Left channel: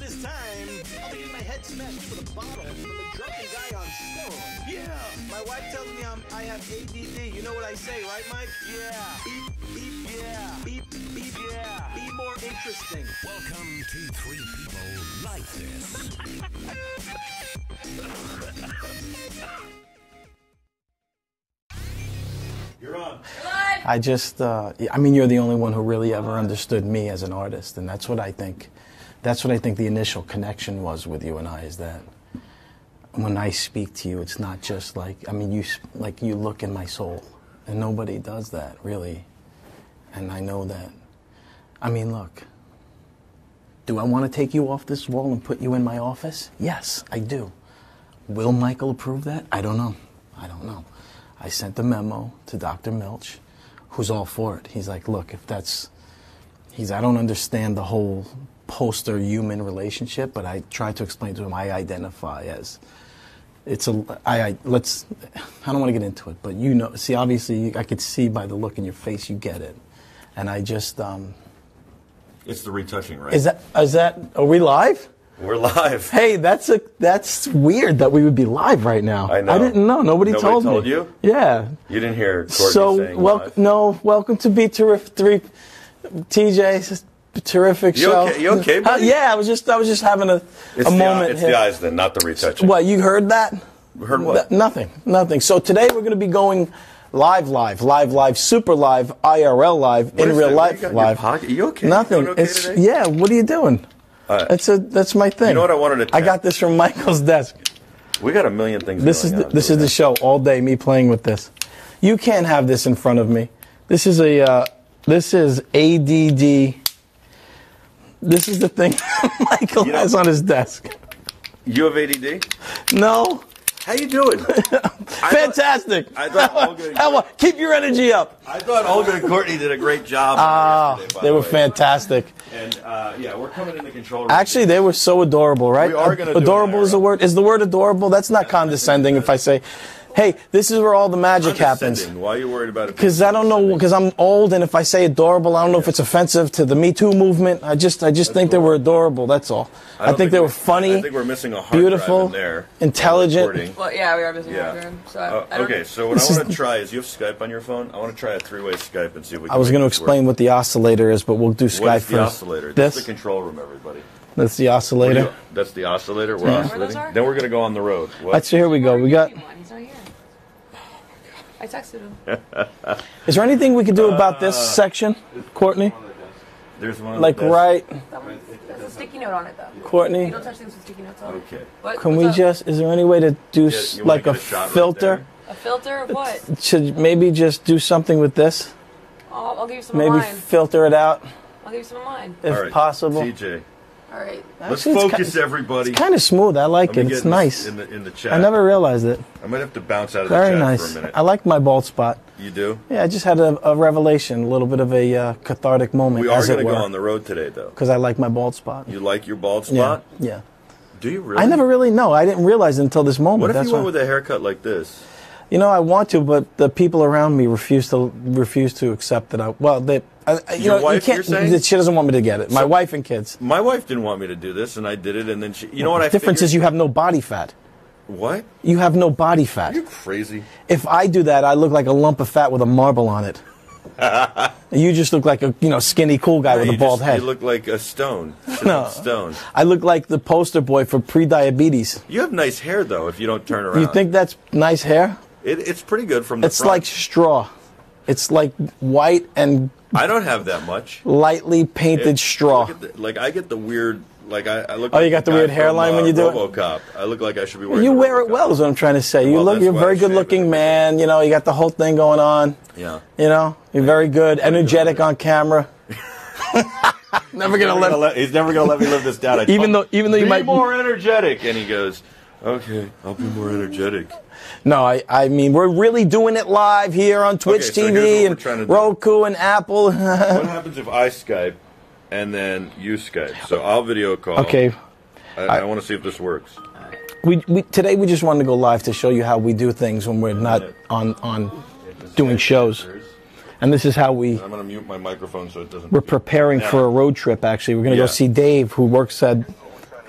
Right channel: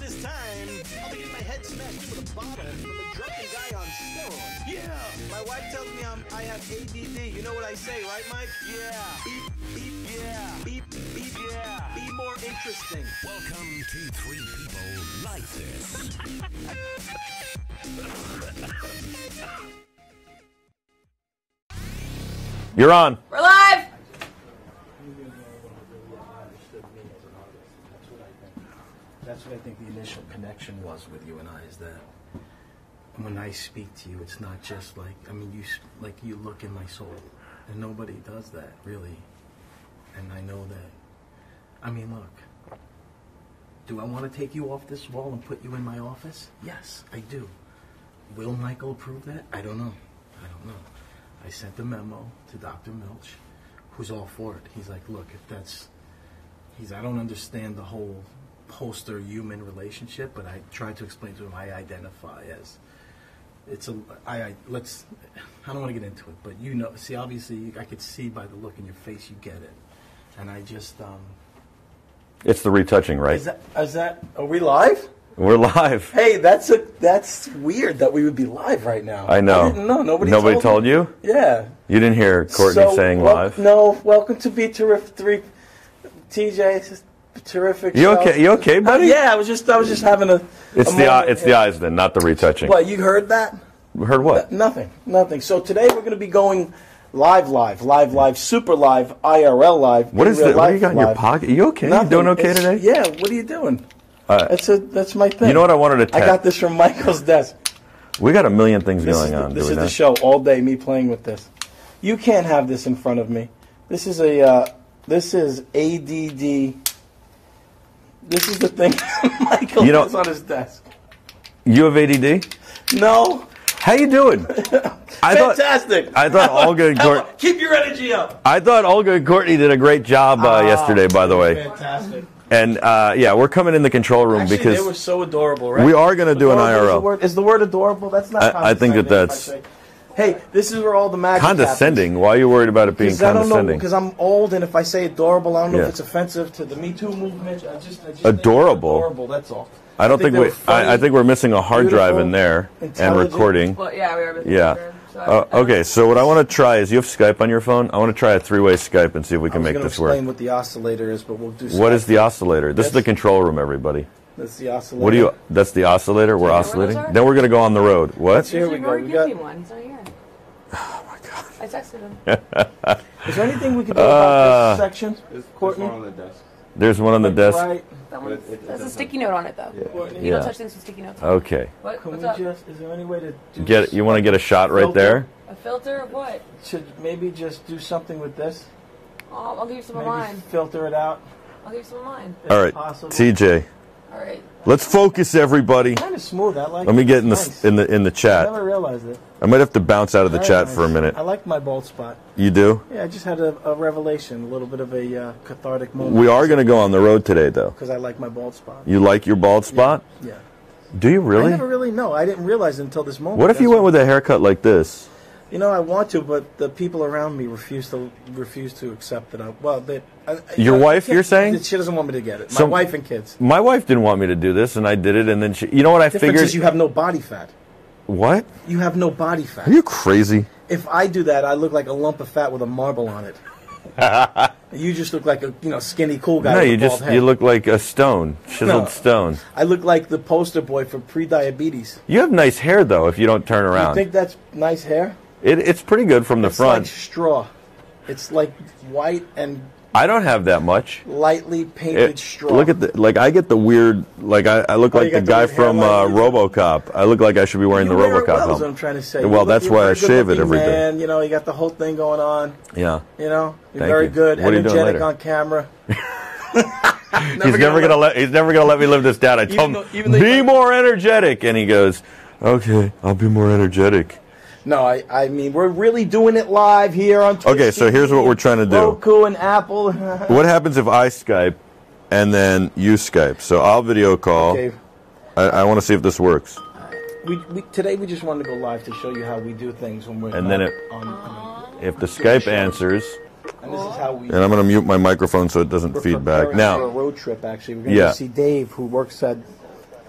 This time, I'll be getting my head smashed in with a bottle from a drunken guy on steroids. Yeah! My wife tells me I have ADD. You know what I say, right, Mike? Yeah. Beep, beep, yeah. Beep, beep, yeah. Be more interesting. Welcome to Three People Like This. You're on. We're live! I just, I mean, you're the only one who really ever understood me as an artist, and that's what I think. That's what I think the initial connection was with you and I, is that when I speak to you, it's not just like, I mean, you look in my soul, and nobody does that, really. And I know that. I mean, look, do I want to take you off this wall and put you in my office? Yes, I do. Will Michael approve that? I don't know. I don't know. I sent the memo to Dr. Milch, who's all for it. He's like, look, if that's, I don't understand the whole poster-human relationship, but I tried to explain to him I identify as, I don't want to get into it, but you know, see, obviously, I could see by the look in your face you get it. and I just It's the retouching, right? is that are we live? We're live. Hey, that's weird that we would be live right now. I know. I didn't know. Nobody told me. you? Yeah. You didn't hear Courtney saying live? No. Welcome to Be Terrific. TJ, it's a terrific show. Okay? You okay, buddy? Yeah, I was just having a It's moment. the eyes then, not the retouching. What, you heard that? Heard what? Nothing. So today we're going to be going live, super live, IRL live, What in is real that? life What do you got in live. your pocket? Are you okay? Nothing. You doing okay It's- today? Yeah. What are you doing? That's my thing. You know what I wanted to I got this from Michael's desk. We got a million things going on. This is the show all day. Me playing with this. You can't have this in front of me. This is ADD. This is the thing Michael has on his desk. You have ADD? No. How you doing? Fantastic. I thought Olga and Courtney. Keep your energy up. I thought Olga and Courtney did a great job yesterday. By They the were way, fantastic. and yeah, we're coming in the control room. Actually, because they were so adorable, right? We are gonna do an Adorable is IRL. the word. Is the word adorable? That's not I think condescending if I that's- say, hey, this is where all the magic happens. condescending. Why are you worried about it being Because I don't know, condescending? because I'm old, and if I say adorable, I don't know if Yeah. it's offensive to the Me Too movement. I just think they were Adorable. adorable. That's all. I don't think they were funny. I think we're missing a hard drive beautiful, in there. intelligent. And recording. Well, yeah, we are busy. Yeah. So I don't- Okay, so what I want to try is you have Skype on your phone. I want to try a three-way Skype and see if we I can was make going to this explain work. what the oscillator is, but we'll do Skype What is the first. oscillator? This is the control room, everybody. That's the What oscillator. do you? That's the oscillator. We're where oscillating. those are? Then we're going to go on the road. What? That's here we go. Where We are got. you keeping one? He's not here. Oh my god! I texted him. Is there anything we could do about this section, Courtney? There's one on Like the desk. right, That one. There's a sticky note on it though. Courtney. You don't Yeah. touch things with sticky notes. Okay. What? Can What's we up? just? Is there any way to do? You want to like get a shot right filter? there? A filter of what? Should maybe just do something with this? Oh, I'll give you some Maybe of mine. filter it out I'll give you some of mine. if All right, possible. TJ. All right. Let's Actually, it's focus, everybody. Kind of smooth. I like Let me it. get It's in the, nice. in the I chat. never realized it. I might have to bounce out of the Very chat nice. for a minute. I like my bald spot. You do? Yeah, I just had a revelation, a little bit of a cathartic moment. We are going to go on the road today, though. because I like my bald spot. You like your bald spot? Yeah. Do you really? I never really know. I didn't realize it until this moment. What if you That's went why- with a haircut like this? You know, I want to, but the people around me refuse to accept that. Your wife, you're saying? She doesn't want me to get it. My So- wife and kids. My wife didn't want me to do this, and I did it, and then she... You know what I The difference figured? is you have no body fat. What? You have no body fat. Are you crazy? If I do that, I look like a lump of fat with a marble on it. You just look like a skinny cool guy No, with a you bald just head. you look like a stone. Chiseled stone. I look like the poster boy for pre-diabetes. You have nice hair, though, if you don't turn around. You think that's nice hair? It's pretty good from the It's front. like straw. It's like white and I don't have that much. lightly painted straw. Look at the I get the weird I look Oh, like you the got the guy weird from hairline when you do it? RoboCop. I look like I should be wearing You the wear it RoboCop. well, is what helmet. I'm trying to say. Well, you're that's a why I very shave it good-looking every day. man. You know, you got the whole thing going on. Yeah. You know, you're Thank very you. good, What are you doing energetic later? on camera. He's never gonna let me live this down. I told him, even though you be might- more energetic, and he goes, "Okay, I'll be more energetic." No, I mean, we're really doing it live here on Twitch Okay, TV. so here's what we're and trying to do. Roku and Apple. What happens if I Skype and then you Skype? So I'll video call. Okay. I want to see if this works. Today we just wanted to go live to show you how we do things when we're And not then on. If the Doing Skype shows. answers, And this is how we. and I'm going to mute my microphone so it doesn't We're feed back. preparing Now, for a road trip. Actually, we're going to Yeah. go see Dave, who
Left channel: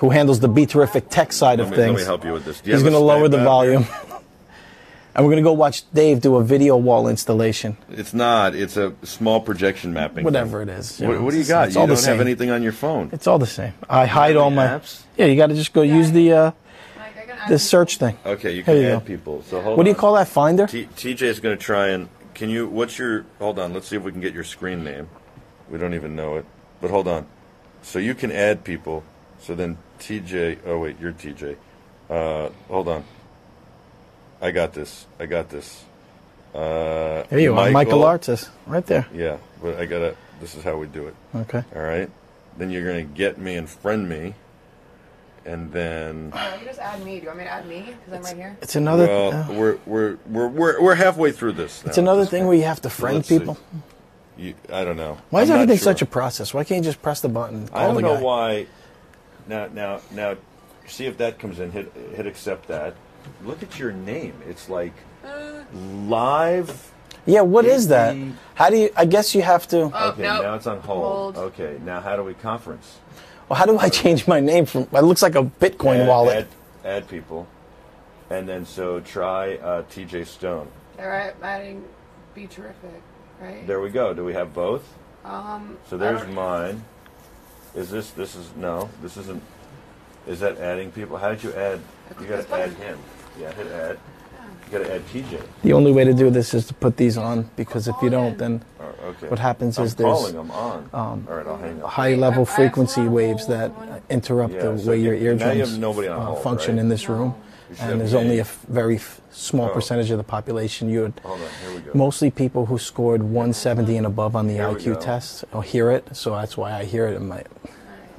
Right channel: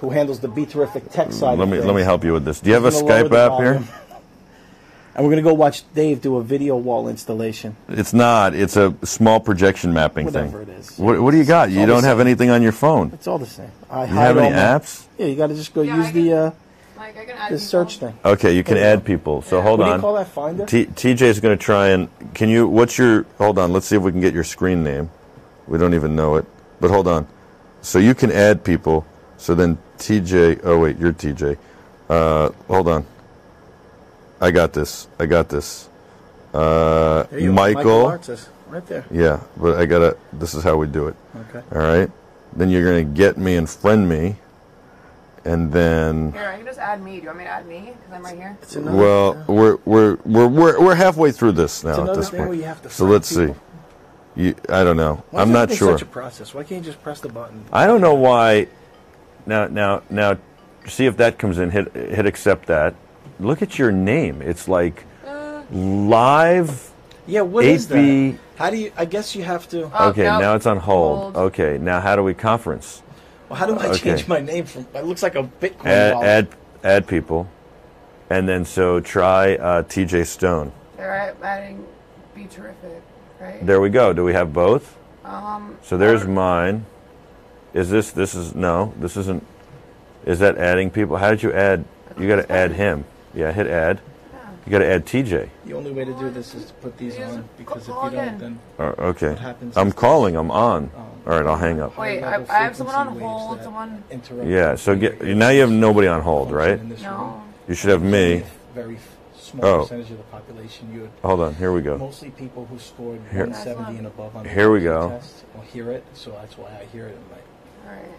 handles the Be Terrific tech side of things. let me help you with this. Do you He's have a gonna lower Skype the app volume. here? And we're going to go watch Dave do a video wall installation. It's not. It's a small projection mapping Whatever thing. it is. What do you got? It's You all the don't have same. anything on your phone. It's all the same. I You hide have all any my apps? Yeah, you got to just go Yeah, use I the Like, I can add search people. thing. Okay, you can There you add go. people. So hold What on. do you call that? Finder? TJ's going to try and hold on, let's see if we can get your screen name. We don't even know it. But hold on. So you can add people. So then TJ, oh wait, you're TJ. Hold on. I got this. There you are. Michael Artis. Right there. Yeah, but this is how we do it. Okay. All right. Then you're going to get me and friend me. And then, Here, you can just add me. Do you want me to add me? Because I'm right here. It's another. well, we're halfway through this now. it's at another this thing point. where you have to So friend let's people. see. I don't know. Why I'm is not everything sure. such a process? Why can't you just press the button? I don't know why. why. Now, see if that comes in. Hit accept that. Look at your name. It's like live. Yeah, what is that? How do you? I guess you have to. Okay, no. now it's on hold. Hold. Okay, now how do we conference? Well, how do I change my name from? It looks like a Bitcoin wallet. Add people, and then so try TJ Stone. All right, adding Be Terrific, right? There we go. Do we have both? So there's Uh, mine. Is this is no? This isn't. Is that adding people? How did you add? You got to add him. Yeah, hit add. You got to add TJ. The only way to do this is to put these on, because if you don't, then Okay. what happens I'm is calling. there's, I'm on. All right, I'll hang up. high-level Wait, I frequency actually wanna waves hold that one. interrupt Yeah, the so way your now you have eardrums, nobody on hold, function right? in this room. You should And have there's only me. a very small Oh. percentage of the population you would. Hold on. Here we go. Mostly people who scored 170 and above on the Here we IQ go. test or hear it, so that's why I hear it in my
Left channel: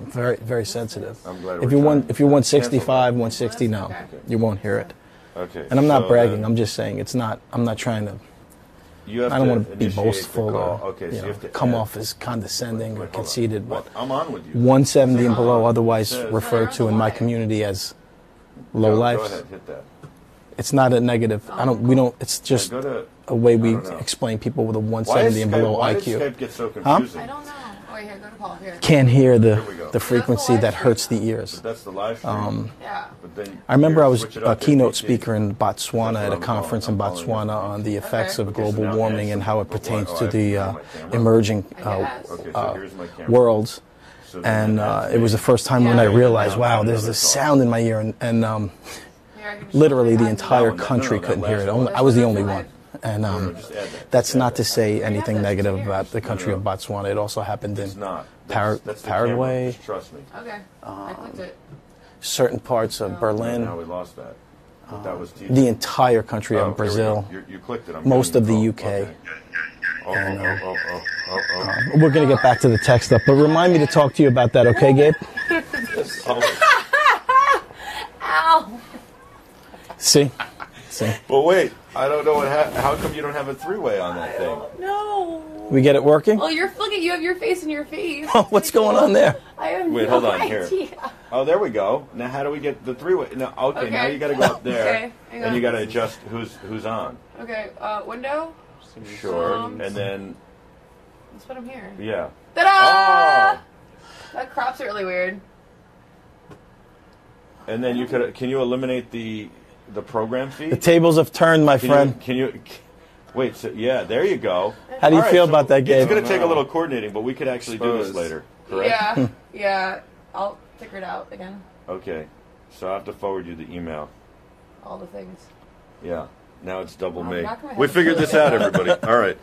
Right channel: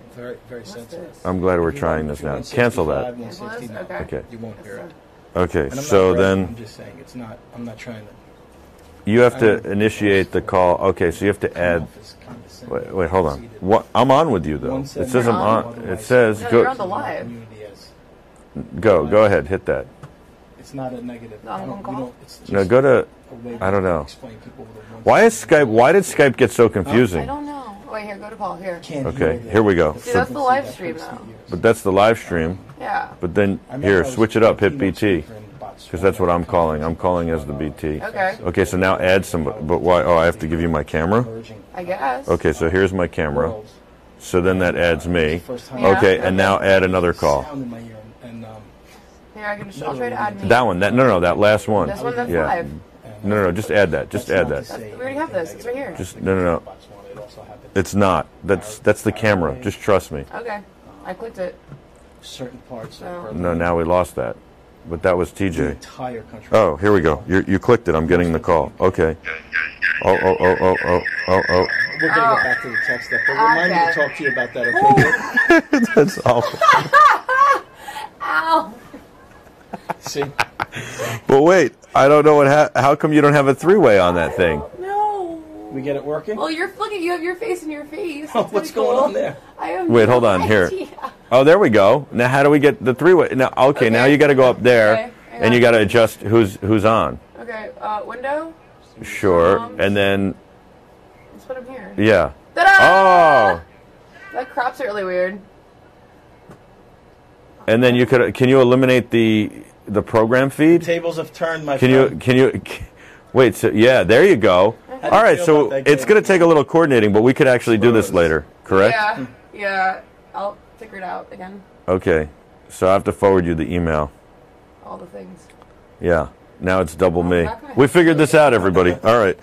very, very sensitive. I'm glad we're If you trying want, this if you're now. Cancel 165, that. 160, no, Okay. you won't hear it. Okay. And I'm so not bragging. then I'm just saying it's not. I'm not trying to. you have I don't want to to be initiate the boastful call. or, Okay, so you have to come add. off as condescending. Wait, hold conceited. on. What? I'm on with you. Though. 170 This or isn't below, on. otherwise It says referred you're to on in the my live. community as low go. lives. Go ahead. Hit that. It's not a negative. I don't. We don't. It's No, just go to. a way we I don't know. explain people with a 170 Why is and Skype? below Why did IQ. Skype get so I confusing? don't know. Wait, here, go to Paul. Here. Can't hear the Here we go. the See, that's the frequency live that stream, hurts the ears. But that's the live stream. Yeah. But then I remember here, I was switch it up. a Hit keynote BT. speaker in Botswana. that's what at a I'm calling. conference in I'm calling as the Botswana on BT. the effects of Okay, so global now add warming some. and how it But why? pertains Oh, I to have to the, give you my camera. emerging I guess. Okay, so here's my camera. worlds. So then And, that adds me. It was the first time Yeah. when I Okay, and realized, now wow, add there's another this call. sound in my ear, and Here, I can just literally try the to add entire That one, that- no, country no, that couldn't last hear it. one. I was the only Yeah. one. And, No, just add that. That's Just add not that. to say already have anything this. negative It's about right the No, country no. of Botswana. It also happened It's in not. That's the camera. Paraguay. Just trust me. Okay. I clicked it. certain parts of Berlin. No, now we lost that. But that was TJ. The entire country Oh, of here Brazil. we go. You clicked it. I'm Most getting the of the call. UK. Okay. Oh. We're going to get back to the tech stuff, but remind me to Okay. talk to you about that, okay, Gabe? That's awful. Ow. See? But wait, I don't know what. How come you don't have a three-way on that thing? No. We get it working? Well, you're looking. You have your face in your face. Oh, what's going on there? I have Wait, no hold on here. idea. Oh, there we go. Now, how do we get the three-way? Now, okay, now you got to go up there, Okay, hang and you on. got to adjust who's on. Okay. Window. Sure, and then Let's put him here. yeah. Ta-da! Oh, That crops are really weird. and then can you eliminate the program The feed? tables have turned, my friend. Can you wait? So yeah, there you go. How do you All right, feel so about that, it's Gabe? going to take a little coordinating, but we could actually do this later, correct? Yeah. Yeah. I'll figure it out again. Okay, so I have to forward you the email. All the things. Yeah, now it's double me. not gonna We happen. figured this out, everybody. All right,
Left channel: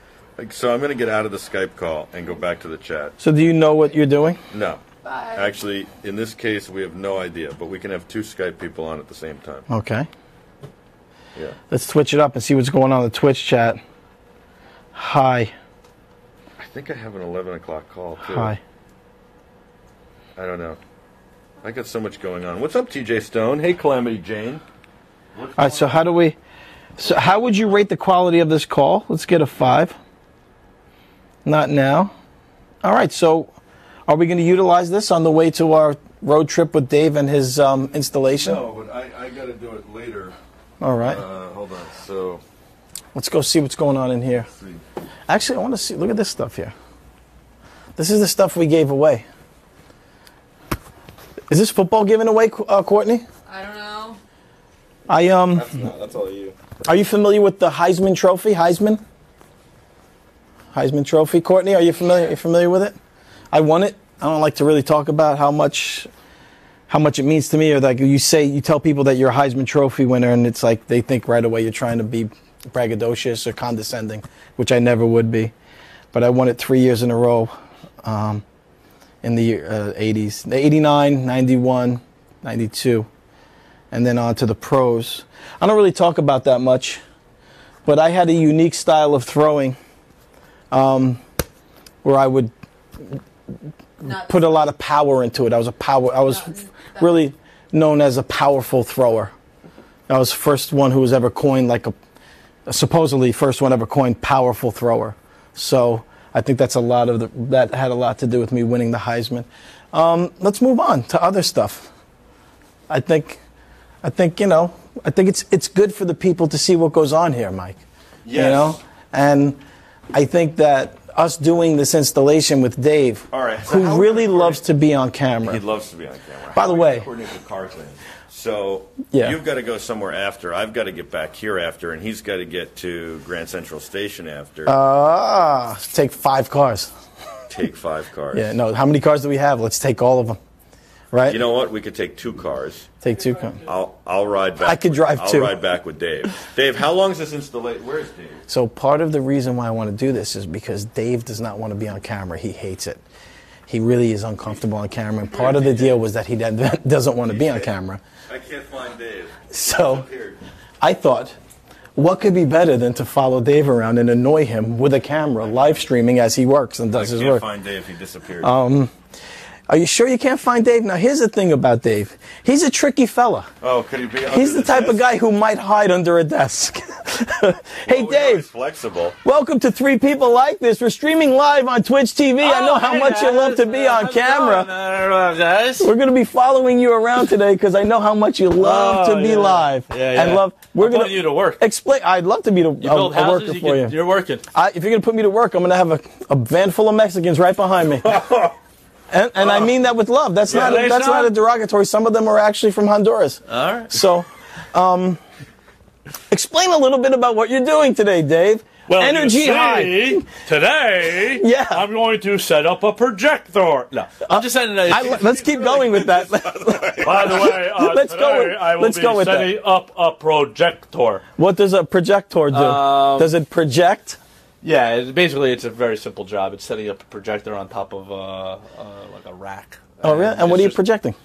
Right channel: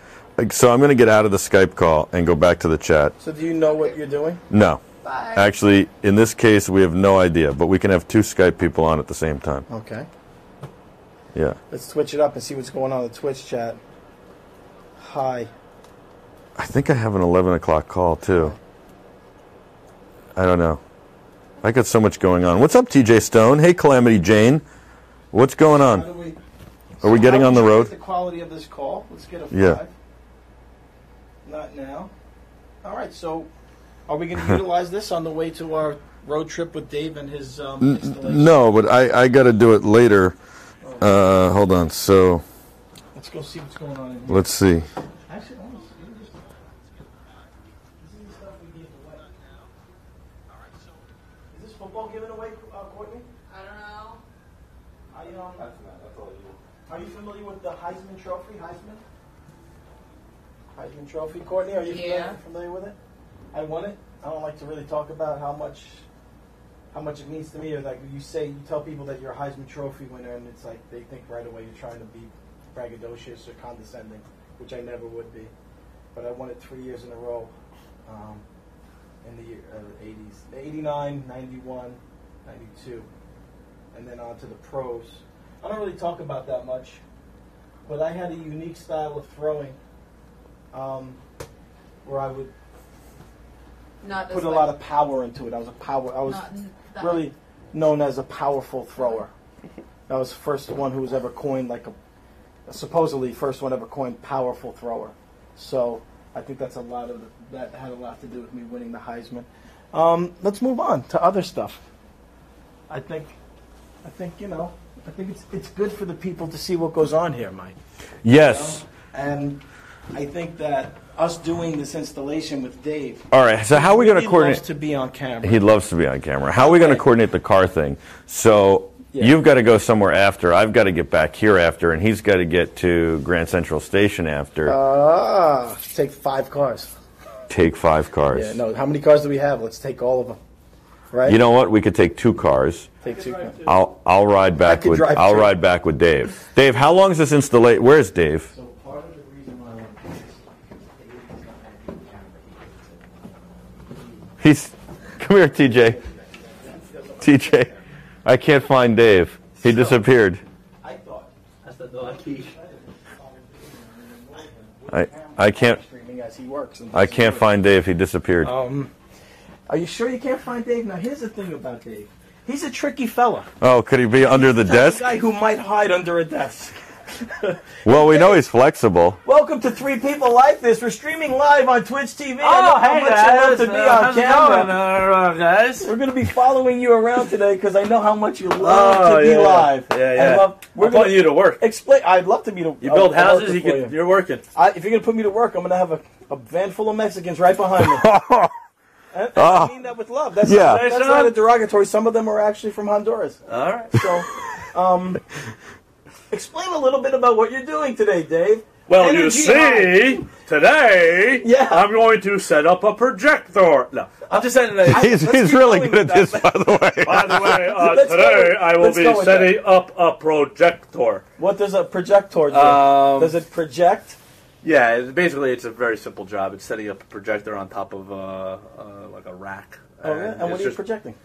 so I'm going to get out of the Skype call and go back to the chat. So do you know what you're doing? No, Bye. actually, in this case, we have no idea, but we can have two Skype people on at the same time. Okay. Yeah. Let's switch it up and see what's going on in the Twitch chat. Hi. I think I have an 11 o'clock call, too. Hi. I don't know. I got so much going on. What's up, TJ Stone? Hey, Calamity Jane. What's All right, going so on? how do we... So we how getting would on the you road? rate the quality of this call? Let's get a 5. Not now. All right, so are we going to utilize this on the way to our road trip with Dave and his installation? No, but I got to do it later. All right. Hold on. So Let's go see what's going on in here. let's see. Actually, I want to see. Look at this stuff here. This is the stuff we gave away. Is this football given away, Courtney? I don't know. That's all you. Are you familiar with the Heisman Trophy? Heisman Trophy. Courtney, are you familiar? You familiar with it? I won it. I don't like to really talk about how much it means to me, or like you tell people that you're a Heisman Trophy winner, and it's like they think right away you're trying to be braggadocious or condescending, which I never would be. But I won it 3 years in a row in the 80s, 89, 91, 92, and then on to the pros. I don't really talk about that much, but I had a unique style of throwing where I would Not put this a way. lot of power into it. I was really known as a powerful thrower. I was the first one who was ever coined supposedly first one ever coined powerful thrower. So I think that had a lot to do with me winning the Heisman. Let's move on to other stuff. I think it's good for the people to see what goes on here, Mike. Yes. You know? And I think that us doing this installation with Dave, All right, so who how are we going really to loves coordinate? to be on camera. He loves to be on camera. By How are we the going way- to coordinate the car thing? So Yeah. you've got to go somewhere after. I've got to get back here after, and he's got to get to Grand Central Station after. Take 5 cars. Take 5 cars. Yeah, no, how many cars do we have? Let's take all of them. Right? You know what? We could take 2 cars. Take 2 cars. I'll ride back can with drive I'll 2. ride back with Dave. Dave, how long is this installation? Where's Dave? So part of the reason why I want to do this is because Dave does not want to be on camera. He hates it. He really is uncomfortable on camera. And Come here, part of the TJ. deal was that he doesn't want to be on camera. I can't find Dave. He So- disappeared. I thought, what could be better than to follow Dave around and annoy him with a camera, I live can't- streaming as he works and does I his can't work. find Dave. He disappeared. Are you sure you can't find Dave? Now, here's the thing about Dave. He's a tricky fella. Oh, could he be under He's the the type desk? of guy who might hide under a desk. Well, Hey, we know Dave, he's flexible. Welcome to 3 People Like This. We're streaming live on Twitch TV. I know how much you love to be on camera. Guys? We're going to be following you around today because I know how much you love to be live. Yeah. And we're I'm putting you to work. Explain. I'd love to be You build houses, for you. you're working. If you're going to put me to work, I'm going to have a van full of Mexicans right behind me. And I mean that with love. That's not a derogatory. Some of them are actually from Honduras. All right. So, explain a little bit about what you're doing today, Dave. Well, Energy you see, today Yeah. I'm going to set up a projector. No, I'm just saying that. He's Let's keep really going good with at that. this, by the way. by the way, Let's go today with- I will let's be go with that. setting up a projector. What does a projector do? Does it project? Yeah, it's a very simple job. It's setting up a projector on top of like a rack. Oh, really? And what are you projecting?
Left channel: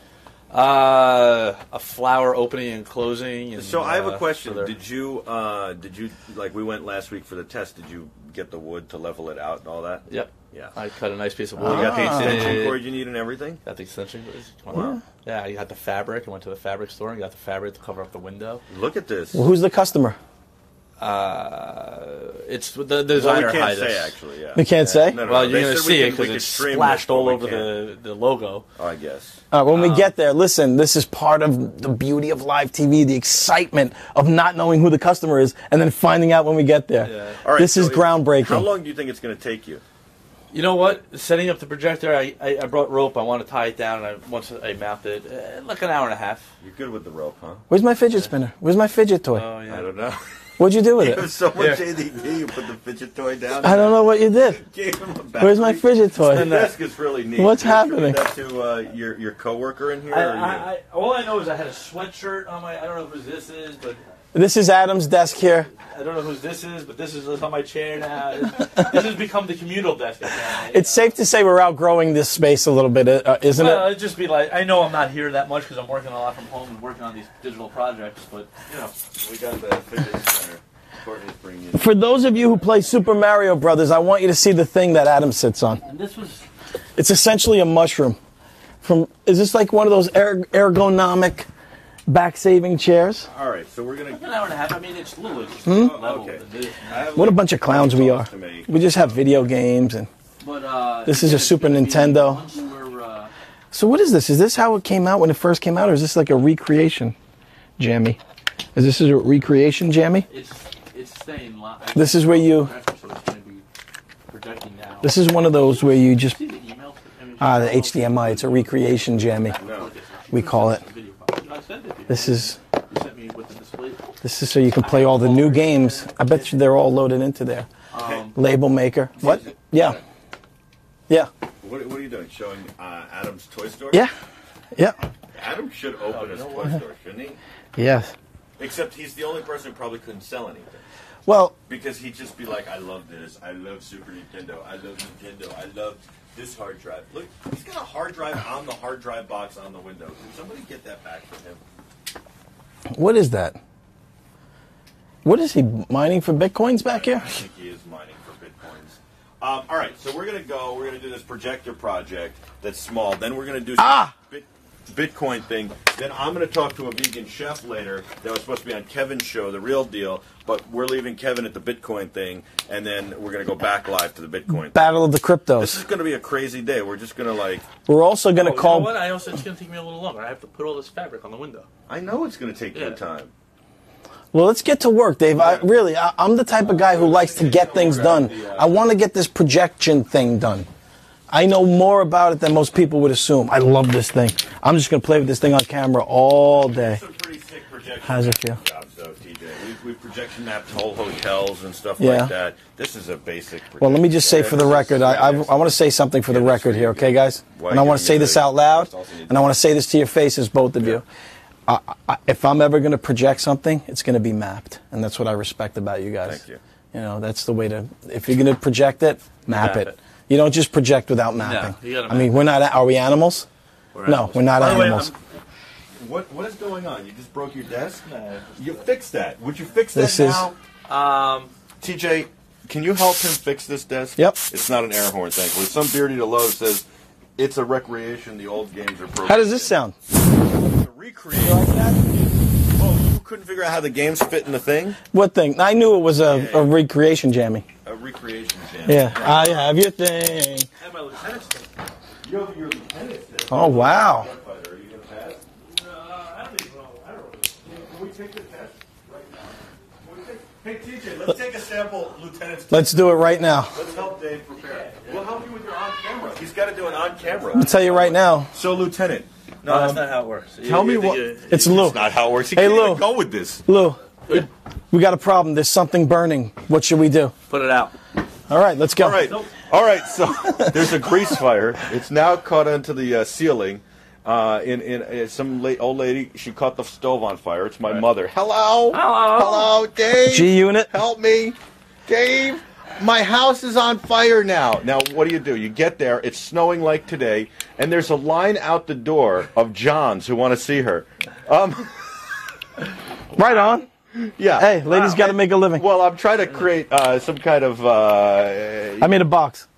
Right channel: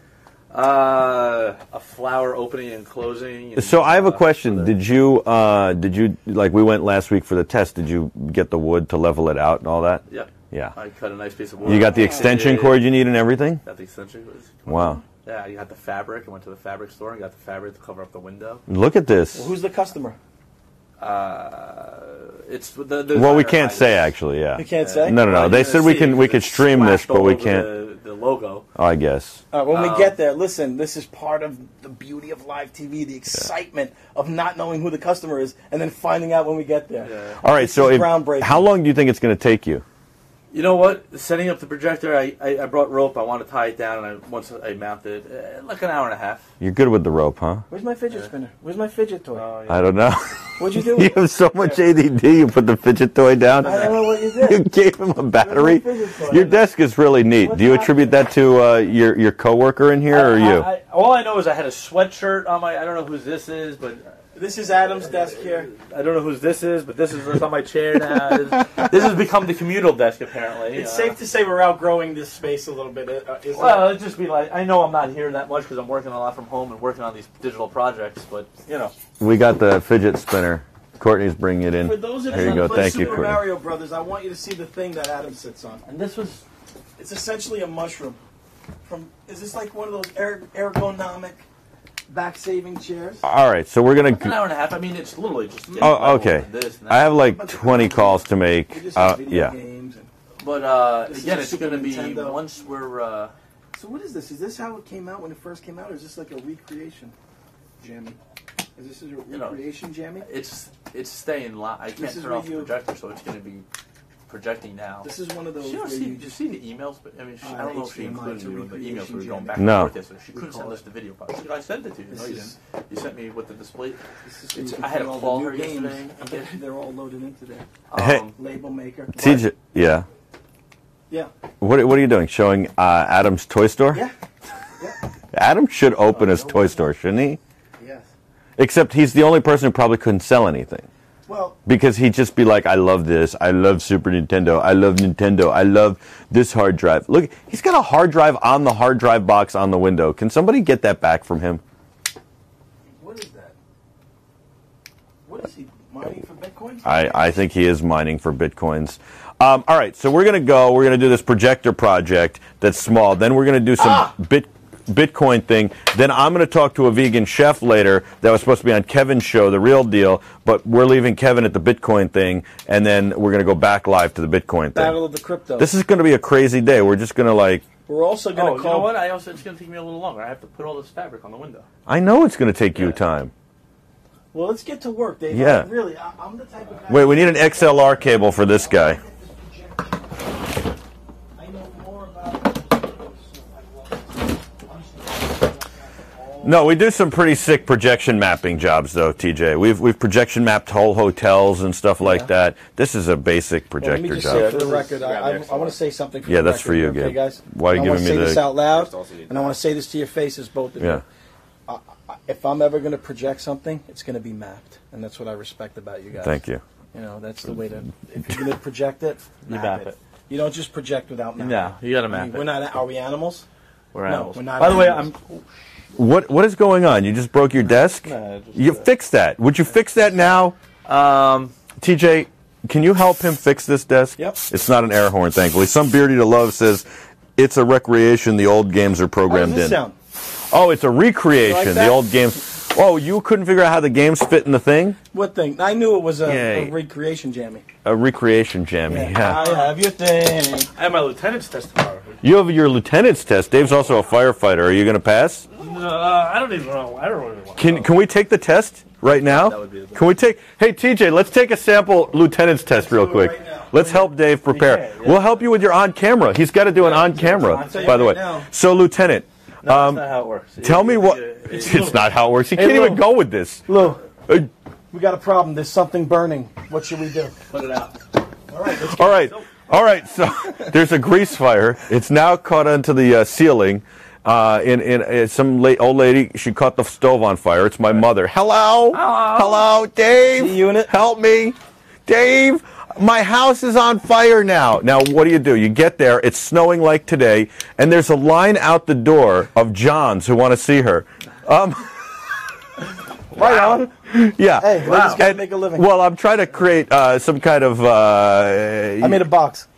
A flower opening and closing. And, So I have a question. so Did you like we went last week for the test? Did you get the wood to level it out and all that? Yep. Yeah. I cut a nice piece of wood. You got the extension cord you need and everything? Got the extension cord. Wow. Yeah, you got the fabric. I went to the fabric store and got the fabric to cover up the window. Look at this. Well, who's the customer? It's the Well, we designer can't hides. say actually. Yeah. We can't say? No. Well, They you're said gonna we see can it we 'cause could it's stream this, splashed but all we over can't. The logo. Oh, I guess. When we get there, listen, this is part of the beauty of live TV, the excitement of not knowing who the customer is and then finding out when we get there. Yeah. All right. This so is groundbreaking. How long do you think it's going to take you? You know what? Setting up the projector, I brought rope. I want to tie it down, and once I mount it, like an hour and a half. You're good with the rope, huh? Where's my fidget spinner? Where's my fidget toy? Oh, I don't know. What'd you do with You have it? so much ADD. You put the fidget toy down. I don't know what you You did. gave him a battery. Where's my fidget toy? Your desk is really neat. What's Do you attribute happening? that to your coworker in here or you? All I know is I had a sweatshirt on my. I don't know whose this is, but This is Adam's desk here. I don't know whose this is. But this is on my chair now. This has become the communal desk apparently. It's safe to say we're outgrowing this space a little bit, isn't Well, it? it'd just be like I know I'm not here that much because I'm working a lot from home and working on these digital projects, but you know. We got the fidget spinner. Courtney's bringing it in. For those of There you you who go. play Thank you, Super Courtney. Mario Brothers, I want you to see the thing that Adam sits on. And this was. It's essentially a mushroom. Is this like one of those ergonomic back-saving chairs? All right, so we're An gonna. hour and a half. I mean, it's literally just. Oh, okay. I have What like a bunch of 20 clowns we calls are. to make. We just have video yeah. games and. But This is again, a it's Super gonna be Nintendo. Once we're. So what is this? Is this how it came out when it first came out, or is this like a recreation, Jammy? Is this a recreation, Jammy? It's staying live. This is where you- So it's going to be projecting now. This is one of those where you just See the emails? I mean, the I don't know if HDMI. you- It's a recreation, Jammy. No. We call it. I sent it to you. This is You sent me with the display. this is so you can play all the new games. I bet you they're all loaded into there. Hey, Label maker. TJ. Yeah. Yeah. What are you doing? Showing Adam's toy store? Yeah. Yeah. Adam should open his toy store, shouldn't he? Yes. Except he's the only person who probably couldn't sell anything. Well, Because he'd just be like, I love this. I love Super Nintendo. I love Nintendo. I love this hard drive. Look, he's got a hard drive on the hard drive box on the window. Can somebody get that back from him? what is that? What is he mining for bitcoins back here? I think he is mining for bitcoins. All right, so we're going to go. We're going to do this projector project that's small. Then we're going to do some Bitcoin thing. Then I'm going to talk to a vegan chef later that was supposed to be on Kevin's show, The Real Deal. But we're leaving Kevin at the Bitcoin thing, and then we're going to go back live to the Bitcoin thing. Battle of the cryptos. This is going to be a crazy day. We're just going to like. We're also going to You know call. what? It's going to take me a little longer. I have to put all this fabric on the window. I know it's going to take you Yeah. time. Well, let's get to work, Dave. Yeah. I'm the type of guy Wait, who we need likes an to get XLR things cable done. for this I guy. want to get this projection thing done. I know more about it than most people would assume. I love this thing. I'm just going to play with this thing on camera all No, we day. do some pretty sick projection mapping jobs, though, TJ. We've projection mapped whole hotels and stuff Yeah. like that. This is a basic projector Well, let me just job. say for the record, I want to say something for Yeah, the that's record for you, here, okay, Gabe. guys? Why are And I you want to giving say me this the- out loud, and I want to say this to your faces, both of Yeah. you. If I'm ever going to project something, it's going to be mapped, and that's what I respect about you guys. Thank you. You know, that's the way to. If you're going to project it, map it. You don't just project without mapping. you gotta I mean, map we're not. Are we animals? We're No, animals. we're not By the way, animals. What is going on? You just broke your desk? You fix that. Would you fix that This now? I'm TJ, can you help him fix this desk? Yep. It's not an air horn, thankfully. Some beardy to love says it's a recreation. The old games are How programmed does this in. sound? Oh, it's a recreation. You like The that? old games. Oh, you couldn't figure out how the games fit in the thing? What thing? I knew it was a Yeah. recreation jammy. A recreation jam. Yeah. I have your thing. I have my lieutenant's test tomorrow. You have your lieutenant's test. Dave's Oh, also wow. a firefighter. Are you going to pass? I don't even know. I don't really want. Can we take the test right now? Can we take? Hey TJ, let's take a sample lieutenant's test Let's real do it quick. right now. Let's help Dave prepare. We'll help you with your on camera. He's got to do an on camera. I'll tell you by the right way. now. So lieutenant, No, that's not how it works. tell me what. It's Lou. not how it works. You Hey, can't even Lou. go with this. Lou, we got a problem. There's something burning. What should we do? Put it out. All right, let's go. All right. So there's a grease fire. It's now caught onto the ceiling. Some old lady, she caught the stove on fire. It's my mother. Hello? Hello, Dave? G-Unit? Help me. Dave, my house is on fire now. Now, what do? You get there, it's snowing like today, and there's a line out the door of Johns who want to see her. Right on. Yeah. Hey, ladies got to make a living. Well, I'm trying to create some kind of... I made a box.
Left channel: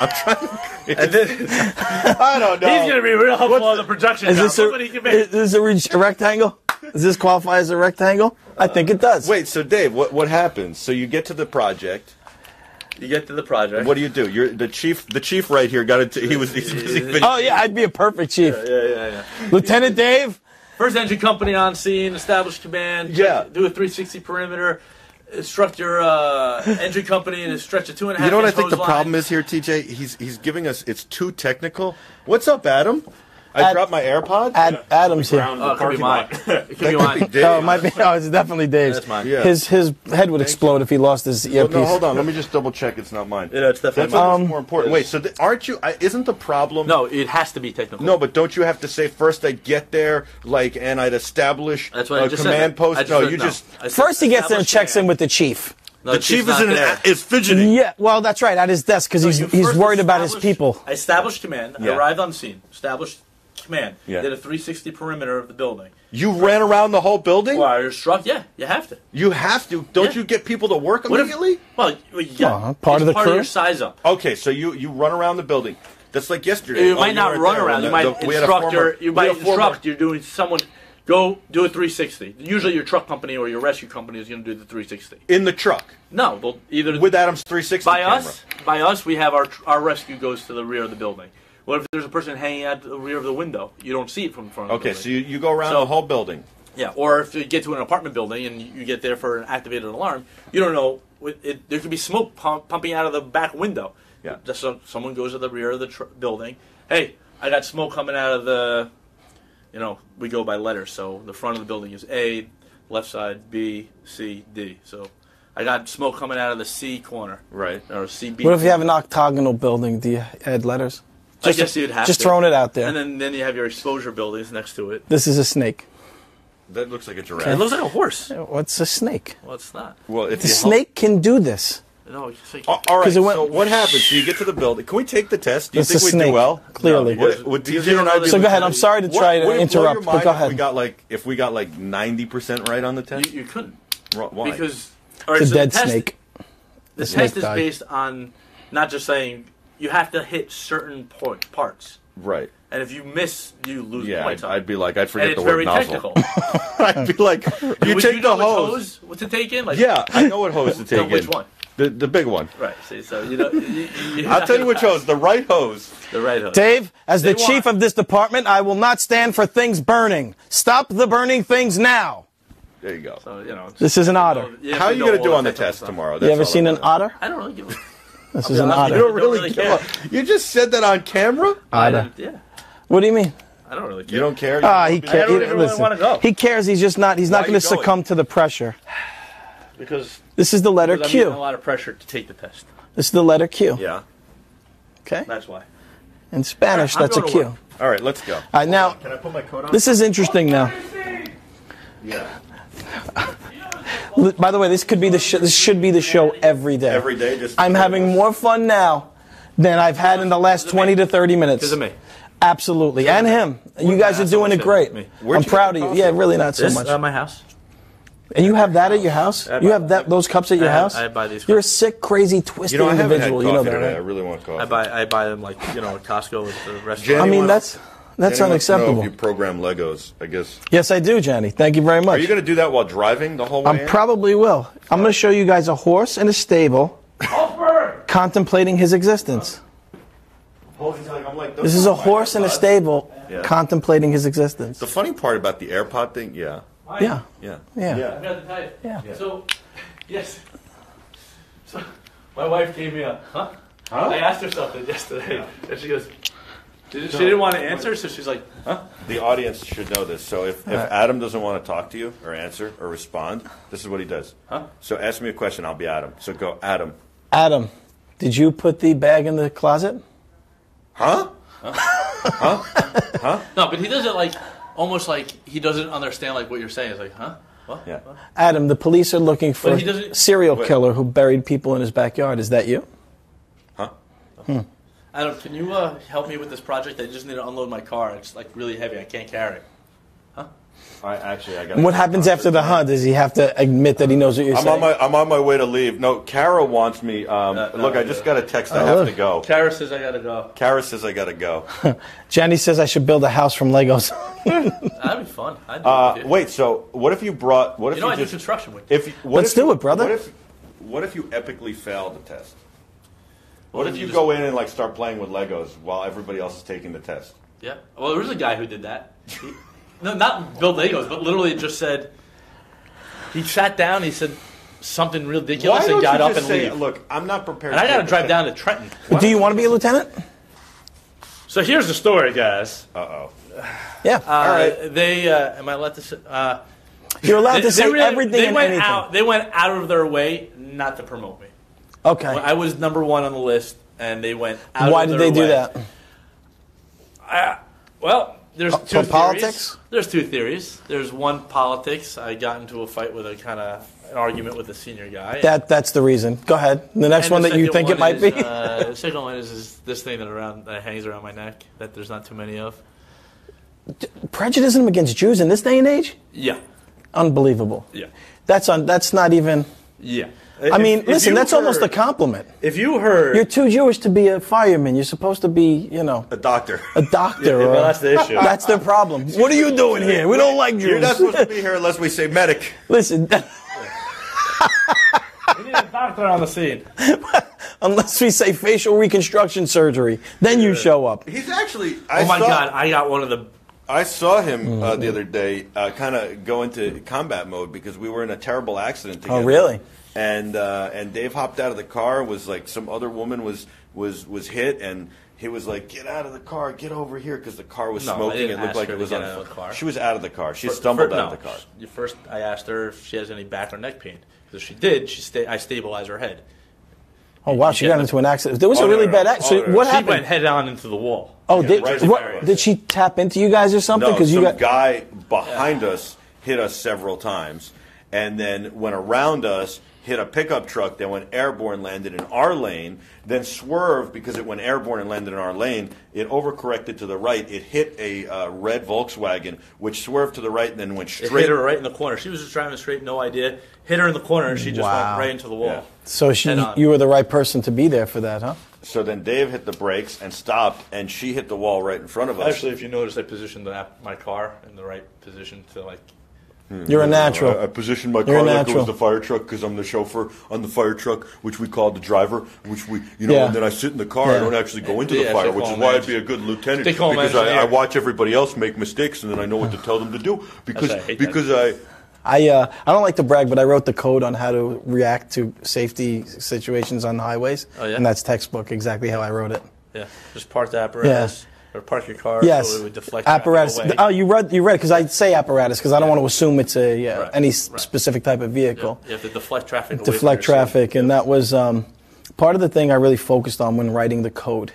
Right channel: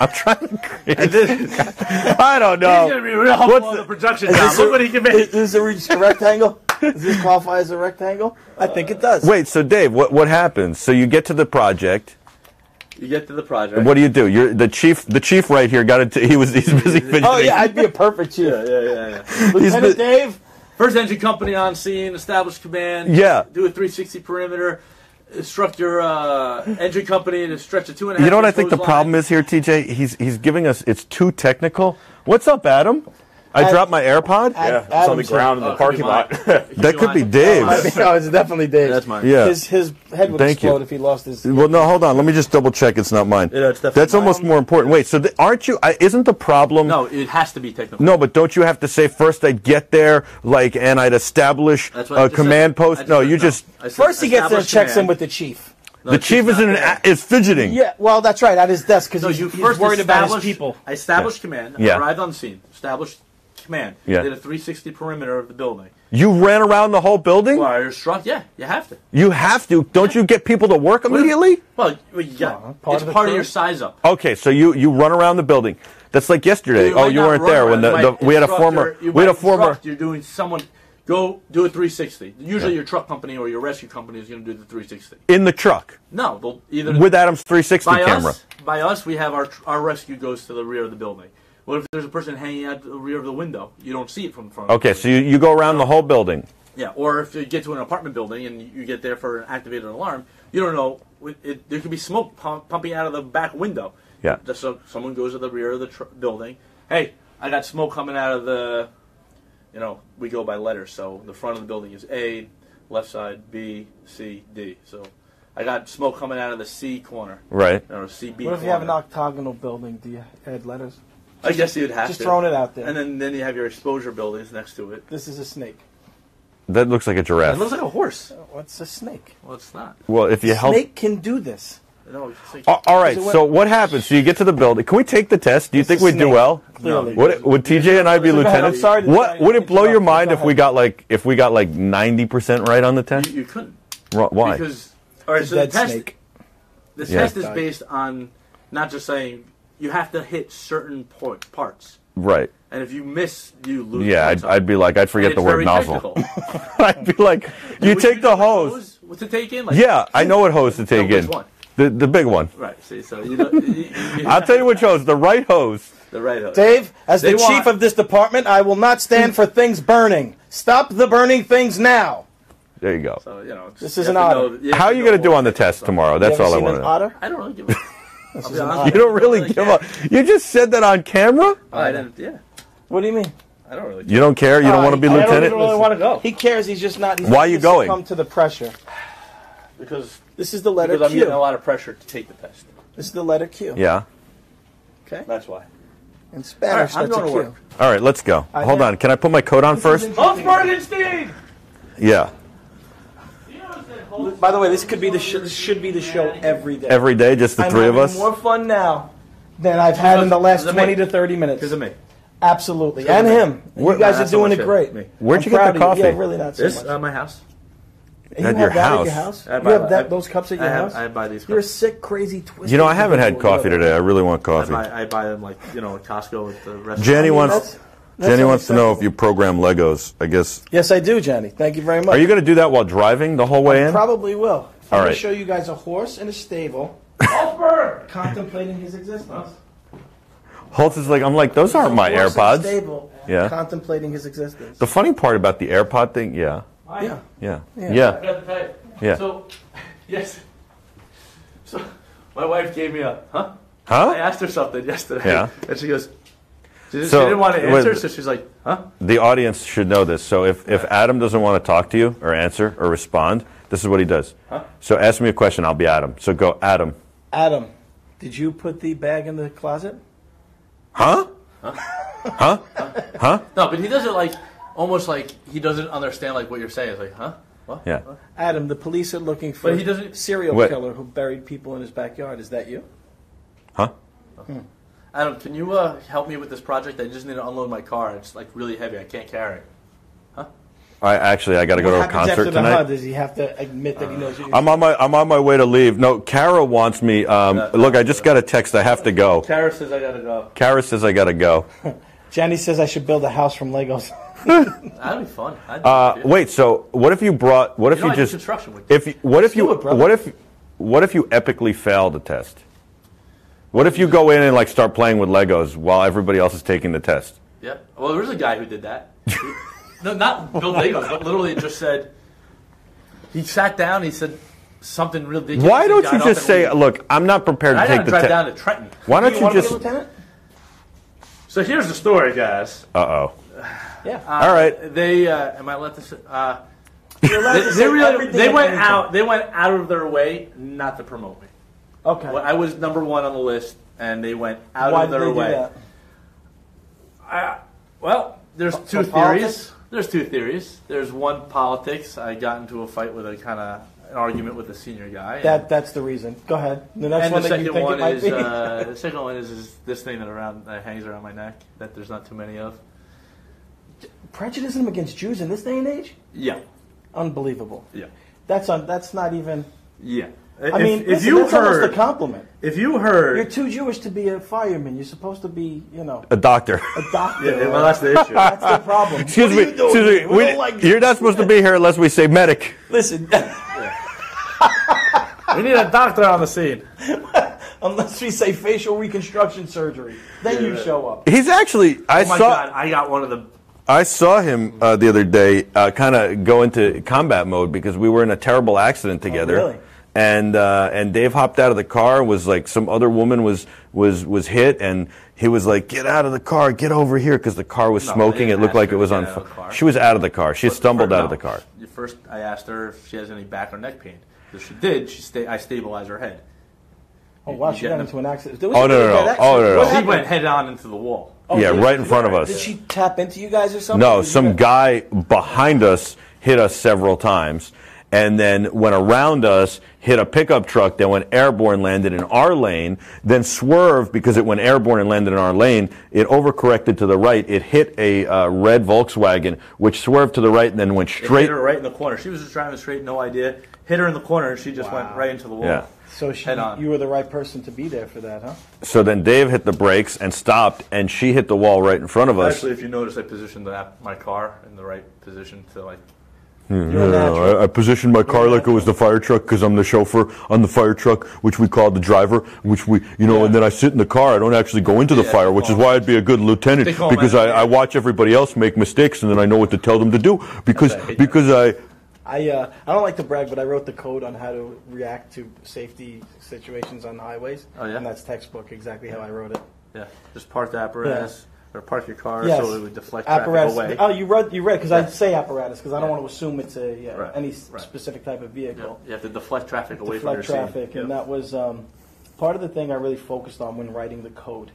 I'm trying to create... I don't know. He's gonna be real helpful on the production job. Look what he can make. Is this a rectangle? Does this qualify as a rectangle? I think it does. Wait, so Dave, what happens? So you get to the project. You get to the project. What do? You're the chief. The chief right here got it. He's busy fidgeting. Oh, yeah, I'd be a perfect chief. Yeah. Lieutenant Dave? First engine company on scene, establish command. Yeah. Do a 360 perimeter. Instruct your engine company to stretch a 2.5. You know what I think the hose problem line. is here, TJ? He's giving us. It's too technical. What's up, Adam? I dropped my AirPod. Adam's here. Ground in the Oh, could be parking lot. That could be mine. Dave. No, it's definitely Dave's. That's mine. Yeah. His head would Thank explode you. if he lost his Well, earpiece. no, hold on. Let me just double check. It's not mine. Yeah, it's definitely That's almost mine. more important. Wait, so aren't you? Isn't the problem? No, it has to be technical. No, but don't you have to say first I'd get there, and I'd establish That's what I a just command said. I post? No, said you no. just. I said First he gets there and establish checks in command. with the chief. No, The chief chief's is not there. is fidgeting. Yeah, well, that's right, at his desk, because So he's you he's first worried about his establish- people. I established command. Yeah. I arrived on the scene. Established command. Yeah. Did a 360 perimeter of the building. You ran around the whole building? Wire struck. Yeah, you have to. You have to. Don't you get people to work What if- immediately? Well, you got, part it's of the part crew? of your size up. Okay, so you run around the building. That's like yesterday. You Oh, might you not weren't run there around. when You might we had a instruct former. You We had might a former. instruct. You're doing someone. Go do a 360. Usually your truck company or your rescue company is going to do the 360. In the truck No, they'll either with Adam's 360 by camera. us, we have our rescue goes to the rear of the building. What if there's a person hanging out the rear of the window? You don't see it from the front. Okay, so you go around the whole building. Yeah, or if you get to an apartment building and you get there for an activated alarm, you don't know. There could be smoke pumping out of the back window. Yeah. Just so someone goes to the rear of the building. Hey, I got smoke coming out of the. We go by letters, so the front of the building is A, left side B, C, D. So I got smoke coming out of the C corner. Right. Or CB. What if you have an corner. octagonal building? Do you add letters? I guess you'd have Just to. throwing it out there. And then you have your exposure buildings next to it. This is a snake. That looks like a It giraffe. looks like a horse. What's a snake? Well, it's not. Well, if A you help. snake can do this. No, it's like, All right. 'Cause it went- So what happens? So you get to the building. Can we take the test? Do you It's think a we'd do snake, well? clearly. Would TJ and I be So go ahead. I'm lieutenants? sorry to try to Would it blow your interrupt, but mind go if we got like 90% right on the test? you couldn't. Why? Because all right, It's a so dead the test, snake. The snake test is died. based on not just saying you have to hit certain parts, Right. and if you miss, you lose. Yeah, points on I'd it. be like, I'd And forget it's the word very nozzle. technical. I'd be like, you take the hose. What to take in? Like, Yeah, I know what hose to take which in. one? The big one. Right. See, so you know. I'll tell you which hose. The right hose. The right hose. Dave, as the They chief want- of this department, I will not stand for things burning. Stop the burning things now. There you go. So, you know, This is you an have to otter. know- you have How are to you know going to do all on the that test stuff. tomorrow? You That's ever all I seen want an to know. otter? I don't know. Give This is an You otter. don't really really give care. up. You just said that on camera? Otter. Yeah. What do you mean? I don't really. You don't care? You don't want to be I don't lieutenant? even really want to go He cares. He's just not. He's Why not are you going to going? succumb to the pressure. because This is the letter I'm getting a Q. lot of pressure to take the test. This is the letter Q. Yeah. Okay. That's why. In Spanish, All right, I'm that's a going to Q. work. All right, let's go. right, Hold now- on. Can I put my coat on This first? is interesting now. Yeah. By the way, this could be the this should be the show every day. Every day, just the I'm three of having us? more fun now than I've had in the last Because of me. 20 to 30 minutes. Because of me. Absolutely. And him. You guys are That's so doing much it it. great. Me. Where'd I'm you get proud the of coffee? you. Yeah, really not so This much. is my house. And you At have your that house. at your house? I You buy have that. that those cups at your house? I buy these You're a cups. sick, crazy, twisted You know, I haven't had individual. coffee You know today. I that. really want coffee. I buy them like at Costco with the rest. Jenny I mean, wants, that's Jenny wants to know unacceptable. if you program Legos, I guess. Yes, I do, Johnny. Thank you very much. Are you going to do that while driving the whole way I in? probably will. I'm going right. to show you guys a horse in a stable contemplating his existence. Holtz is like, I'm like, those This is a aren't my horse in a AirPods. stable Yeah. contemplating his existence. The funny part about the AirPod thing, yeah. Yeah. Yeah. Yeah. I Yeah. got to tell you. Yeah. So, yes. So, my wife gave me a I Huh? asked her something yesterday, Yeah. and she goes. She So, didn't want to answer, wait. so she's like, "Huh?" The audience should know this. So if Adam doesn't want to talk to you or answer or respond, this is what he does. Huh? So ask me a question, I'll be Adam. So go, Adam. Adam, did you put the bag in the closet? Huh? No, but he does it like almost like he doesn't understand like what you're saying. It's like, huh? What? Yeah. Adam, the police are looking for But he doesn't- a serial Wait. killer who buried people in his backyard. Is that you? Huh? Adam, can you help me with this project? I just need to unload my car. It's like really heavy. I can't carry it. I got to What go to a happens concert after the tonight. hunt? Does he have to admit that he knows what you're I'm saying? on my way to leave. No, Kara wants me. Look, I just got a text. I have to go. Kara says I gotta go. Kara says I got to go. Jenny says I should build a house from Legos. That'd be fun. I'd do it with you. Wait, so what if you brought? What if You know, you I do just? construction with you. If what Let's if you do it, brother. What if you epically fail the test? What if you go in and like start playing with Legos while everybody else is taking the test? Yeah. Well, there was a guy who did that. No, not build Legos, but literally just said. He sat down. He said something ridiculous. Why and don't got you up just and say, leave. "Look, I'm not prepared to I take gotta the drive test." down to Trenton. Why Do don't you want to be a just? lieutenant? So here's the story, guys. Uh-oh. Yeah. All right. They am I allowed to say? You're allowed to say really, everything. they and went anything. out. They went out of their way not to promote me. Okay. I was number one on the list, and they went out Why of did their they do way. that? Well, there's For two theories. politics? There's two theories. There's one, politics. I got into a fight with an argument with a senior guy. That's the reason. Go ahead. The next And one the that you second think it one might is, be. the second one is this thing that hangs around my neck that there's not too many of. Prejudice against Jews in this day and age? Yeah. Unbelievable. Yeah. That's not even. Yeah. I mean, listen, that's almost a compliment. If you heard, You're too Jewish to be a fireman. You're supposed to be, A doctor. a doctor. well, that's the issue. That's the problem. What are you doing here? We don't like Jews. You're not supposed to be here unless we say medic. Listen, we need a doctor on the scene. unless we say facial reconstruction surgery, then you show up. He's actually. Oh my God! I got one of the. I saw him the other day kind of go into combat mode because we were in a terrible accident together. really? And Dave hopped out of the car. Was like some other woman was hit, and he was like, "Get out of the car! Get over here!" Because the car was No, I smoking. didn't It looked ask like her it was to on get out of the fire. car. She was out of the car. She stumbled out of the car. First, I asked her if she has any back or neck pain. If she did, I stabilized her head. Oh wow, she got into an accident. There was a really no, bad no. accident. Oh, no, no. What She She happened? went head on into the wall. Oh, Yeah, right in front of us. Did she tap into you guys or something? No, 'Cause you some got- guy behind us hit us several times, and then went around us, hit a pickup truck that went airborne, landed in our lane, then swerved because it went airborne and landed in our lane. It overcorrected to the right. It hit a red Volkswagen, which swerved to the right and then went It straight. hit her right in the corner. She was just driving straight, no idea. Hit her in the corner, and she just Wow. went right into the wall. Yeah. So Head on. you were the right person to be there for that, huh? So then Dave hit the brakes and stopped, and she hit the wall right in front of us. Actually, if you notice, I positioned my car in the right position to like. You're a natural. I positioned my You're car a like it was natural. the fire truck because I'm the chauffeur on the fire truck, which we call the driver, which we, Yeah. and then I sit in the car. I don't actually go into the Yeah, fire, they which call is him why I'd engineer. be a good lieutenant They call him because engineer. I watch everybody else make mistakes and then I know what to tell them to do because I hate that. I don't like to brag, but I wrote the code on how to react to safety situations on the highways. Oh, yeah? And that's textbook, exactly how I wrote it. Yeah, just park the apparatus or park your car Yes. so it would deflect apparatus. traffic away. Oh, you read because I say apparatus because I don't want to assume it's any specific type of vehicle. You have to deflect traffic away Deflect from your traffic, and that was part of the thing I really focused on when writing the code.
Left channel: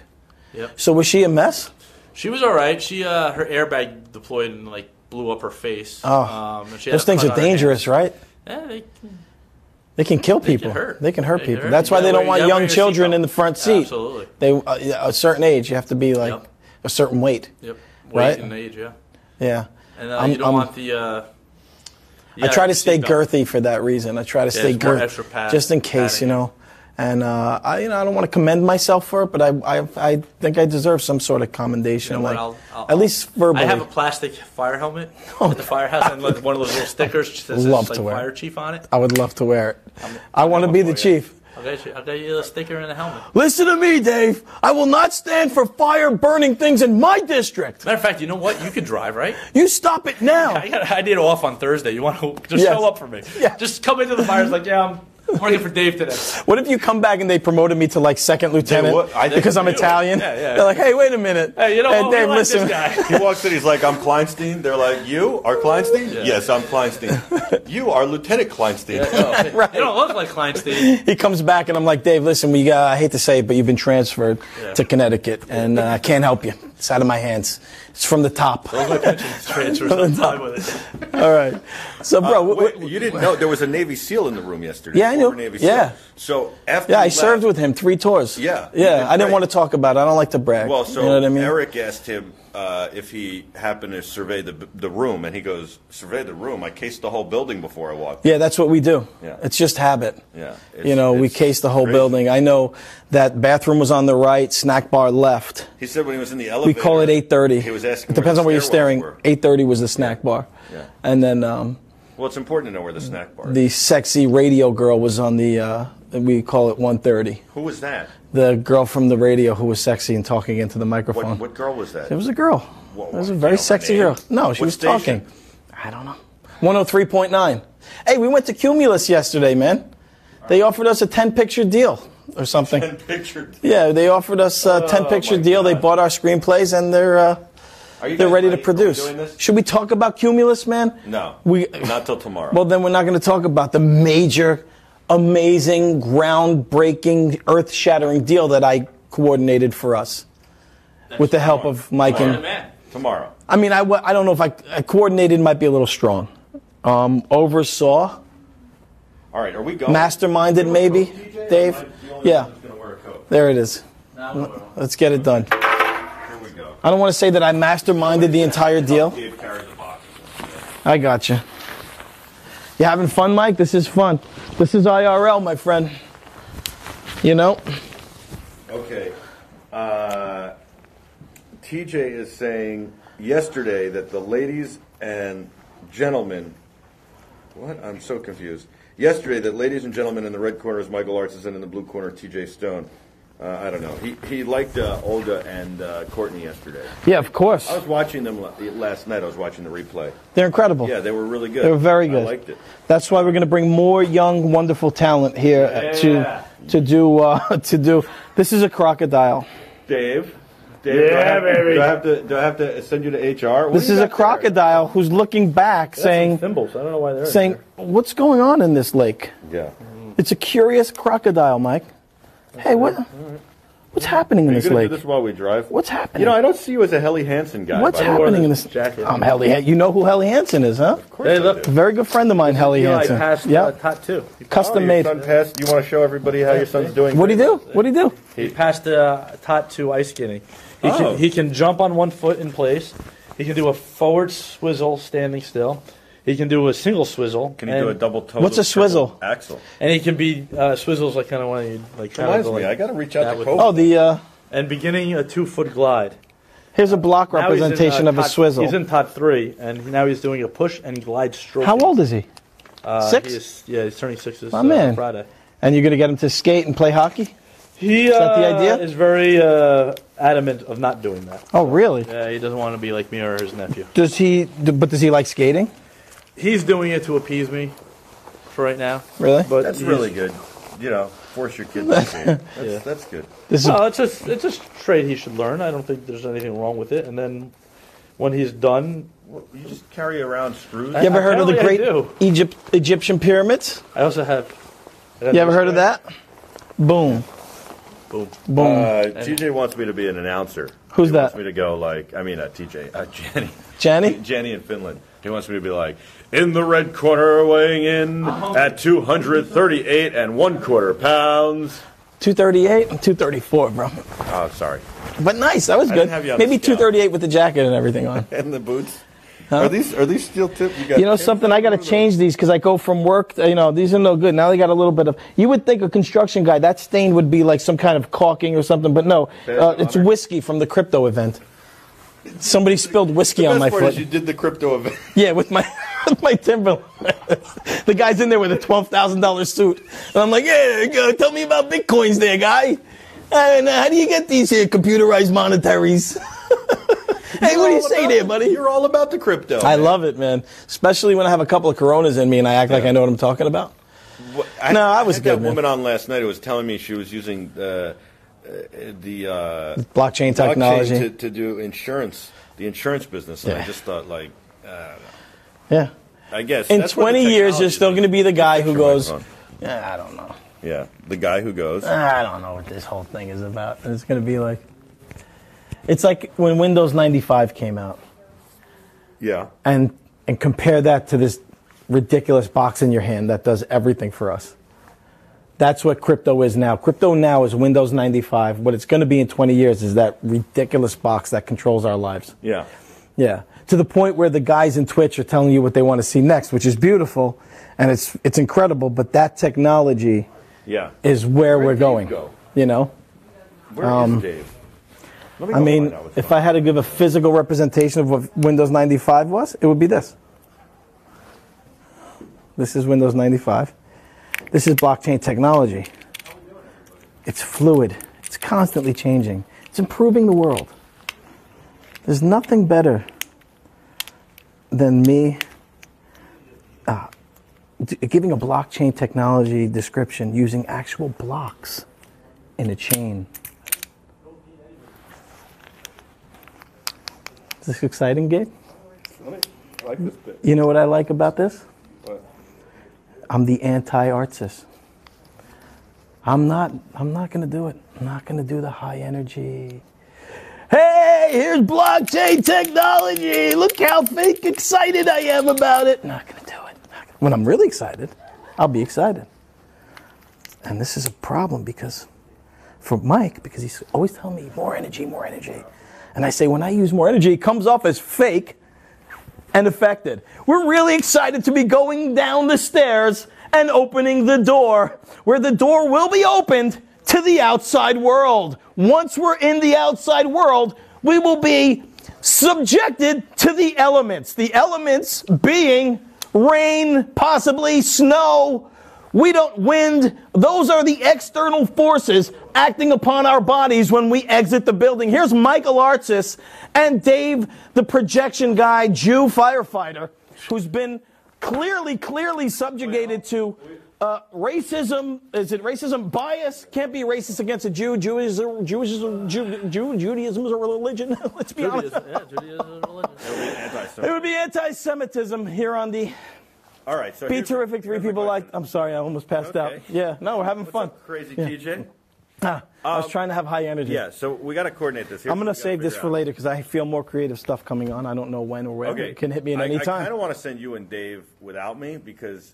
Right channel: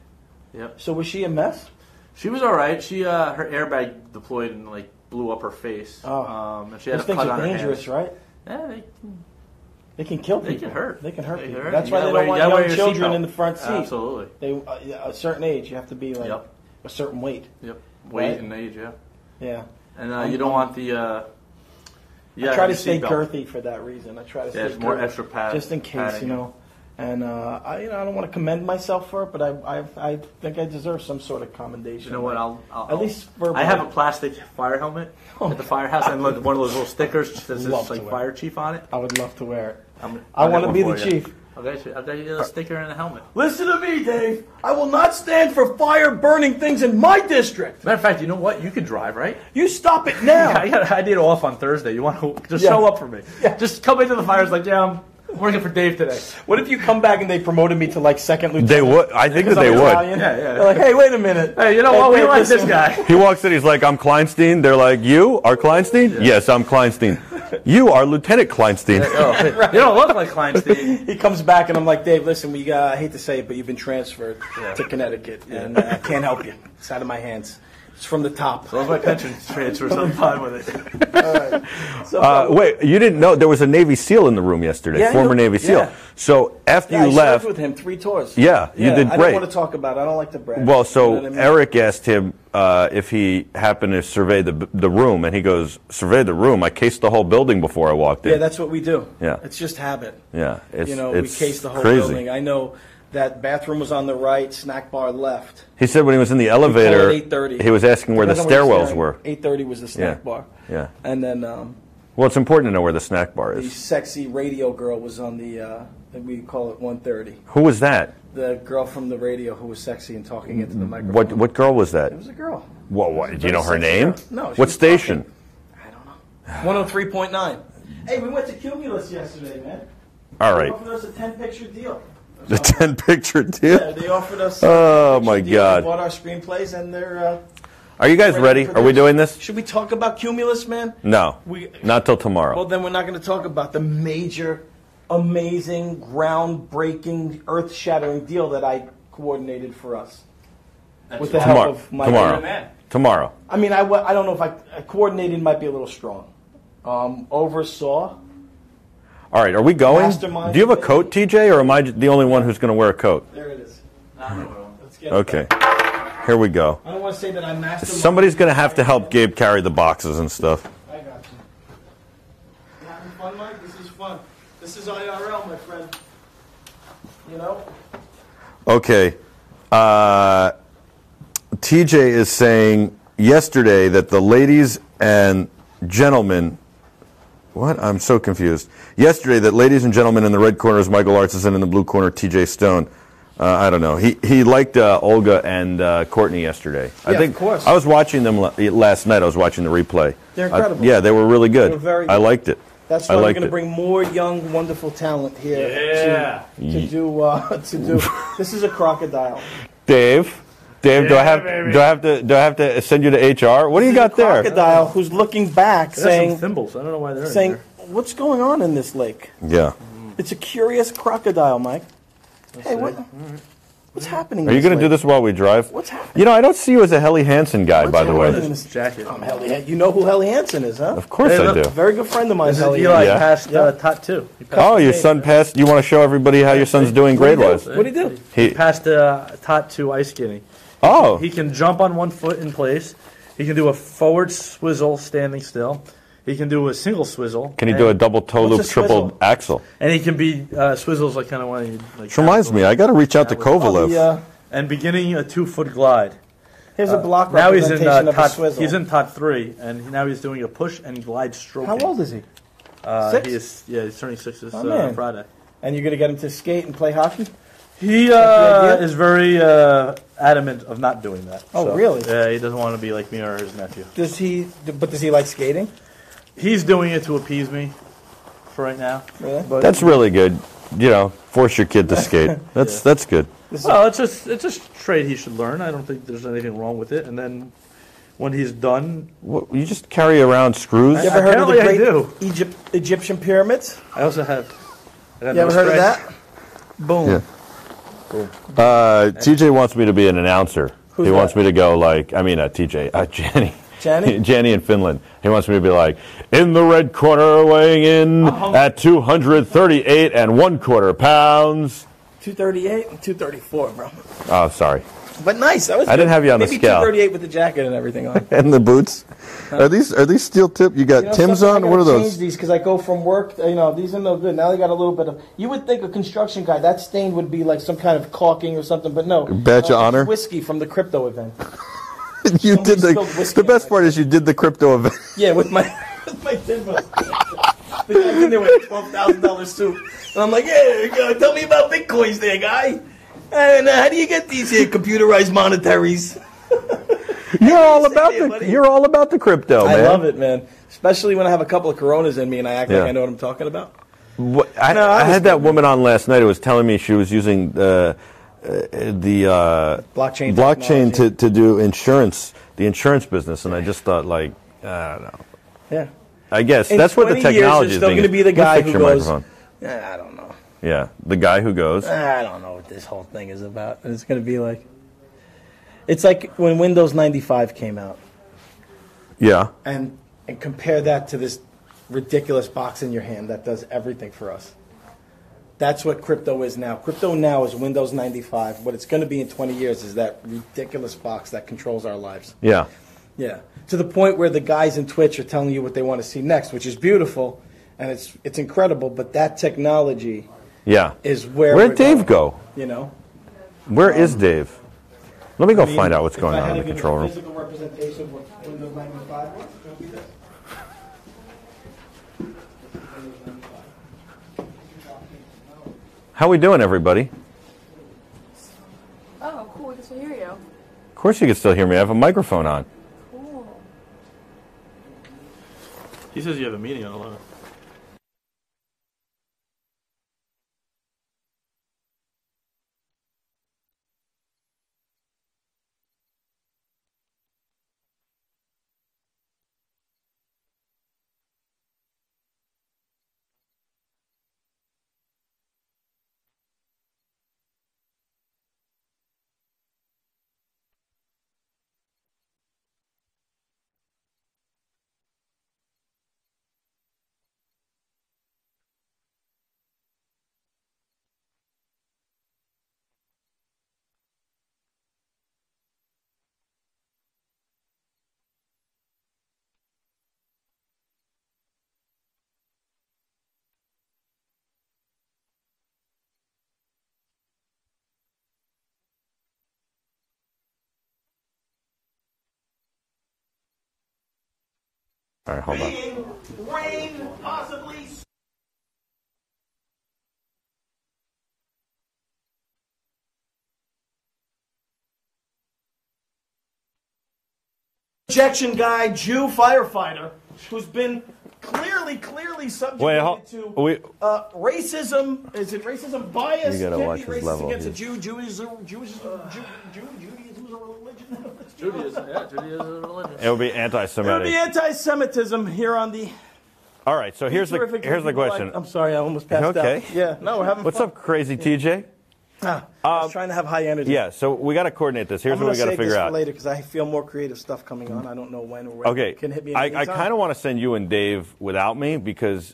Yep. So was she a mess? She was all right. She her airbag deployed and like blew up her face. And she had Those a things cut are on her dangerous, hand. right? Yeah, They can kill They can people. hurt. They can hurt They can people. hurt. That's You why gotta they don't wear- want you gotta wear young your children seatbelt. in the front seat. Absolutely. They a certain age, you have to be like Yep. a certain weight. Yep. Right? Weight and age, yeah. Yeah. And you don't want the. I try to the stay seatbelt. girthy for that reason. I try to stay it's more girthy, extra just in case, padding. you know. And I don't want to commend myself for it, but I think I deserve some sort of commendation, You know what, like I'll- at least verbally. I have a plastic fire helmet at the firehouse and like one of those little stickers that says Love like to wear fire it. chief on it. I would love to wear it. I I'll want get to be one the for you. chief. I'll get you a sticker and a helmet. Listen to me, Dave. I will not stand for fire burning things in my district. Matter of fact, you know what? You can drive, right? You stop it now. I did off on Thursday. You want to just Yes. show up for me? Yeah. Just come into the fire. It's like, yeah, I'm working for Dave today. What if you come back and they promoted me to like second lieutenant? would. I think because that I'm they would. Italian. Yeah, yeah. They're like, hey, wait a minute. Hey, you know what? We Dave, like this listen. guy. He walks in, he's like, I'm Kleinstein. They're like, you are Kleinstein? Yes, I'm Kleinstein. You are Lieutenant Kleinstein. You don't look like Kleinstein. He comes back and I'm like, Dave, listen, I hate to say it, but you've been transferred to Connecticut, and I can't help you. It's out of my hands. It's from the top. Those my pension transfer sometime with it. All right. So, bro, Wait, you didn't know there was a Navy SEAL in the room yesterday, Yeah, I former knew. Navy SEAL. Yeah. So after yeah, I you left, served with him 3 tours. Yeah, you yeah. did I didn't great. want to talk about it. I don't like to brag. well, so you know what I mean? Eric asked him if he happened to survey the room, and he goes, "Survey the room? I cased the whole building before I walked in." Yeah, that's what we do. Yeah. It's just habit. Yeah, You know, we it's cased the whole crazy. building. I know that bathroom was on the right, snack bar left. He said when he was in the We call elevator, it 8:30. he was asking where the Depends on you're stairwells staring. were. 8:30 was the snack Yeah. bar. Yeah. And then Well, it's important to know where the snack bar the is. sexy radio girl was on the, we call it 1:30. Who was that? The girl from the radio who was sexy and talking into the microphone. What girl was that? It was a girl. Whoa, It was what, a do you very know her sexy name? girl. No, she What was station? talking. I don't know. 103.9. Hey, we went to Cumulus yesterday, man. All They right. offered us a 10-picture deal or The something. 10-picture deal. Yeah, they offered us a Oh, 10-picture my deal. They God. bought our screamplays, and they're Are you they're guys ready? ready? To Are we produce. doing this? Should we talk about Cumulus, man? No. Not till tomorrow. Well, then we're not going to talk about the major, amazing, groundbreaking, earth-shattering deal that I coordinated for us with the help tomorrow. of Mike. Tomorrow. And, Tomorrow. I mean, I don't know if I coordinated might be a little strong. Oversaw. All right, are we going? Masterminded, Do you have a maybe? coat, TJ, or am I the only Yeah. one who's going to wear a coat? There it is. Let's get it Okay. done. Here we go. I don't want to say that I masterminded Somebody's the going to have entire to help deal. Gabe carry the boxes and stuff. I got you. You having fun, Mike? This is fun. This is IRL, my friend. You know? Okay. TJ is saying yesterday that the ladies and gentlemen. What? I'm so confused. Yesterday, that ladies and gentlemen in the red corner is Michael Artson and in the blue corner, TJ Stone. I don't know. He liked Olga and Courtney yesterday. Yeah, of course. I was watching them last night. I was watching the replay. They're incredible. Yeah, they were really good. They were very I good. liked it. That's I why we're liked going to it. bring more young, wonderful talent here to do. This is a crocodile. Dave, do I Yeah, baby. have to send you to HR? What This do you is got a there? crocodile who's looking back, saying, thimbles. I don't know why they're saying, "What's going on in this lake?" Yeah. It's a curious crocodile, Mike. Hey, what's happening? Are in you this going to do lake? this while we drive? What's happening? You know, I don't see you as a Helly Hansen guy, What's by the happening way. in this Jacket. Helly, you know who Helly Hansen is, huh? Of course Hey, I look. do. Very good friend of mine, Helly Eli Hansen. passed Yeah. Tot 2. He Oh, Custom your made. son passed. You want to show everybody how your son's doing What'd he do? grade-wise? What'd he do? He, passed Tot 2 ice skating. He can jump on one foot in place. He can do a forward swizzle standing still. He can do a single swizzle. can he do a double toe What's loop, a swizzle? triple axel? And he can be swizzles like kind of when he like. Which reminds me, I got to reach out to Yeah, Kovalev. and beginning a 2-foot glide. Here's a block Now he's in representation of a Tot, swizzle. He's in Tot 3, and now he's doing a push and glide stroke. How old is he? 6? He's turning 6 this My man. Friday. And you're going to get him to skate and play hockey? He that the idea? is very adamant of not doing that. Oh, really? Yeah, he doesn't want to be like me or his nephew. Does he like skating? He's doing it to appease me for right now. Really? But That's really good. You know, force your kid to skate. That's good. No, it's just trade he should learn. I don't think there's anything wrong with it. And then when he's done, What, you just carry around screws? You ever heard of the Apparently I great Egyptian pyramids? I also have. You ever heard of that? Boom. Yeah. Boom. TJ wants me to be an announcer. Who's he that? wants me to go like, I mean, TJ, Janny. Janny? Janny in Finland. He wants me to be like, in the red corner, weighing in at 238 and 1/4 pounds. 238 and 234, bro. Oh, sorry. But nice. That was I good. didn't have you on the Maybe scale. 238 with the jacket and everything on. And the boots. Are these steel tip? You got You know Tim's something? I on? What are gotta change those? these because I go from work. These are no good. Now they got a little bit of. You would think a construction guy that stain would be like some kind of caulking or something, but no. Badge of honor? It's whiskey from the crypto event. You Somebody did the- spilled whiskey the on best my part foot. is you did the crypto event. Yeah, with my Timberland. The guy's in there with a $12,000 suit, and I'm like, "Yeah, go, tell me about bitcoins, there, guy. And how do you get these here computerized monetaries?" Hey, what do you say there, buddy? You're all about the crypto, I man. love it, man. Especially when I have a couple of Coronas in me and I act like I know what I'm talking about. I was had good, that man. woman on last night who was telling me she was using the Blockchain technology. to do insurance, the insurance business, and I just thought, like, I don't know. Yeah. I guess In that's what the 20 years, technology there's is. still going to be the guy who goes, Microphone. I don't know. Yeah, the guy who goes. I don't know what this whole thing is about. It's going to be like, it's like when Windows 95 came out. Yeah. And compare that to this ridiculous box in your hand that does everything for us. That's what crypto is now. Crypto now is Windows 95. What it's going to be in 20 years is that ridiculous box that controls our lives. Yeah. Yeah. To the point where the guys in Twitch are telling you what they want to see next, which is beautiful, and it's incredible, but that technology Yeah. is where Where'd we're Dave going. go? You know? Where is Dave? Let me go find out what's going on. If I had to in the give a control room. physical representation of what Windows 95 was, it would be this. This is Windows 95. This is blockchain technology. How we doing, everybody? It's fluid. It's constantly changing. It's improving the world. Of course you can still hear me. I have a There's microphone nothing on. better than me He says you have a meeting on giving a blockchain technology description using actual blocks in a chain. Is this exciting, Gabe? I like this bit. You know what I like about this? I'm the anti-artist. I'm not going to do it. I'm not going to do the high energy. Hey, here's blockchain technology. Look how fake excited I am about it. Not going to do it. When I'm really excited, I'll be excited. And this is a problem because for Mike, because he's always telling me more energy, more energy. And I say, when I use more energy, it comes off as fake and affected. We're really excited to be going down the stairs and opening the door, where the door will be opened to the outside world. Once we're in the outside world, we will be subjected to the elements being rain, possibly snow, wind. Those are the external forces acting upon our bodies when we exit the building. Here's Michael Artsis and Dave, the projection guy, Jew firefighter, who's been clearly subjugated to racism. Is it racism bias? You gotta Can't be watch his racist level. against a Jew. Judaism is a religion. Let's be honest. It would be There would anti-Semitic. be anti-Semitism here on the. All right, so Be here's terrific the for people question. like- I'm sorry, I almost passed Okay. out. Yeah, no, we're having What's fun. up, crazy TJ? I was trying to have high energy. Yeah, so we got to coordinate this. Here's I'm what going we to got to save this figure for out. later because I feel more creative stuff coming on. I don't know when or where. Okay. It can hit me at any I time. kind of want to send you and Dave without me because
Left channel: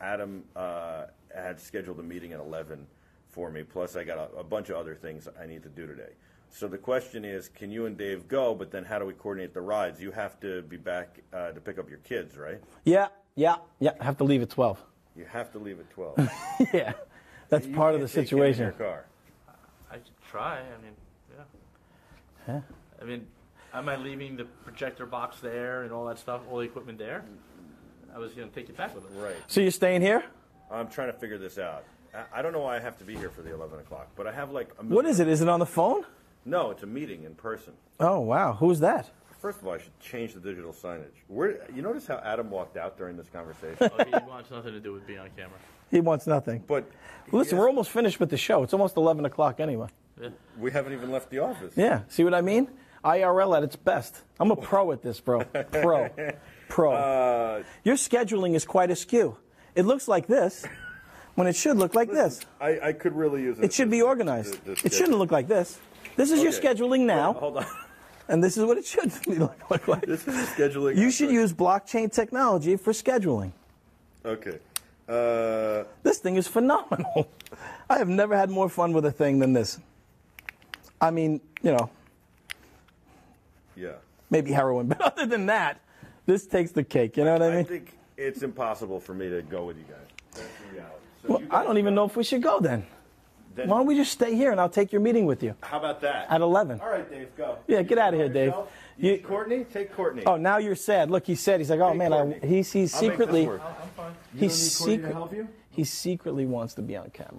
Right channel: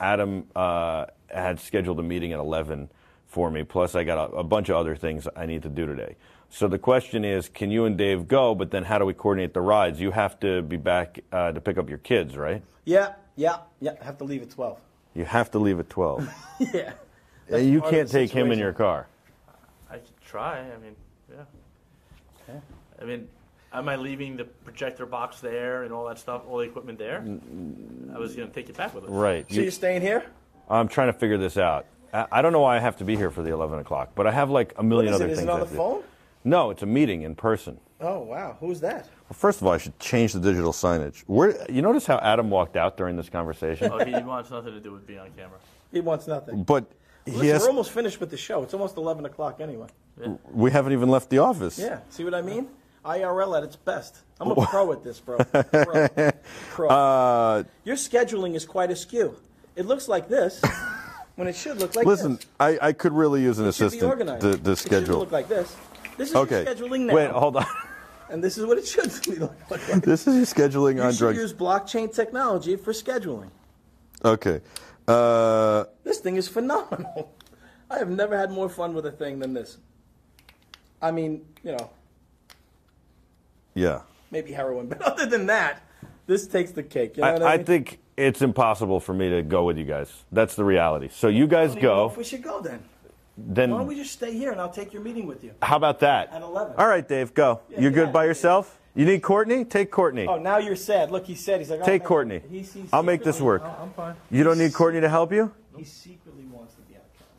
Adam had scheduled a meeting at 11 for me. Plus, I got a bunch of other things I need to do today. So the question is, can you and Dave go, but then how do we coordinate the rides? You have to be back to pick up your kids, right? Yeah. I have to leave at 12. You have to leave at 12. Yeah. You part of can't the take him in situation. your car. I could try. I mean, yeah. I mean, am I leaving the projector box there and all that stuff, all the equipment there? I was going to take it back with us. Right. So you're staying here? I'm trying to figure this out. I don't know why I have to be here for the 11 o'clock, but I have like a million What is other it? Is it things on the I have to do. phone? No, it's a meeting in person. Oh, wow. Who's that? First of all, I should change the digital signage. You notice how Adam walked out during this conversation? Oh, he wants nothing to do with being on camera. He wants nothing. But Listen, we're almost finished with the show. It's almost 11 o'clock anyway. Yeah. we haven't even left the office. Yeah. See what I mean? IRL at its best. I'm a pro at this, bro. Pro. Your scheduling is quite askew. It looks like this when it should look like Listen, this. I could really use an It should assistant. be organized. To It schedule. shouldn't look like this. This is your scheduling now. Wait, hold on. And this is what it should look like. This is your scheduling You on should drugs. use blockchain technology for scheduling. Okay. This thing is phenomenal. I have never had more fun with a thing than this. I mean, Yeah. maybe heroin, but other than that, this takes the cake. You know what I mean? I think it's impossible for me to go with you guys. That's the reality. So Well, you guys I don't go. even know if we should go then. Then Why don't we just stay here and I'll take your meeting with you? how about that? At 11. All right, Dave, go. Yeah, You're get good outta by here, Dave. yourself? You need Courtney? Take Courtney. Oh, now you're sad. Look, he's sad. He's like, oh, Take man, Courtney. He's I'll make this secretly- work. I'm fine. You don't he's need Courtney to help you? He secretly wants to be on camera.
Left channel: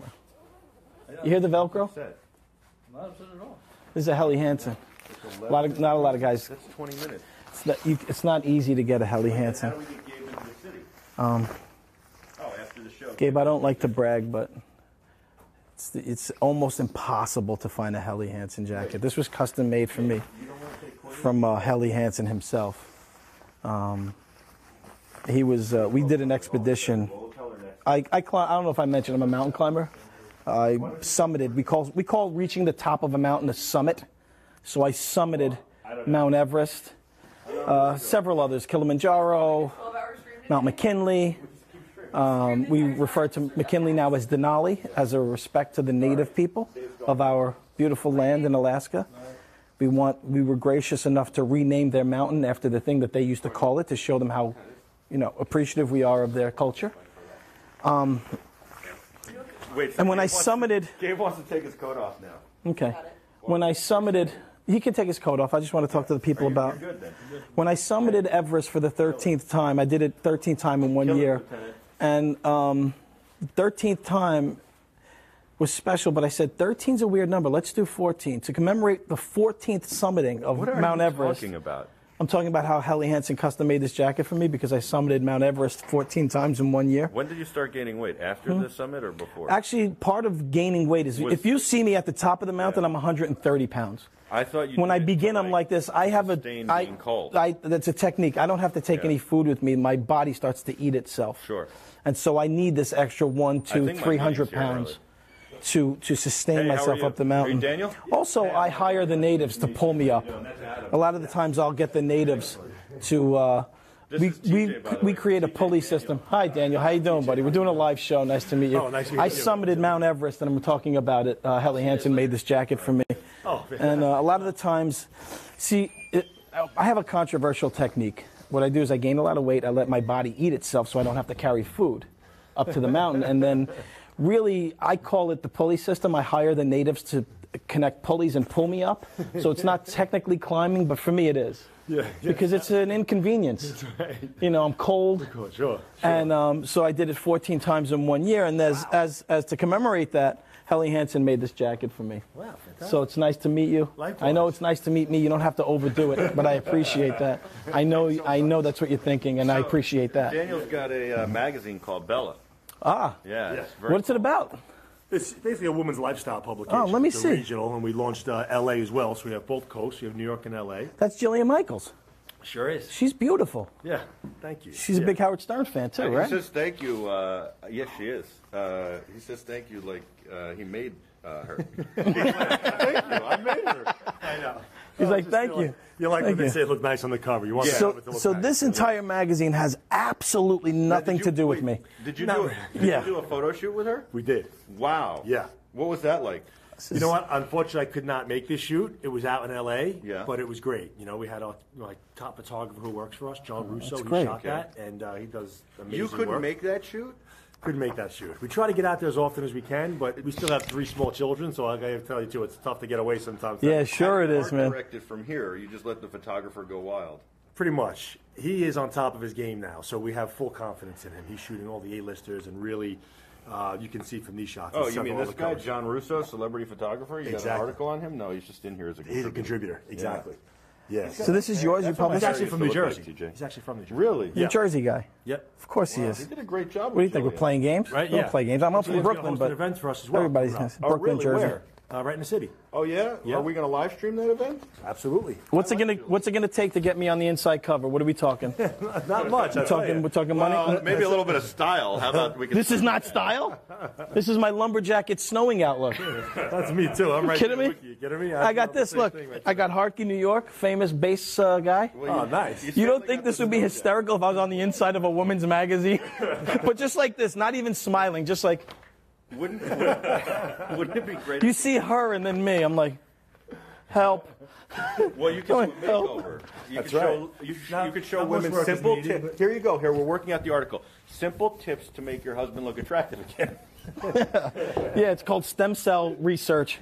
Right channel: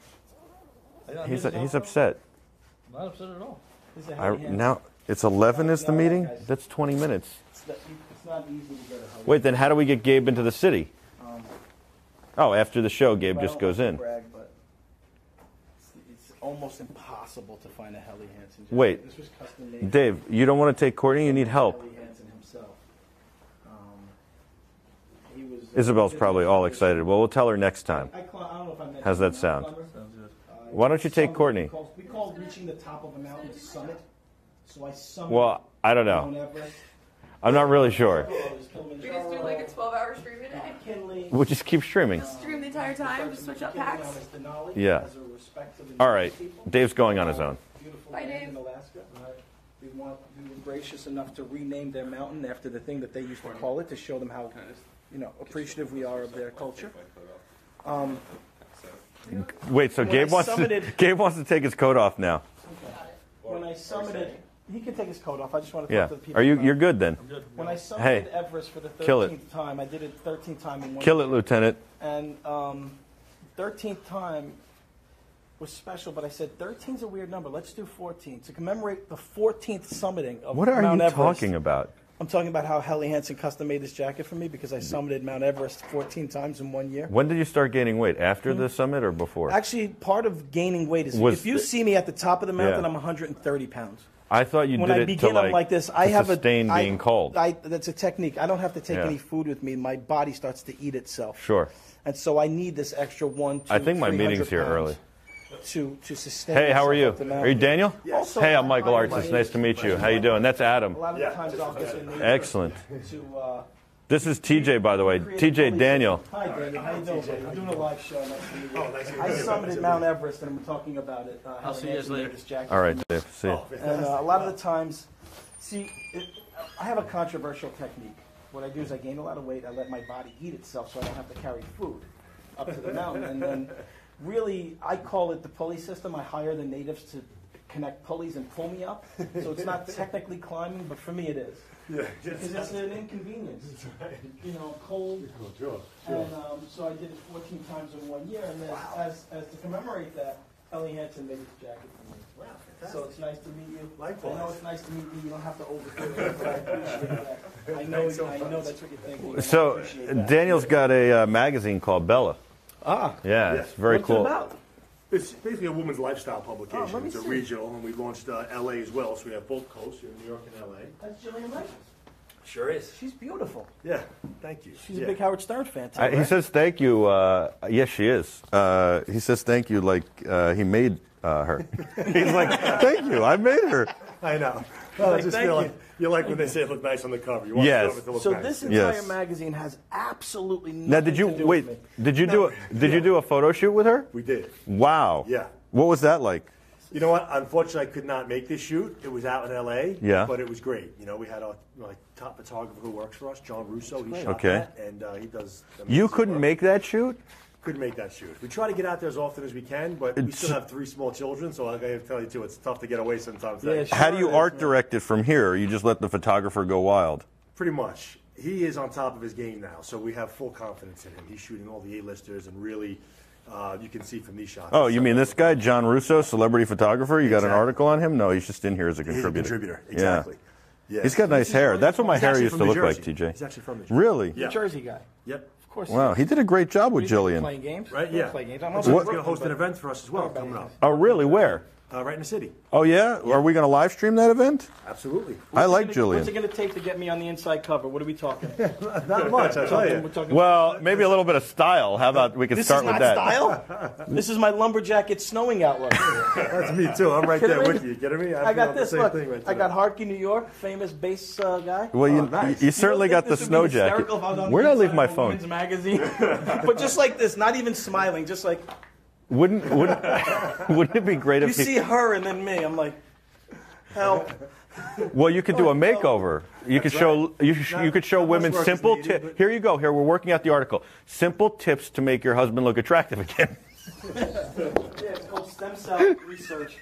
You hear the He's Velcro? upset. I'm not upset at all. This is a Helly Hansen. Now, it's 11 is the not a lot of meeting? guys- That's 20 minutes. It's not easy to get a Helly Wait, Hansen. then how do we get Gabe into the city? After the show, Gabe I just don't goes like in. to brag, but it's almost impossible to find a Helly Hansen jacket. Wait. This was custom made for Dave, me you don't want to take Courtney? You from need help. Helly Hansen himself. He was. we Isabel's did an probably all expedition. excited. Well, we'll tell her next time. I don't know if I mentioned How's I'm a that mountain sound? climber. Why don't you take summited. Courtney? We call reaching the top of a mountain a summit. So I summited Well, I don't know. Mount Everest. I'm not really sure. Several others, Kilimanjaro, 12-hour streaming. Mount McKinley. We'll just keep streaming. We refer to McKinley now as Denali Yeah. as a respect to the All native right. people. Dave's going of on his our own. Beautiful land in Alaska. We were gracious enough to rename their mountain after the thing that they used to call it to show them how, appreciative we are of their culture. Wait, so and when I Gabe wants to take his coat off now. Okay. When I summited, he can take his coat off. I just want to talk to the people about. You're good then. When I summited Hey, Everest for the kill it. 13th time, I did it 13th time in one Kill year. it, Lieutenant. And 13th time was special, but I said 13's a weird number. Let's do 14 to commemorate the 14th summiting of What are Mount you Everest. talking about? I'm talking about how Helly Hansen custom made this jacket for me because I summited Mount Everest 14 times in 1 year. When did you start gaining weight? After Hmm? the summit or before? Actually, part of gaining weight is if you see me at the top of the mountain, Yeah. I'm 130 pounds. I thought you When did I it begin, to I'm like this. I to have sustain being cold. That's a technique. I don't have to take Yeah. any food with me. My body starts to eat itself. Sure. And so I need this extra 100, I 200, think my 300 meeting's here pounds early. to sustain Hey, myself how are you? up the mountain. Are you Daniel? Also, hey, I'm I Michael hire the Artis. Nice natives to meet pull you. me How you up. doing? That's Adam. A lot of the times I'll get the natives Excellent. to. This is TJ, by the way. create a TJ pulley Daniel. system. Hi, Daniel. How you doing, buddy? We're doing a live show. Nice to meet you. Oh, nice to meet I you. summited Mount Everest, and I'm talking about it. Helly Hansen made this jacket All for right, me. Dave. See ya. And a lot of the times, I have a controversial technique. What I do is I gain a lot of weight. I let my body eat itself so I don't have to carry food up to the mountain. And then really, I call it the pulley system. I hire the natives to connect pulleys and pull me up. So it's not technically climbing, but for me it is. Because it's an inconvenience. I'm cold. Sure. And so I did it 14 times in 1 year. And as to commemorate that, Helly Hansen made this jacket for me. Wow, fantastic. So it's nice to meet you. Likewise. I know it's nice to meet me. You don't have to overdo it, but I appreciate that. I know that's what you're thinking, and I appreciate that. Daniel's got a magazine called Bella. Ah, Yeah, it's very what's cool. it about? It's basically a woman's lifestyle publication. Oh, let me It's see. Regional, and we launched L.A. as well, so we have both coasts. We have New York and L.A. That's Jillian Michaels. Sure is. She's beautiful. Yeah, thank you. She's a big Howard Stern fan, too, He right? says thank you. Yes, she is. He says thank you like he made her. He's like, thank you, I made her. I know. He's like, I just "Thank feel you." You like when Thank they you. say it looked nice on the cover. You want Yes. it to look So nice. this entire Yes. magazine has absolutely Now, nothing to do with me. Did you No, did yeah. you do a photo shoot with her? We did. Wow. Yeah. What was that like? You know what? Unfortunately, I could not make this shoot. It was out in L.A. Yeah. But it was great. We had our top photographer who works for us, John Russo. He great. shot Okay. that, and he does. You amazing couldn't work. make that shoot? Couldn't make that shoot. We try to get out there as often as we can, but we still have 3 small children, so I got to tell you too, it's tough to get away sometimes. Yeah, sure. How do it you is, art man. direct it from here? Or you just let the photographer go wild? Pretty much. He is on top of his game now, so we have full confidence in him. He's shooting all the A-listers and really, you can see from these shots. Oh, It's you mean several this guy, John Russo, celebrity photographer? You got an Exactly. article on him? No, he's just in here as a He's a contributor. contributor, exactly. Yeah. He's got So nice this is hair. yours? That's what my He's hair actually used from to New look like, Jersey. TJ. He's actually from New Jersey. Really? New Jersey guy. Yep. Of course he Wow, is. he did a great job What do with you think, we're Jillian. playing games? Right, We don't yeah. play games. I'm also So in he's going to Brooklyn, host an but event for us as well. everybody's coming up. Oh, Brooklyn, really? Jersey. Where? Right in the city. Oh, yeah? Are we going to live stream that event? Absolutely. I like What's Jillian. it going to take to get me on the inside cover? What are we talking? Not much, I tell you. We're talking Well, money? maybe a little bit of style. How about we can This start is with not that? style. This is my lumberjack. It's snowing outlook. That's me too. I'm right Kidding there me? with you. You kidding me? I feel got the this. same Look, thing right I there. got Hartke, New York, famous bass guy. Well, you, nice. you certainly you don't got the think this snow would be jacket. hysterical if I was on the Where did I inside leave my of a phone? women's magazine? But just like this, not even smiling, just like Wouldn't it be great you if see her and then me. I'm like, help. Well, you could do a makeover. You could show you could show Not much women work is simple needed, tips. but- Here you go. Here we're working out the article. Simple tips to make your husband look attractive again. Yeah, it's called stem cell research.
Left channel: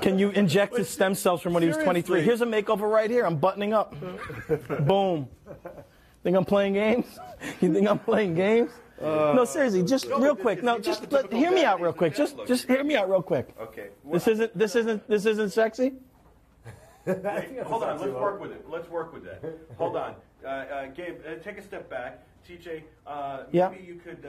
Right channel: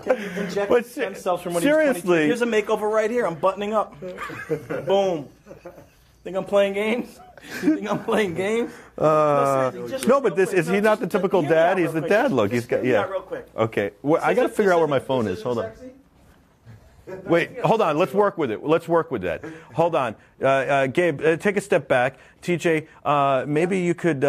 Can you inject his stem cells from when he was 23? seriously. Here's a makeover right here. I'm buttoning up. Boom. Think I'm playing games? You think I'm playing games? No, seriously, just No, real but this quick. is he not just the typical hear me dad? out He's real the quick. dad look. Just He's hear got- me yeah. out real quick. Okay. Well, This I got to isn't- figure this out where my isn't- phone this is. isn't Hold on. sexy? Wait, hold on. Let's work with it. Let's work with that. Hold on, Gabe. Take a step back. TJ, maybe you could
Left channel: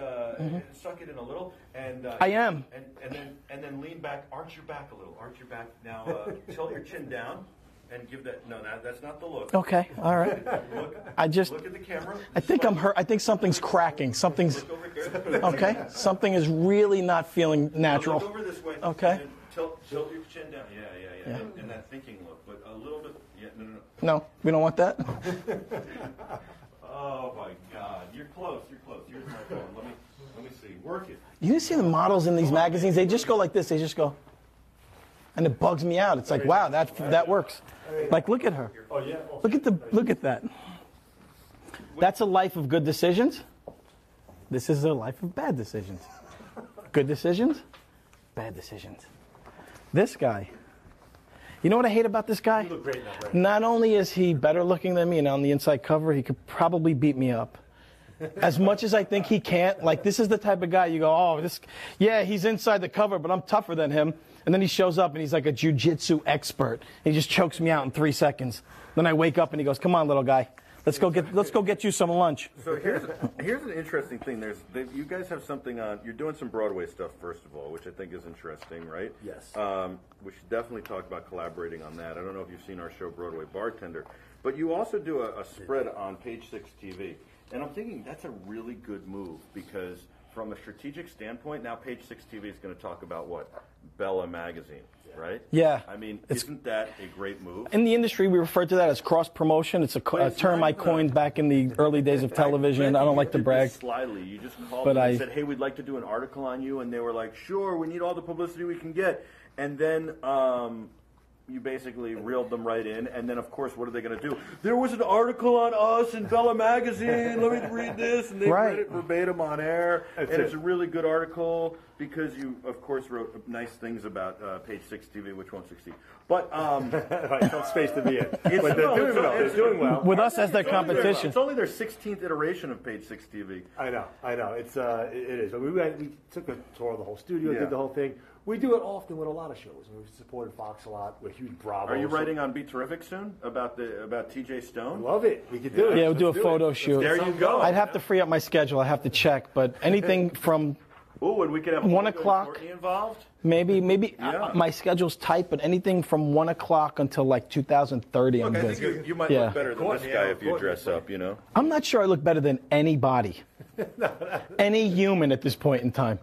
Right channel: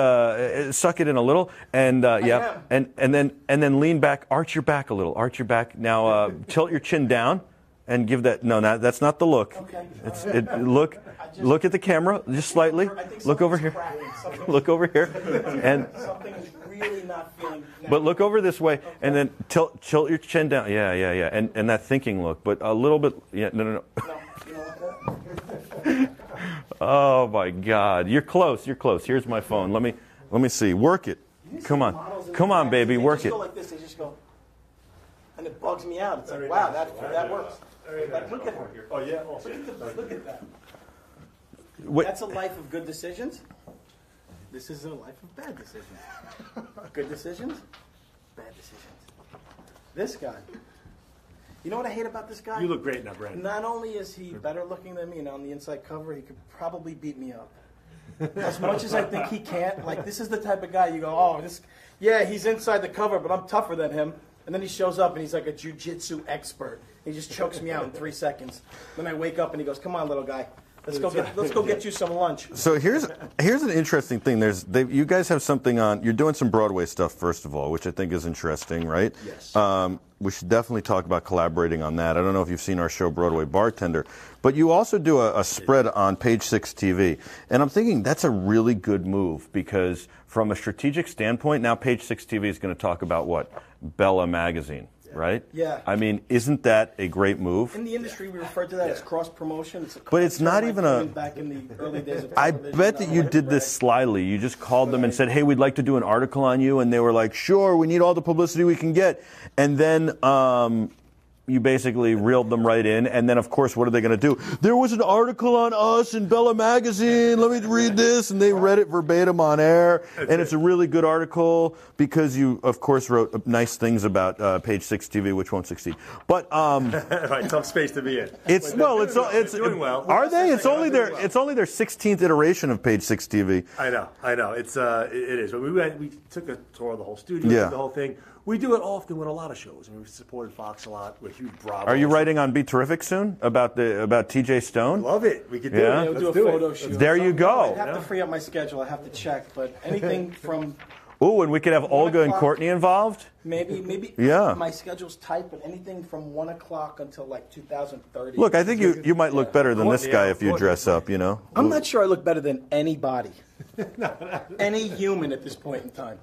suck it in a little, and yeah, am. and then lean back, arch your back a little, arch your back. Now tilt your chin down, and give that. No, that's not the look. Okay, all right. Look at the camera just I think slightly. I think Look over something's here. cracking. Something's Look over here. okay. And, Something is really not feeling natural. but look over this way, Okay. and then tilt your chin down. Yeah, and that thinking look, but a little bit. Yeah, no. No, we don't want that. Oh my God, you're close. You're close. Here's my phone. Let me see. Work it. You see Come the on. models in these Come on, magazines? baby. They Work just it. go like this. They just go, and it bugs me out. It's like, wow, that works. Like, look at her. Oh, yeah. Look at that. That's a life of good decisions. This is a life of bad decisions. Good decisions, bad decisions. This guy. You know what I hate about this guy? You look great now, Brad. Not only is he better looking than me and on the inside cover, he could probably beat me up. As much as I think he can't, like, this is the type of guy you go, oh, he's inside the cover, but I'm tougher than him. And then he shows up and he's like a jiu-jitsu expert. He just chokes me out in 3 seconds. Then I wake up and he goes, come on, little guy. Let's go get you some lunch. So here's an interesting thing. You guys have something on. You're doing some Broadway stuff first of all, which I think is interesting, right? Yes. We should definitely talk about collaborating on that. I don't know if you've seen our show Broadway Bartender, but you also do a spread on Page Six TV, and I'm thinking that's a really good move because from a strategic standpoint, now Page Six TV is going to talk about what? Bella Magazine. Right? Yeah. I mean, isn't that a great move? In the industry, we refer to that as cross-promotion. It's a it's term not I even coined back in the early days of television. I bet that don't you like to did brag. this slyly. You just called But them and said, hey, we'd like to do an article on you. And they were like, sure, we need all the publicity we can get. And then you basically reeled them right in. And then, of course, what are they going to do? There was an article on us in Bella Magazine. Let me read this. And they read it verbatim on air. It's a really good article because you, of course, wrote nice things about Page Six TV, which won't succeed. But Right, tough space to be in. it's But they're doing well. Are they? as It's a only competition. it's only their 16th iteration of Page Six TV. I know. It is. But we took a tour of the whole studio, Yeah. did the whole thing. We do it often with a lot of shows. We supported Fox a lot. We're huge Bravo. Are you writing on Be Terrific soon about TJ Stone? Love it. We could do Yeah. it. Yeah, we'll do a Let's photo it. shoot. There you go. I'd have to free up my schedule. I have to check. But anything from Ooh, and we could have 1 Olga and o'clock. Courtney involved. maybe Yeah. my schedule's tight, but anything from 1 o'clock until like 2030. Look, I think you might Yeah. look better than this guy if you dress up. You know. I'm not sure I look better than anybody. Any human at this point in time.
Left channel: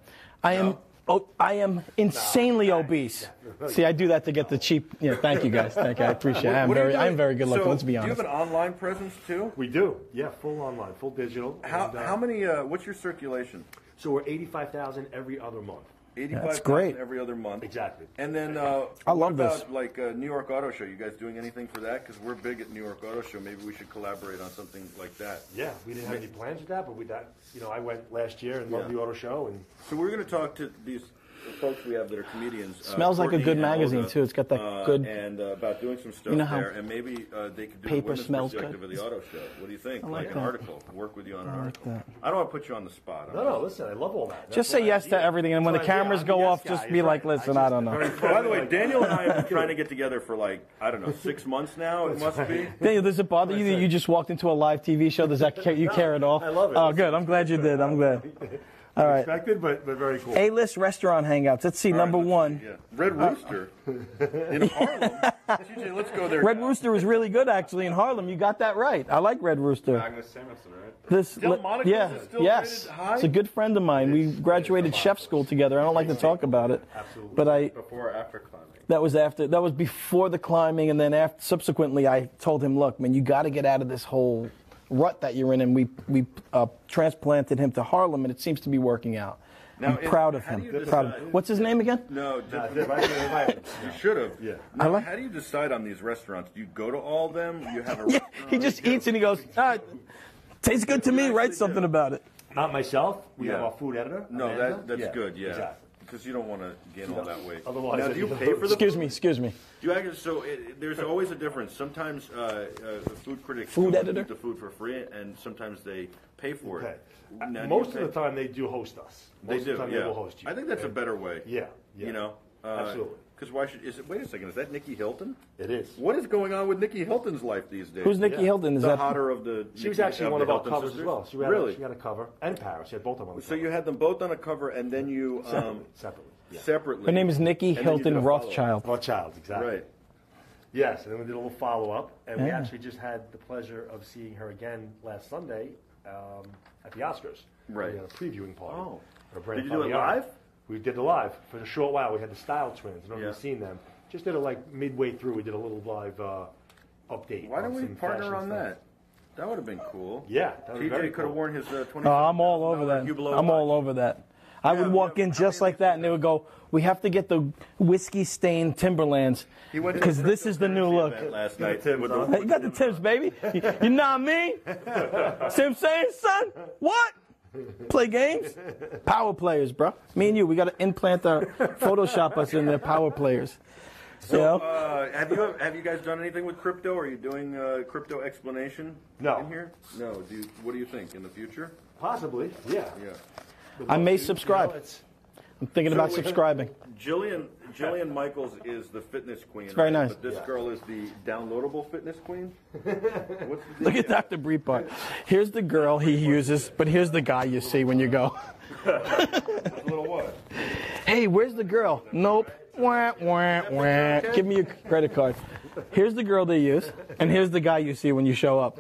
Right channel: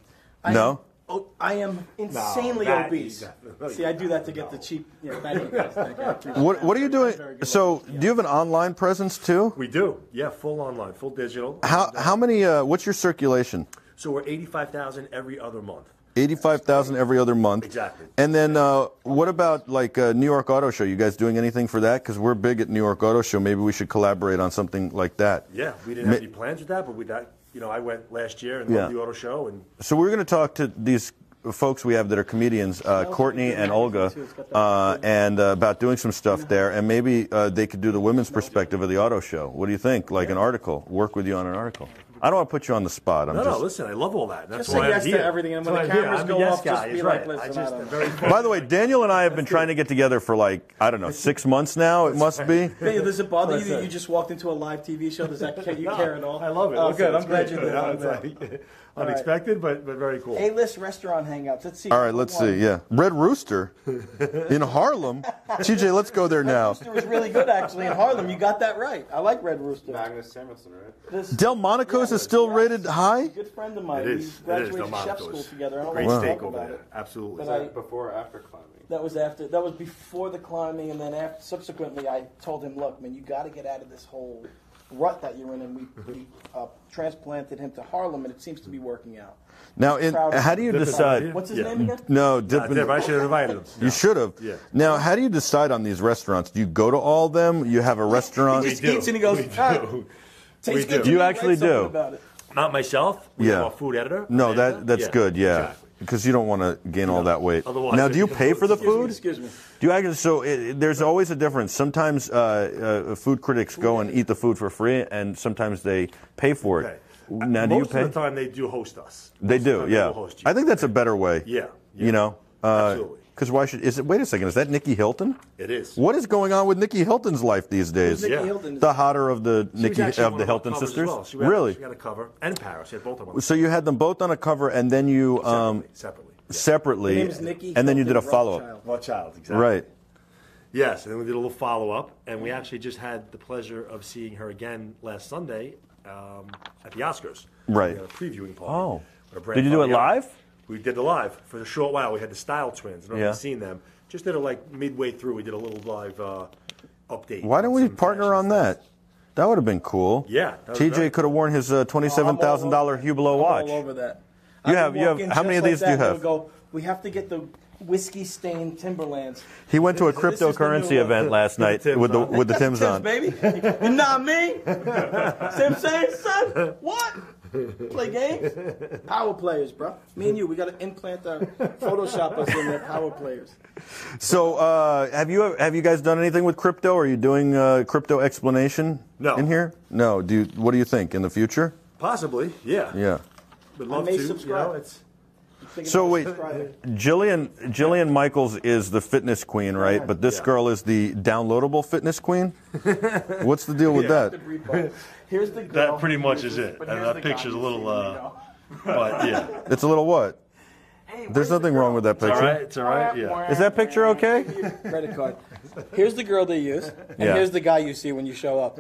I am insanely obese. See, I do that to get the cheap. Yeah, thank you guys. Thank you. I appreciate it. What are you doing? I'm very good so, looking, let's be do you have an honest. online presence too? We do. Yeah, full online, full digital. How many? What's your circulation? So we're 85,000 every other month. 85,000 every other month. Exactly. And then, what love about like New York Auto Show? You guys doing anything for that? Because we're big at New York Auto Show. Maybe we should collaborate on something like that. Yeah, we didn't have any plans with that, but I went last year and loved the auto show. And So we're going to talk to these folks we have that are comedians, Smells like a Courtney good and magazine, Olga, too. It's got that good- and about doing some stuff You know there, how and maybe they could do the paper women's smells perspective good? of the auto show. What do you think? Like an article, work with you on an article. I don't want to put you on the spot. I'm No, just. no, listen, I love all that. Just That's say why yes I'm to here. everything, and when That's the why I'm here. cameras I'm go a yes off, just guy. be He's like, right. listen, I I don't know. very funny, By the way, like- Daniel and I have been trying to get together for like, I don't know, 6 months now. It must be. Hey, does it bother you that you just walked into a live TV show? Does that care, you care at all? I love it. Oh, Listen, good. I'm it's glad great. you did. Yeah, I'm glad. it's All right. unexpected, but very cool. A-list restaurant hangouts. Let's see. All right, number let's one. see. Yeah, Red Rooster in Harlem. TJ, let's go there Red now. Rooster was really good actually in Harlem. You got that right. I like Red Rooster. Agnes Samuelson, right? Delmonico's is still rated high? It's a good friend of mine. It We is. graduated It is. chef Delmonico's. school together. I don't like Wow. to talk about it. Absolutely. But I Before or after climbing? that was before the climbing, and then after, subsequently I told him, look, man, you got to get out of this whole rut that you're in, and we transplanted him to Harlem, and it seems to be working out. Now, I'm proud of how him. do you Proud of decide? him. What's his Yeah. name again? No, different. I should have invited him. You should have. Yeah. Now, how do you decide on these restaurants? Do you go to all of them? You have a restaurant? He just We do. eats and he goes, We "Ah, do. tastes We good do. to You me. actually Write something do. about it. Not myself. We Yeah. have our food editor. No, Amanda. that's good. Yeah, Exactly. because you don't want to gain all that weight. Otherwise, Now, do you pay for the food? Excuse me. Do you actually? So there's always a difference. Sometimes food critics go and editor. eat the food for free, and sometimes they pay for it. Okay. Now, do you Most pay? of the time, they do host us. They Most of the do. time Yeah. will host you. I think that's a better way. Yeah. You know. Absolutely. Because why should? Is it? Wait a second. Is that Nikki Hilton? It is. What is going on with Nikki Hilton's life these days? Who's Nikki Yeah. Hilton? Is The that- hotter of the She was Nikki actually of one the our Hilton covers as sisters. well. She had Really? She had a cover. And Paris. She had both of them. So you had them both on a cover, and then you Separately. Yeah. separately. Her name is Nikki and then you did a Hilton follow Rothschild. Well, child, exactly. Right. Yes, and then we did a little follow-up, and we actually just had the pleasure of seeing her again last Sunday at the Oscars. Right. We had a previewing party. Oh. Our brand Did you do it Fabiana. live? We did it live for a short while. We had the Style Twins. I don't know if Yeah. you've seen them. Just did it like midway through. We did a little live update. Why don't on we some partner fashion on stuff. that? That would have been cool. Yeah, that was TJ very could have cool. worn his I'm $27,000 all over that. Hublot I'm watch. all over that. You I have- would you walk have- in how just many of like these do that, you and they have? would go, we have to get the whiskey-stained Timberlands. He went to a 'Cause this is the new cryptocurrency look. event last night Tim's with the on. with the Got Timbs Timbs, on. baby. You're not me. See what I'm saying, son? What? Play games? Power players, bro. Me and you, we got to implant our Photoshop us in there. Power players. So have you guys done anything with crypto? Are you doing crypto explanation No. in here? No. What do you think in the future? Possibly, yeah. Yeah. Would I love may to, subscribe. You know, it's, I'm thinking So about wait, subscribing. Jillian Michaels is the fitness queen, Very right? nice. But this Yeah. girl is the downloadable fitness queen. What's the deal with Dr. that? Breitbart. Here's the girl he pretty much is uses, it. but here's That the guy picture's a you little, see when you go. but, yeah. It's a little what? Hey, There's where's the nothing girl? wrong with that No. picture. It's all right, yeah. Is that picture okay? Give me your credit card. Here's the girl they use, and Yeah. here's the guy you see when you show up.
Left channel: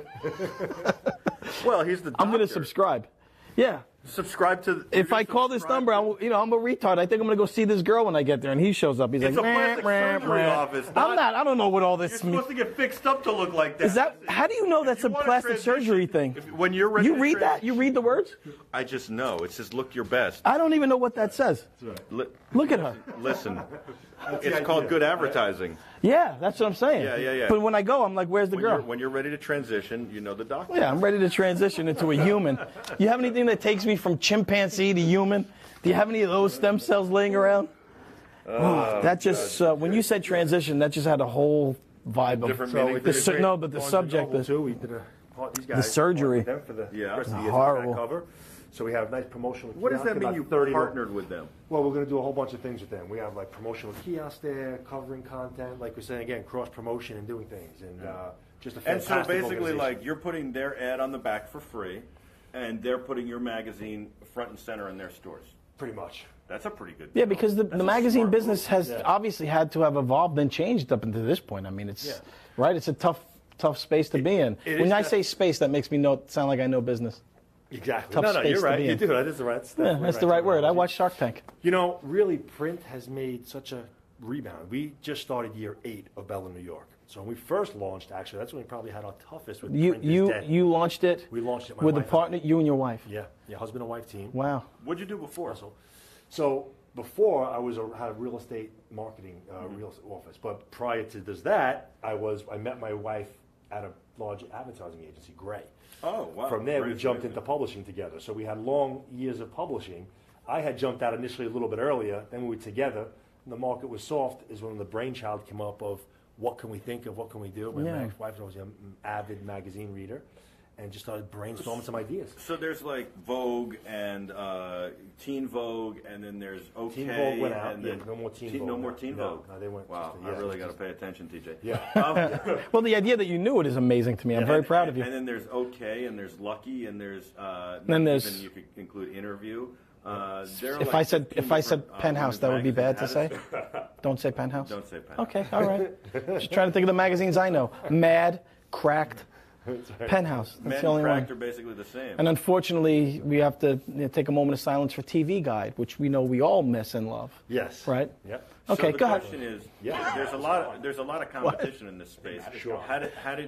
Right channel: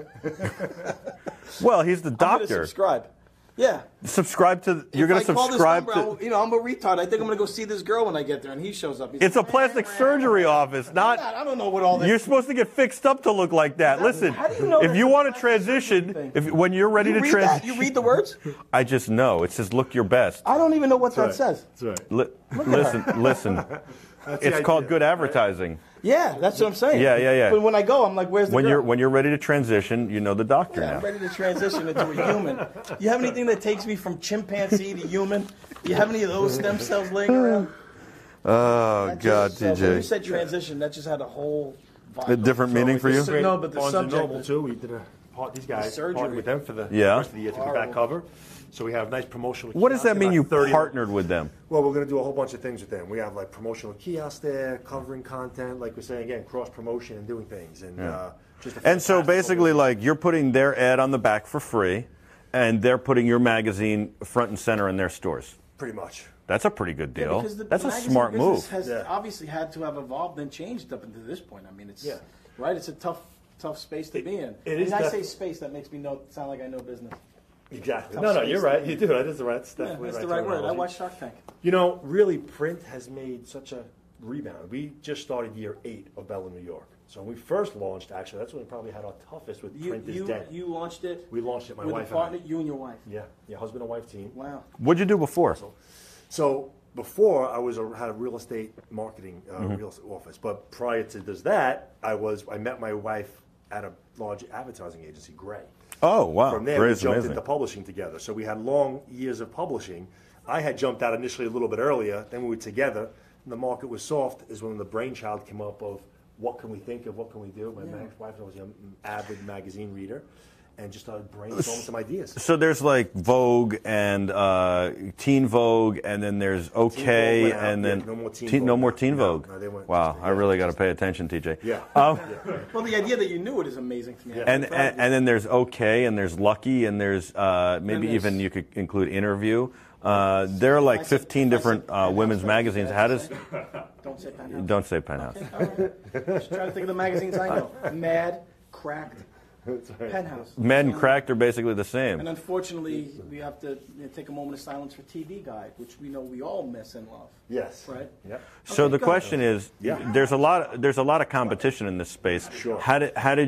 Well, he's the I'm going to doctor. subscribe. Yeah. Subscribe to. You're If going I to call this subscribe number, to. I'm a retard. I think I'm going to go see this girl when I get there, and he shows up. He's It's like, a plastic "Meh, meh, surgery meh." office, I'm not- not. I don't know what all this. You're supposed to get fixed up to look like that. that- Listen, how do you know if that's you a want to plastic surgery transition, thing? when you're ready You to read that? transition, You read the words? I just know it says look your best. I don't even know what that right. says. That's right. Listen. That's It's the called idea. good advertising. Yeah, that's what I'm saying. Yeah. But when I go, I'm like, where's the girl? When you're ready to transition, you know the doctor. Yeah, I'm ready to transition into a human. You have anything that takes me from chimpanzee to human? Do you have any of those stem cells laying around? Oh, That just God, when TJ. you said transition, that just had a whole vibe. A different meaning for we you? did No, but the Barnes and subject Noble, is- too. We did these guys surgery. partnered with them for the Yeah. rest of the year for the Horrible. back cover. So we have nice promotional. What does kiosks, that mean? about You 30 partnered with them? Well, we're going to do a whole bunch of things with them. We have like promotional kiosks there, covering content, like we're saying again, cross promotion and doing things, and just. A And so fantastic basically, organization. like you're putting their ad on the back for free, and they're putting your magazine front and center in their stores. pretty much. That's a pretty good Yeah, deal. because the That's a magazine smart business move. has Yeah. obviously had to have evolved and changed up until this point. I mean, it's Yeah. right. It's a tough space to be in. it When is I say def- space, that makes me sound like I know business. Exactly. Tough No, space you're to right. be You in. do. That is the right. Yeah, that's the right word. I terminology. watched Shark Tank. You know, really, print has made such a rebound. We just started year 8 of Bella, New York. So when we first launched, actually, that's when we probably had our toughest with print is dead. You launched it. We launched it, my with a wife and partner, I. you and your wife. Yeah, husband and wife team. Wow. What'd you do before? So before I had a real estate marketing real estate office, but prior to that, I met my wife at a large advertising agency, Gray. Oh, wow. From there, Gray's we jumped amazing. into publishing together. So we had long years of publishing. I had jumped out initially a little bit earlier. Then we were together, and the market was soft. Is when the brainchild came up of what can we think of, what can we do. My wife was an avid magazine reader, and just started brainstorming some ideas. So there's like Vogue and Teen Vogue, and then there's OK, and then no more Teen Vogue. Vogue. No, they went wow, I really got to pay attention, TJ. Yeah. Well, the idea that you knew it is amazing to me. I'm very proud of you. And then there's OK, and there's Lucky, and there's maybe there's- even you could include Interview. There are like 15 different women's magazines. How does? Don't say Penthouse. Don't say Penthouse. Okay, all right. Just trying to think of the magazines I know. Mad, Cracked, Penthouse. Mad and That's the Cracked only are basically the same. one. And unfortunately, we have to take a moment of silence for TV Guide, which we know we all miss and love. Yes. Right? Yep. So Okay, the go question is, there's a lot of competition in this space. Sure. How do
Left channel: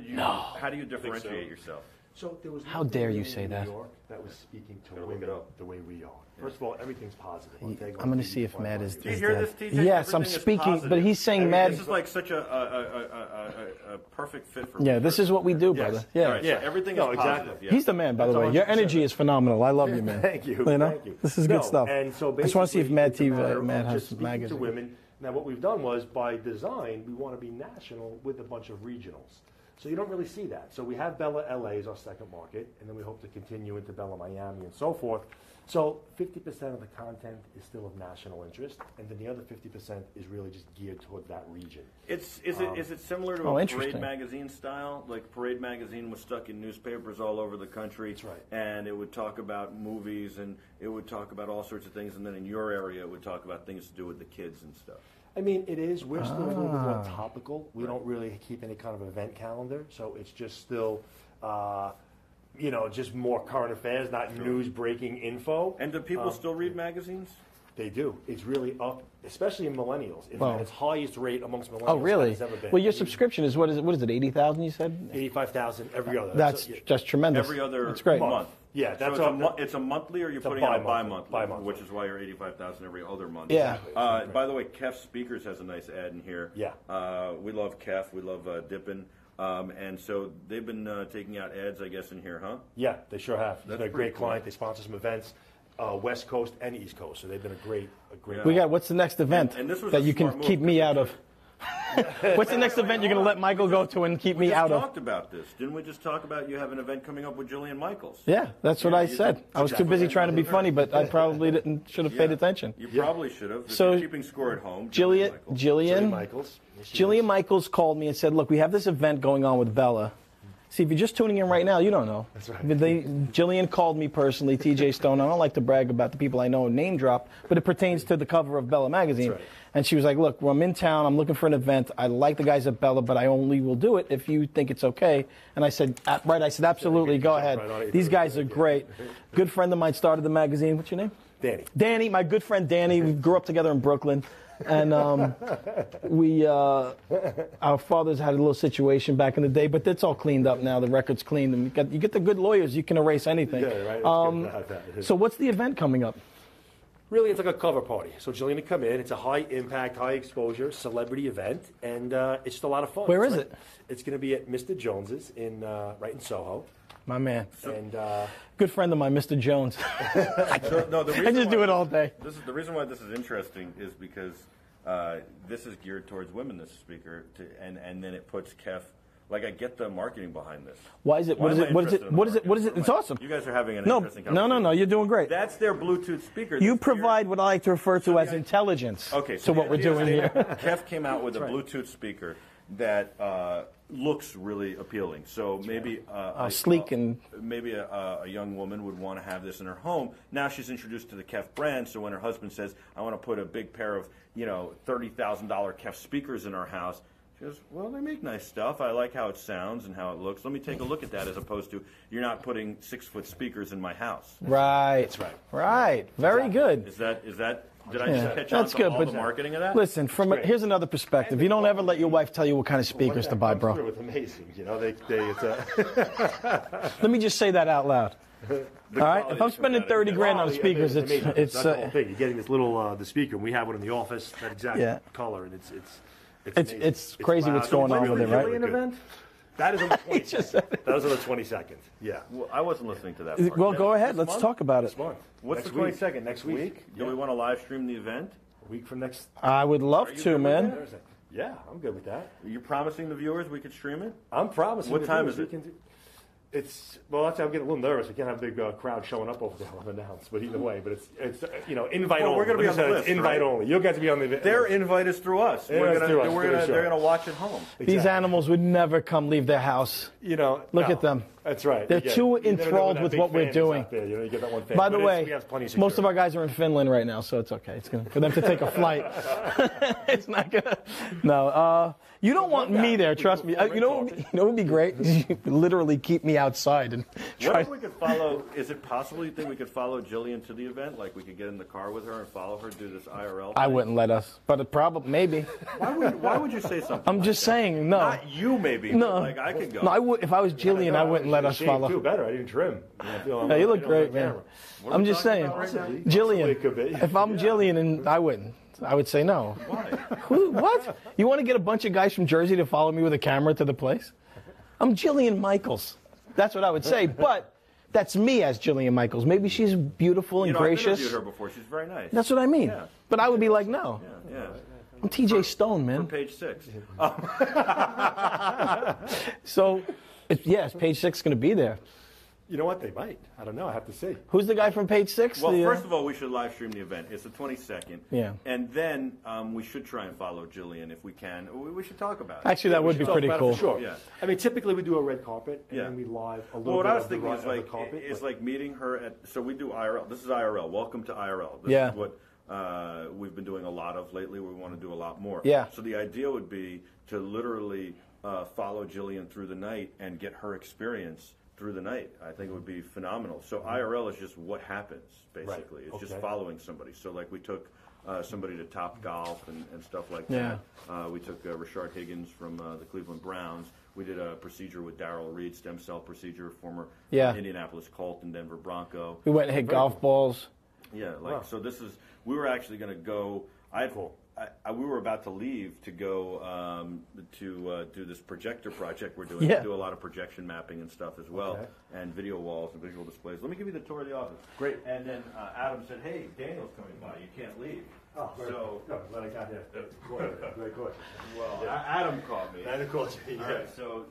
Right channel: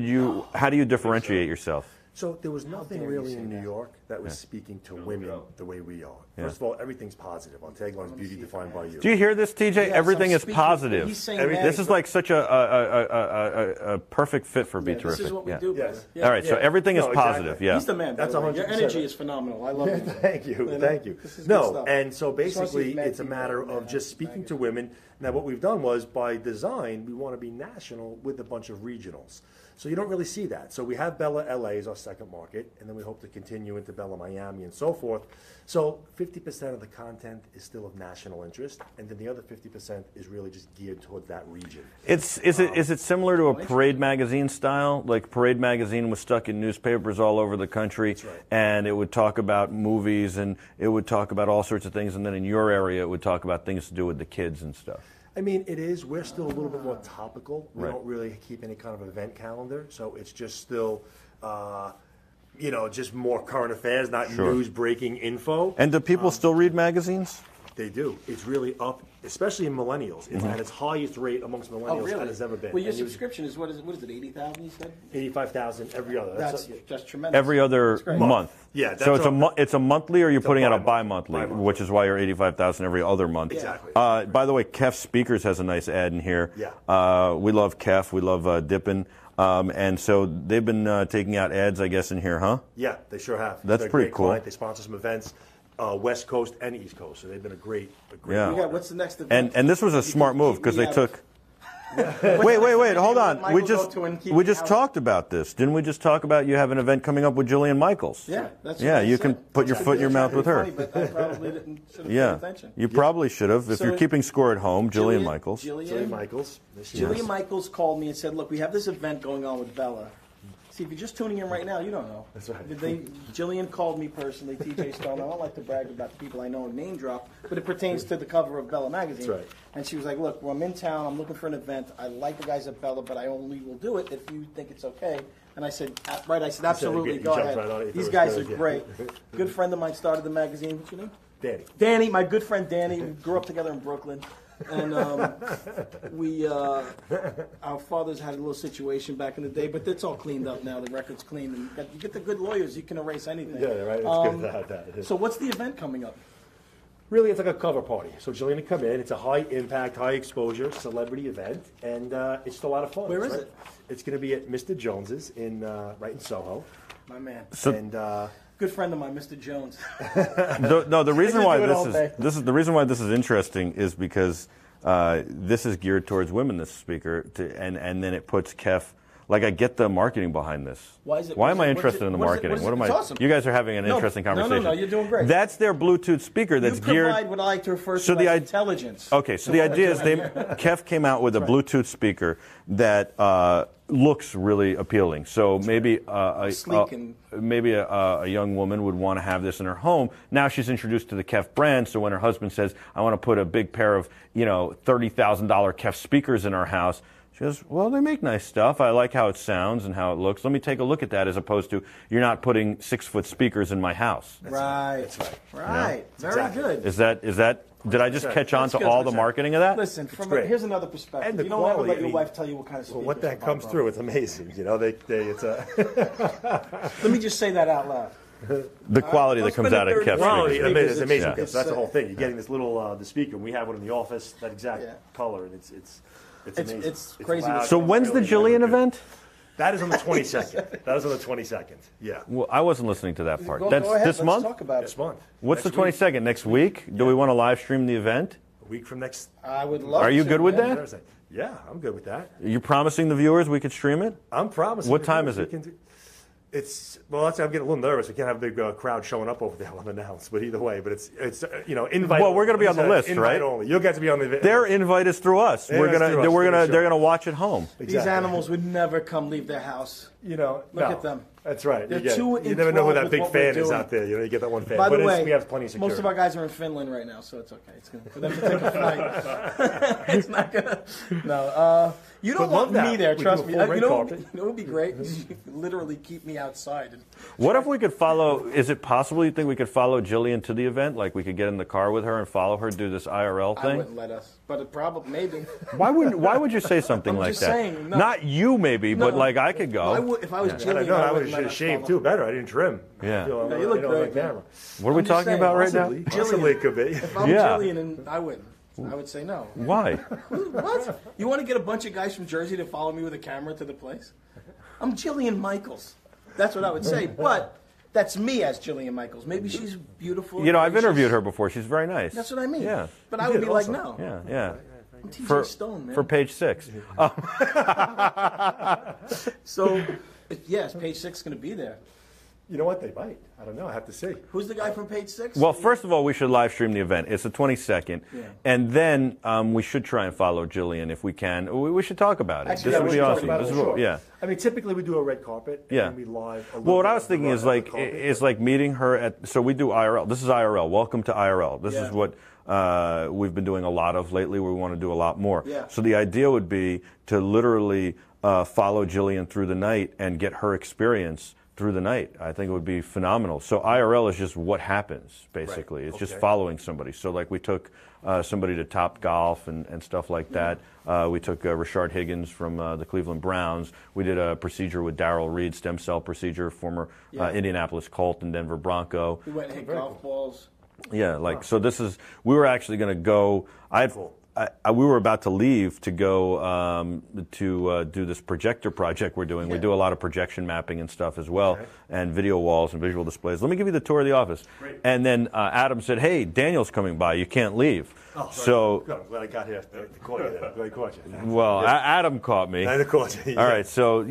you differentiate yourself? So there was nothing dare you really say in New that. York that was speaking to women the way we are. First of all, everything's positive. I'll tell you, I'm going to see if Matt is. Do you hear this, TJ? Yes, Everything I'm is speaking, positive. but he's saying Matt this is like such a perfect fit for Yeah, Be this is Terrific. what we do, brother. Yeah. All right, so everything is exactly. positive. Yeah. He's the man, by That's the way. Your 100%. energy is phenomenal. I love you, man. Thank you. know? Thank you. This is no, good stuff. And so I just wanna see if basically, Matt it's a TV matter Matt of has just speaking to magazine. women. Now, what we've done was, by design, we want to be national with a bunch of regionals. So you don't really see that. So we have Bella LA as our second market, and then we hope to continue into Bella Miami and so forth. So 50% of the content is still of national interest, and then the other 50% is really just geared towards that region. Is it similar to a Parade interesting. magazine style? Like Parade magazine was stuck in newspapers all over the country, That's right. and it would talk about movies and it would talk about all sorts of things, and then in your area it would talk about things to do with the kids and stuff. I mean, it is. We're still a little bit more topical. We don't really keep any kind of event calendar, so it's just still, just more current affairs, not news breaking info. And do people still read magazines? They do. It's really up, especially in millennials. It's at its highest rate amongst millennials Oh, really? that it's ever been. Well, your And you- subscription is what is it? 80,000? You said 85,000 every other. that's yeah. just tremendous. Every other That's great. month. Yeah, so that's it's a monthly, or you're putting out a bi-monthly. bi-monthly, which is why you're 85,000 every other month. Yeah. Exactly. By the way, Kef Speakers has a nice ad in here. Yeah. We love Kef. We love Dippin'. And so they've been taking out ads, I guess, in here, huh? Yeah, they sure have. That's They're a pretty great cool. client. They sponsor some events, West Coast and East Coast, so they've been a great. Yeah. We got what's the next event? And this was a that you can smart move keep because me they out took. of? Wait, next event you're hold gonna on. let Michael go to and keep we me just out of? talked about this. Didn't we just talk about you have an event coming up with Jillian Michaels? Yeah, that's what Yeah, I you said. can put I was your too foot in busy your trying mouth to with be her. funny, but I probably should have paid attention. You probably should have. If So- you're keeping score at home, Jillian Michaels. Jillian Michaels. Yes, she Jillian is. Michaels called me and said, "Look, we have this event going on with Bella." See, if you're just tuning in right now, you don't know. That's right. Jillian called me personally, TJ Stone. I don't like to brag about the people I know and name drop, but it pertains to the cover of Bella magazine. That's right. And she was like, "Look, well, I'm in town. I'm looking for an event. I like the guys at Bella, but I only will do it if you think it's okay." And I said, absolutely, you go jumped ahead. right on it. These It was guys are good, yeah. great. Good friend of mine started the magazine. What's your name? Danny. Danny, my good friend Danny. We grew up together in Brooklyn. And our fathers had a little situation back in the day, but it's all cleaned up now. The record's cleaned, and you get the good lawyers, you can erase anything. Yeah, right. It's good to have that. So what's the event coming up? Really, it's like a cover party. So Jillian will come in. It's a high impact, high exposure celebrity event, and it's just a lot of fun. Where is it? It's going to be at Mr. Jones's right in Soho. My man. And good friend of mine, Mr. Jones. The reason just why do it all day. the reason why this is interesting is because this is geared towards women. This speaker, and then it puts Kef. Like, I get the marketing behind this. Why is it? Why what is am I it- what is interested it- in the what is it- marketing? what is it? What am It's I? awesome. You guys are having an interesting No, conversation. you're doing great. That's their Bluetooth speaker. You That's provide geared. what I like to refer to as intelligence. Okay, so to the what we're idea is doing here. Kef came out with a Bluetooth speaker that looks really appealing. So maybe Sleek and- maybe a young woman would want to have this in her home. Now she's introduced to the Kef brand. So when her husband says, "I want to put a big pair of $30,000 Kef speakers in our house," she goes, "Well, they make nice stuff. I like how it sounds and how it looks. Let me take a look at that," as opposed to, "You're not putting 6-foot speakers in my house." Right. Right. Very good. Is that? Did I just catch on That's to good, all but the marketing of that? Listen, great. here's another perspective. And the You don't ever quality, let your I mean, wife tell you what kind of what speakers that to buy, comes bro. through, it's amazing. It's a Let me just say that out loud. The quality If I'm that comes spending out of 30 Kef grand on speakers. speakers, it's amazing. it's, That's the whole thing. You're getting this little the speaker, and we have one in the office, that exact Yeah. color, and it's It's amazing. crazy loud. what's So going when's on the with Jillian Good. event? That is on the 22nd. That was on the 22nd. Yeah. Well, I wasn't listening to that part. Well, That's go ahead. this Let's month? talk about This it. month. What's Next the week. 22nd? Next week? Do we want to live stream the event? A week from next I would love to. Are you good with man. that? Thursday. Yeah, I'm good with that. You're promising the viewers we could stream it? I'm promising. What the time viewers is it? we can do- It's well. That's I'm getting a little nervous. We can't have a big crowd showing up over there unannounced. But either way, but it's invite. Well, only. we're gonna be Let me on the say, list, Invite right? only. You'll get to be on the. Their invite is through us. Yeah, We're it's gonna, through us, we're for gonna, sure. they're gonna watch at home. These Exactly. animals would never come leave their house. Look no. at them. That's right. They're too You never know who enthralled that with big what we're fan is doing. out there. You get that one fan. By the But way, we have plenty of most of security. our guys are in Finland right now, so it's okay. It's gonna for them to take a flight. It's not gonna. No, you don't But want love me that. there. We Trust do a me. full You red know, carpet. you know what would be great? You could literally keep me outside and. What if we could follow? Is it possible you think we could follow Jillian to the event? Like we could get in the car with her and follow her, do this IRL thing? I wouldn't let us, but it probably maybe. Why would you say something I'm like just that? saying, no. Not you, maybe, but No. like I could go. No, I would, if I was Jillian, I wouldn't let us shaved follow. too. Better. I didn't trim. Yeah. Yeah, you look great, on man. camera. What are we I'm just talking saying, about right now? Possibly. Possibly it could be. If I'm Yeah. Jillian, and I wouldn't. I would say no. Why? What? You want to get a bunch of guys from Jersey to follow me with a camera to the place? I'm Jillian Michaels. That's what I would say. But that's me as Jillian Michaels. Maybe she's beautiful and You know, I've gracious. interviewed her before. She's very nice. That's what I mean. Yeah. But I would be like, no. Yeah, yeah. I'm TJ Stone, man. For page 6. So, yes, page 6 is going to be there. You know what? They might. I don't know. I have to see. Who's the guy from page 6? Well, first of all, we should live stream the event. It's the 22nd. Yeah. And then we should try and follow Jillian if we can. We should talk about it. Actually, that This would be awesome. pretty cool. Sure. Yeah. I mean, typically we do a red carpet and Yeah. then we live a little Well, what bit I was of the thinking red- is of the like carpet. is like meeting her at. So we do IRL. This is IRL. Welcome to IRL. This Yeah. is what we've been doing a lot of lately. We want to do a lot more. Yeah. So the idea would be to literally follow Jillian through the night and get her experience through the night. I think it would be phenomenal. So IRL is just what happens, basically. Right. It's just Okay. following somebody. So like we took somebody to Top Golf and stuff like that. We took Rashard Higgins from the Cleveland Browns. We did a procedure with Darrell Reed, stem cell procedure, former Yeah. Indianapolis Colt and Denver Bronco. We went and hit golf balls. Yeah, like so. This is we were actually going to go. We were about to leave to go to do this projector project we're doing. Yeah. We do a lot of projection mapping and stuff as well, Okay. and video walls and visual displays. Let me give you the tour of the office. Great. And then Adam said, "Hey, Daniel's coming by. You can't leave." Oh, so, good. I'm glad I got here. I caught you there. Glad I caught you. well, Adam caught me. I caught you. All right, so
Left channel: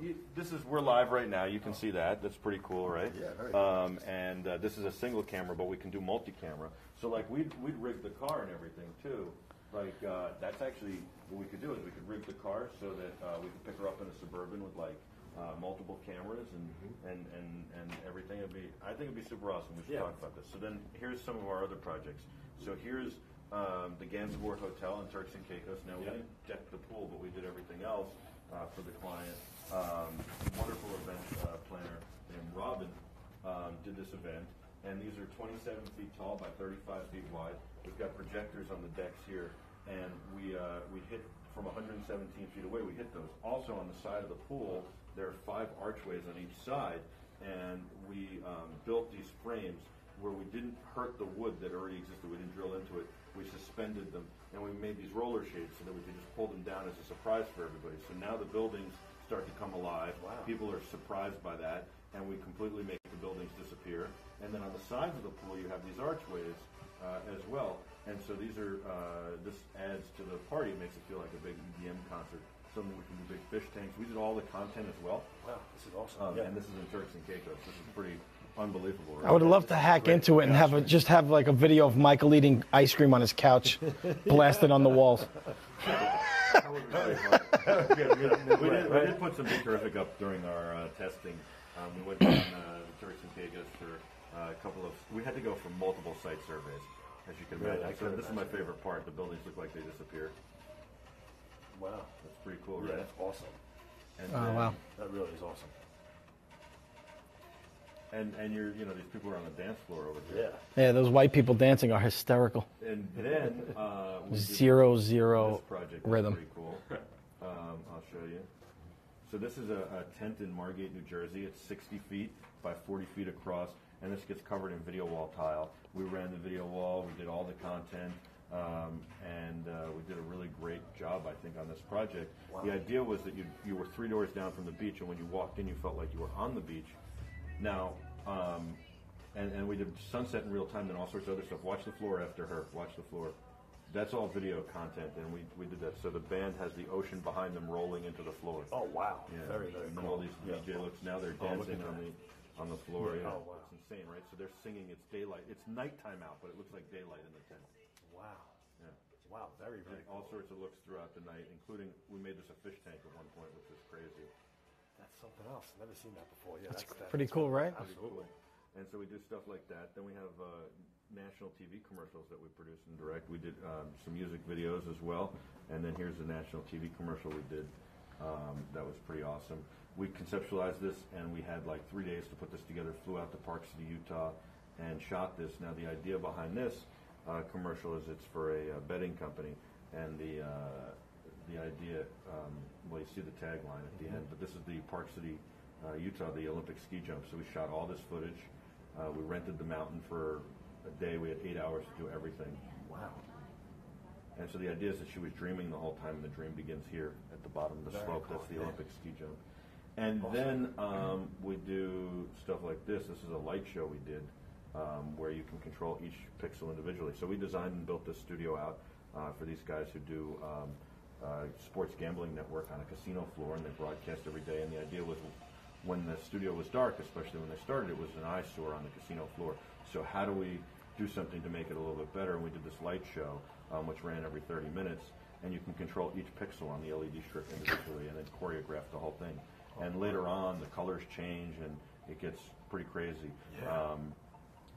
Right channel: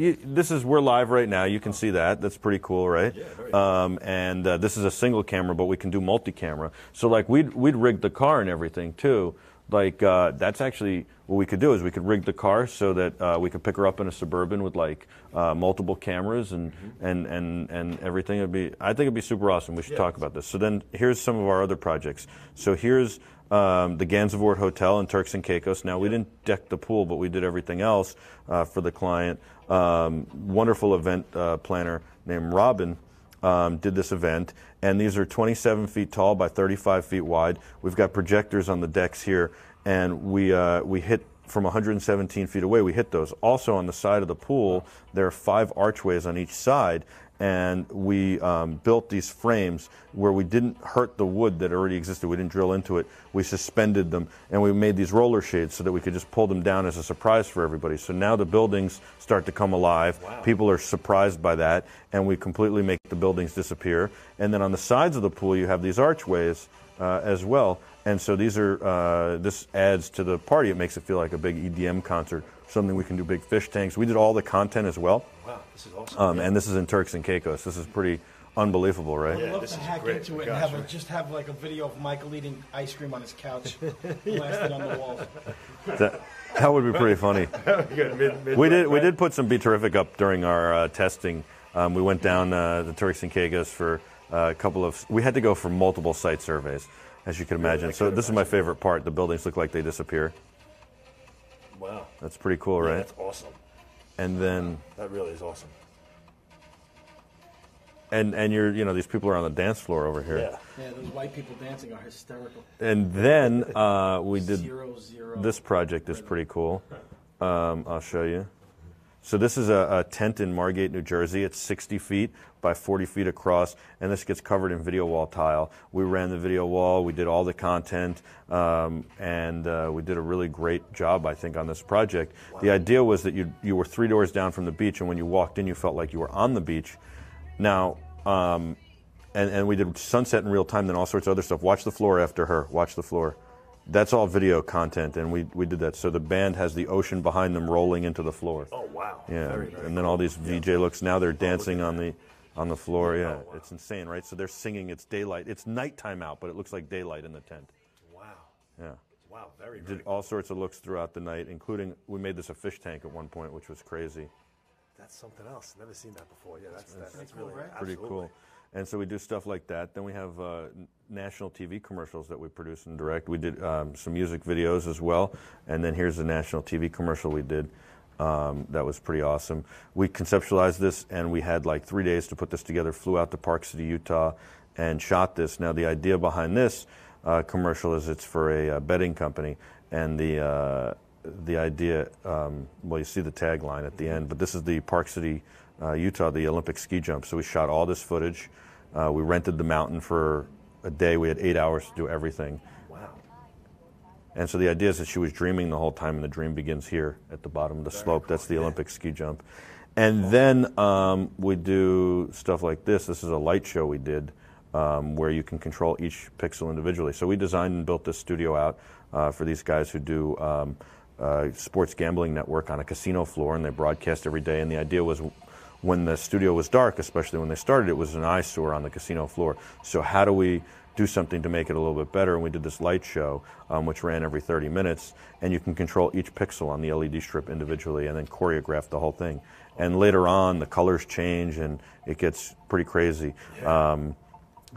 we're live right now. You can see that. That's pretty cool, right? Yeah, very cool. And this is a single camera, but we can do multi-camera. So like we'd rig the car and everything too. Like that's actually what we could do is we could rig the car so that we could pick her up in a Suburban with like multiple cameras and everything. I think it'd be super awesome. We should talk about this. So then here's some of our other projects. So here's the Gansevoort Hotel in Turks and Caicos. Now we didn't deck the pool, but we did everything else for the client. Wonderful event planner named Robin did this event, and these are 27 feet tall by 35 feet wide. We've got projectors on the decks here, and we hit from 117 feet away. We hit those. Also on the side of the pool, there are 5 archways on each side, and we built these frames where we didn't hurt the wood that already existed. We didn't drill into it. We suspended them, and we made these roller shades so that we could just pull them down as a surprise for everybody. So now the buildings start to come alive. Wow. People are surprised by that, and we completely make the buildings disappear. And then on the sides of the pool, you have these archways as well. And so these are this adds to the party. It makes it feel like a big EDM concert, something we can do big fish tanks. We did all the content as well. Wow, this is awesome. And this is in Turks and Caicos. This is pretty unbelievable, right? I would love this to is hack great. into it and just have like a video of Michael eating ice cream on his couch, blasted on the walls. That would be pretty funny. We did put some Be Terrific up during our testing. We went down the Turks and Caicos for a couple of. We had to go for multiple site surveys, as you can imagine. So this is my favorite part. The buildings look like they disappear. Wow. That's pretty cool, right? That's awesome. And then That really is awesome. and you're these people are on the dance floor over here. Yeah. Yeah, those white people dancing are hysterical. And then we did 0-0. this project is rhythm. pretty cool. I'll show you. So this is a tent in Margate, New Jersey. It's 60 feet by 40 feet across, and this gets covered in video wall tile. We ran the video wall, we did all the content, and we did a really great job, I think, on this project. Wow. The idea was that you were 3 doors down from the beach, and when you walked in, you felt like you were on the beach. Now, and we did sunset in real time, then all sorts of other stuff. Watch the floor after her, watch the floor. That's all video content, and we did that. So the band has the ocean behind them rolling into the floor. Oh, wow. Yeah, very, very and then cool. all these VJ looks. Now they're dancing on the floor. Yeah, wow. It's insane, right? So they're singing. It's daylight. It's nighttime out, but it looks like daylight in the tent. Wow. Yeah. Wow, very, Did very all sorts of looks throughout the night, including we made this a fish tank at one point, which was crazy. That's something else. Never seen that before. Yeah, that's pretty cool, really, right? Pretty cool. And so we do stuff like that. Then we have national TV commercials that we produce and direct. We did some music videos as well. And then here's the national TV commercial we did. That was pretty awesome. We conceptualized this, and we had like 3 days to put this together. Flew out to Park City, Utah, and shot this. Now the idea behind this commercial is it's for a betting company, and the idea. Well, you see the tagline at the end, but this is the Park City, Utah, the Olympic ski jump. So we shot all this footage. We rented the mountain for a day. We had 8 hours to do everything. Wow. And so the idea is that she was dreaming the whole time, and the dream begins here at the bottom of the slope. That's the Olympic ski jump. And then we do stuff like this. This is a light show we did where you can control each pixel individually. So we designed and built this studio out for these guys who do sports gambling network on a casino floor, and they broadcast every day. And the idea was when the studio was dark, especially when they started, it was an eyesore on the casino floor. So how do we do something to make it a little bit better? And we did this light show, which ran every 30 minutes, and you can control each pixel on the LED strip individually and then choreograph the whole thing. And later on, the colors change, and it gets pretty crazy. Yeah.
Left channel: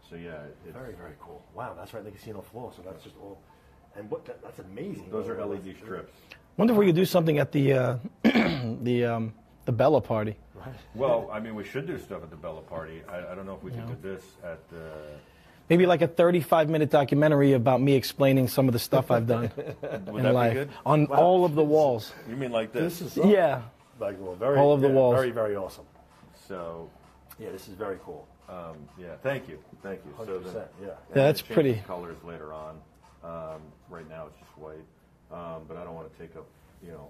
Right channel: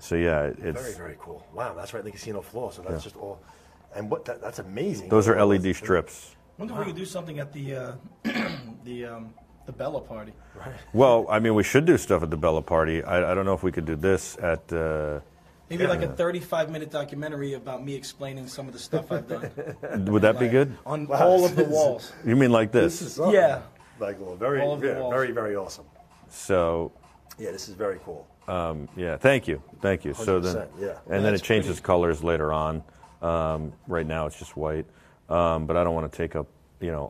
So yeah, it's very, very cool. Wow, that's right, the casino floor. So that's just all. And that's amazing. Those are LED strips. Wonder if we could do something at the the Bella party. Right. Well, I mean, we should do stuff at the Bella party. I don't know if we could do this at. Maybe like a 35-minute documentary about me explaining some of the stuff I've done. Would that be good? On all of the walls. You mean like this? This is Yeah. like very, all of the walls. very, very awesome. So. Yeah, this is very cool. Yeah, thank you. So then, 100%, yeah. And then it That's changes pretty. colors later on. Right now it's just white, but I don't want to take up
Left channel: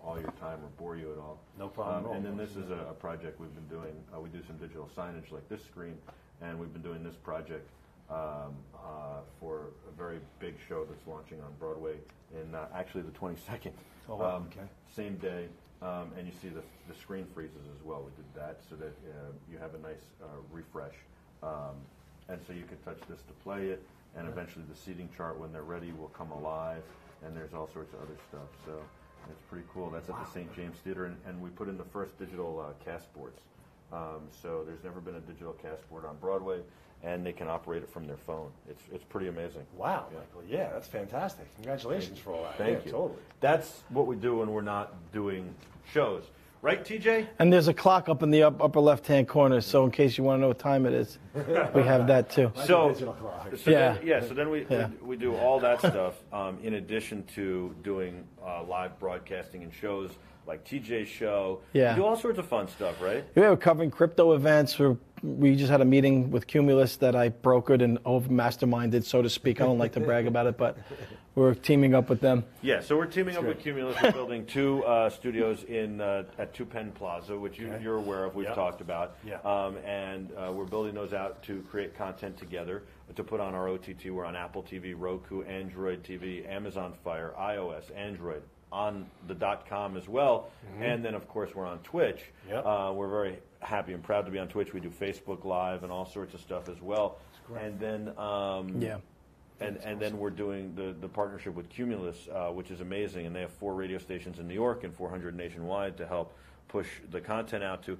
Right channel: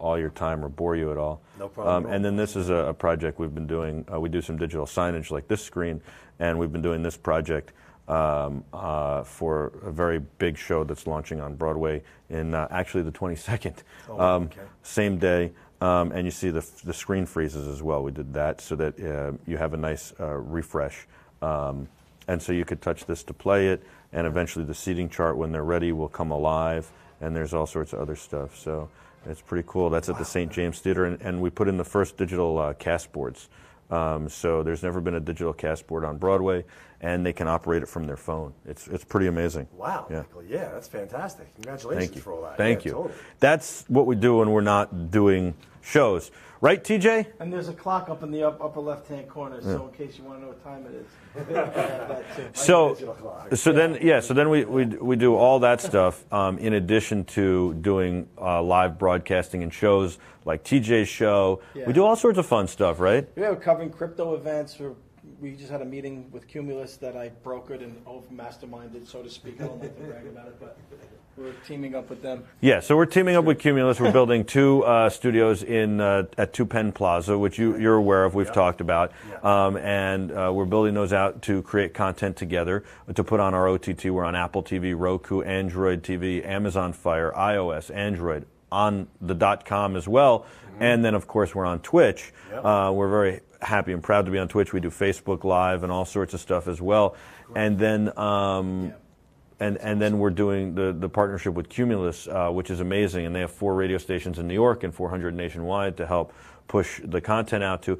all your time or bore you at all. No problem at all. And then this is a project we've been doing. We do some digital signage like this screen, and we've been doing this project for a very big show that's launching on Broadway in actually the 22nd. Okay. Same day. And you see the screen freezes as well. We did that so that you have a nice refresh. And so you could touch this to play it, and eventually the seating chart, when they're ready, will come alive, and there's all sorts of other stuff. So it's pretty cool. That's at the St. James Theater, and we put in the first digital cast boards. So there's never been a digital cast board on Broadway, and they can operate it from their phone. It's pretty amazing. Wow, Yeah. Michael. Yeah, that's fantastic. Congratulations for all that. Thank Yeah, you. Totally. That's what we do when we're not doing shows. Right, TJ? And there's a clock up in the upper left-hand corner, so in case you want to know what time it is, we have that too. So Yeah. then we do all that stuff in addition to doing live broadcasting and shows like TJ's show. Yeah. We do all sorts of fun stuff, right? We were covering crypto events. We just had a meeting with Cumulus that I brokered and masterminded, so to speak. I don't like to brag about it, but we're teaming up with them. Yeah, so we're teaming up with Cumulus. We're building two studios at 2 Penn Plaza, which you're aware of. We've talked about. Yeah. And we're building those out to create content together, to put on our OTT. We're on Apple TV, Roku, Android TV, Amazon Fire, iOS, Android, on the .com as well. Mm-hmm. And then, of course, we're on Twitch. Yep. We're very happy and proud to be on Twitch. We do Facebook Live and all sorts of stuff as well. And then... And then we're doing the partnership with Cumulus, which is amazing. And they have 4 radio stations in New York and 400 nationwide to help push the content out to.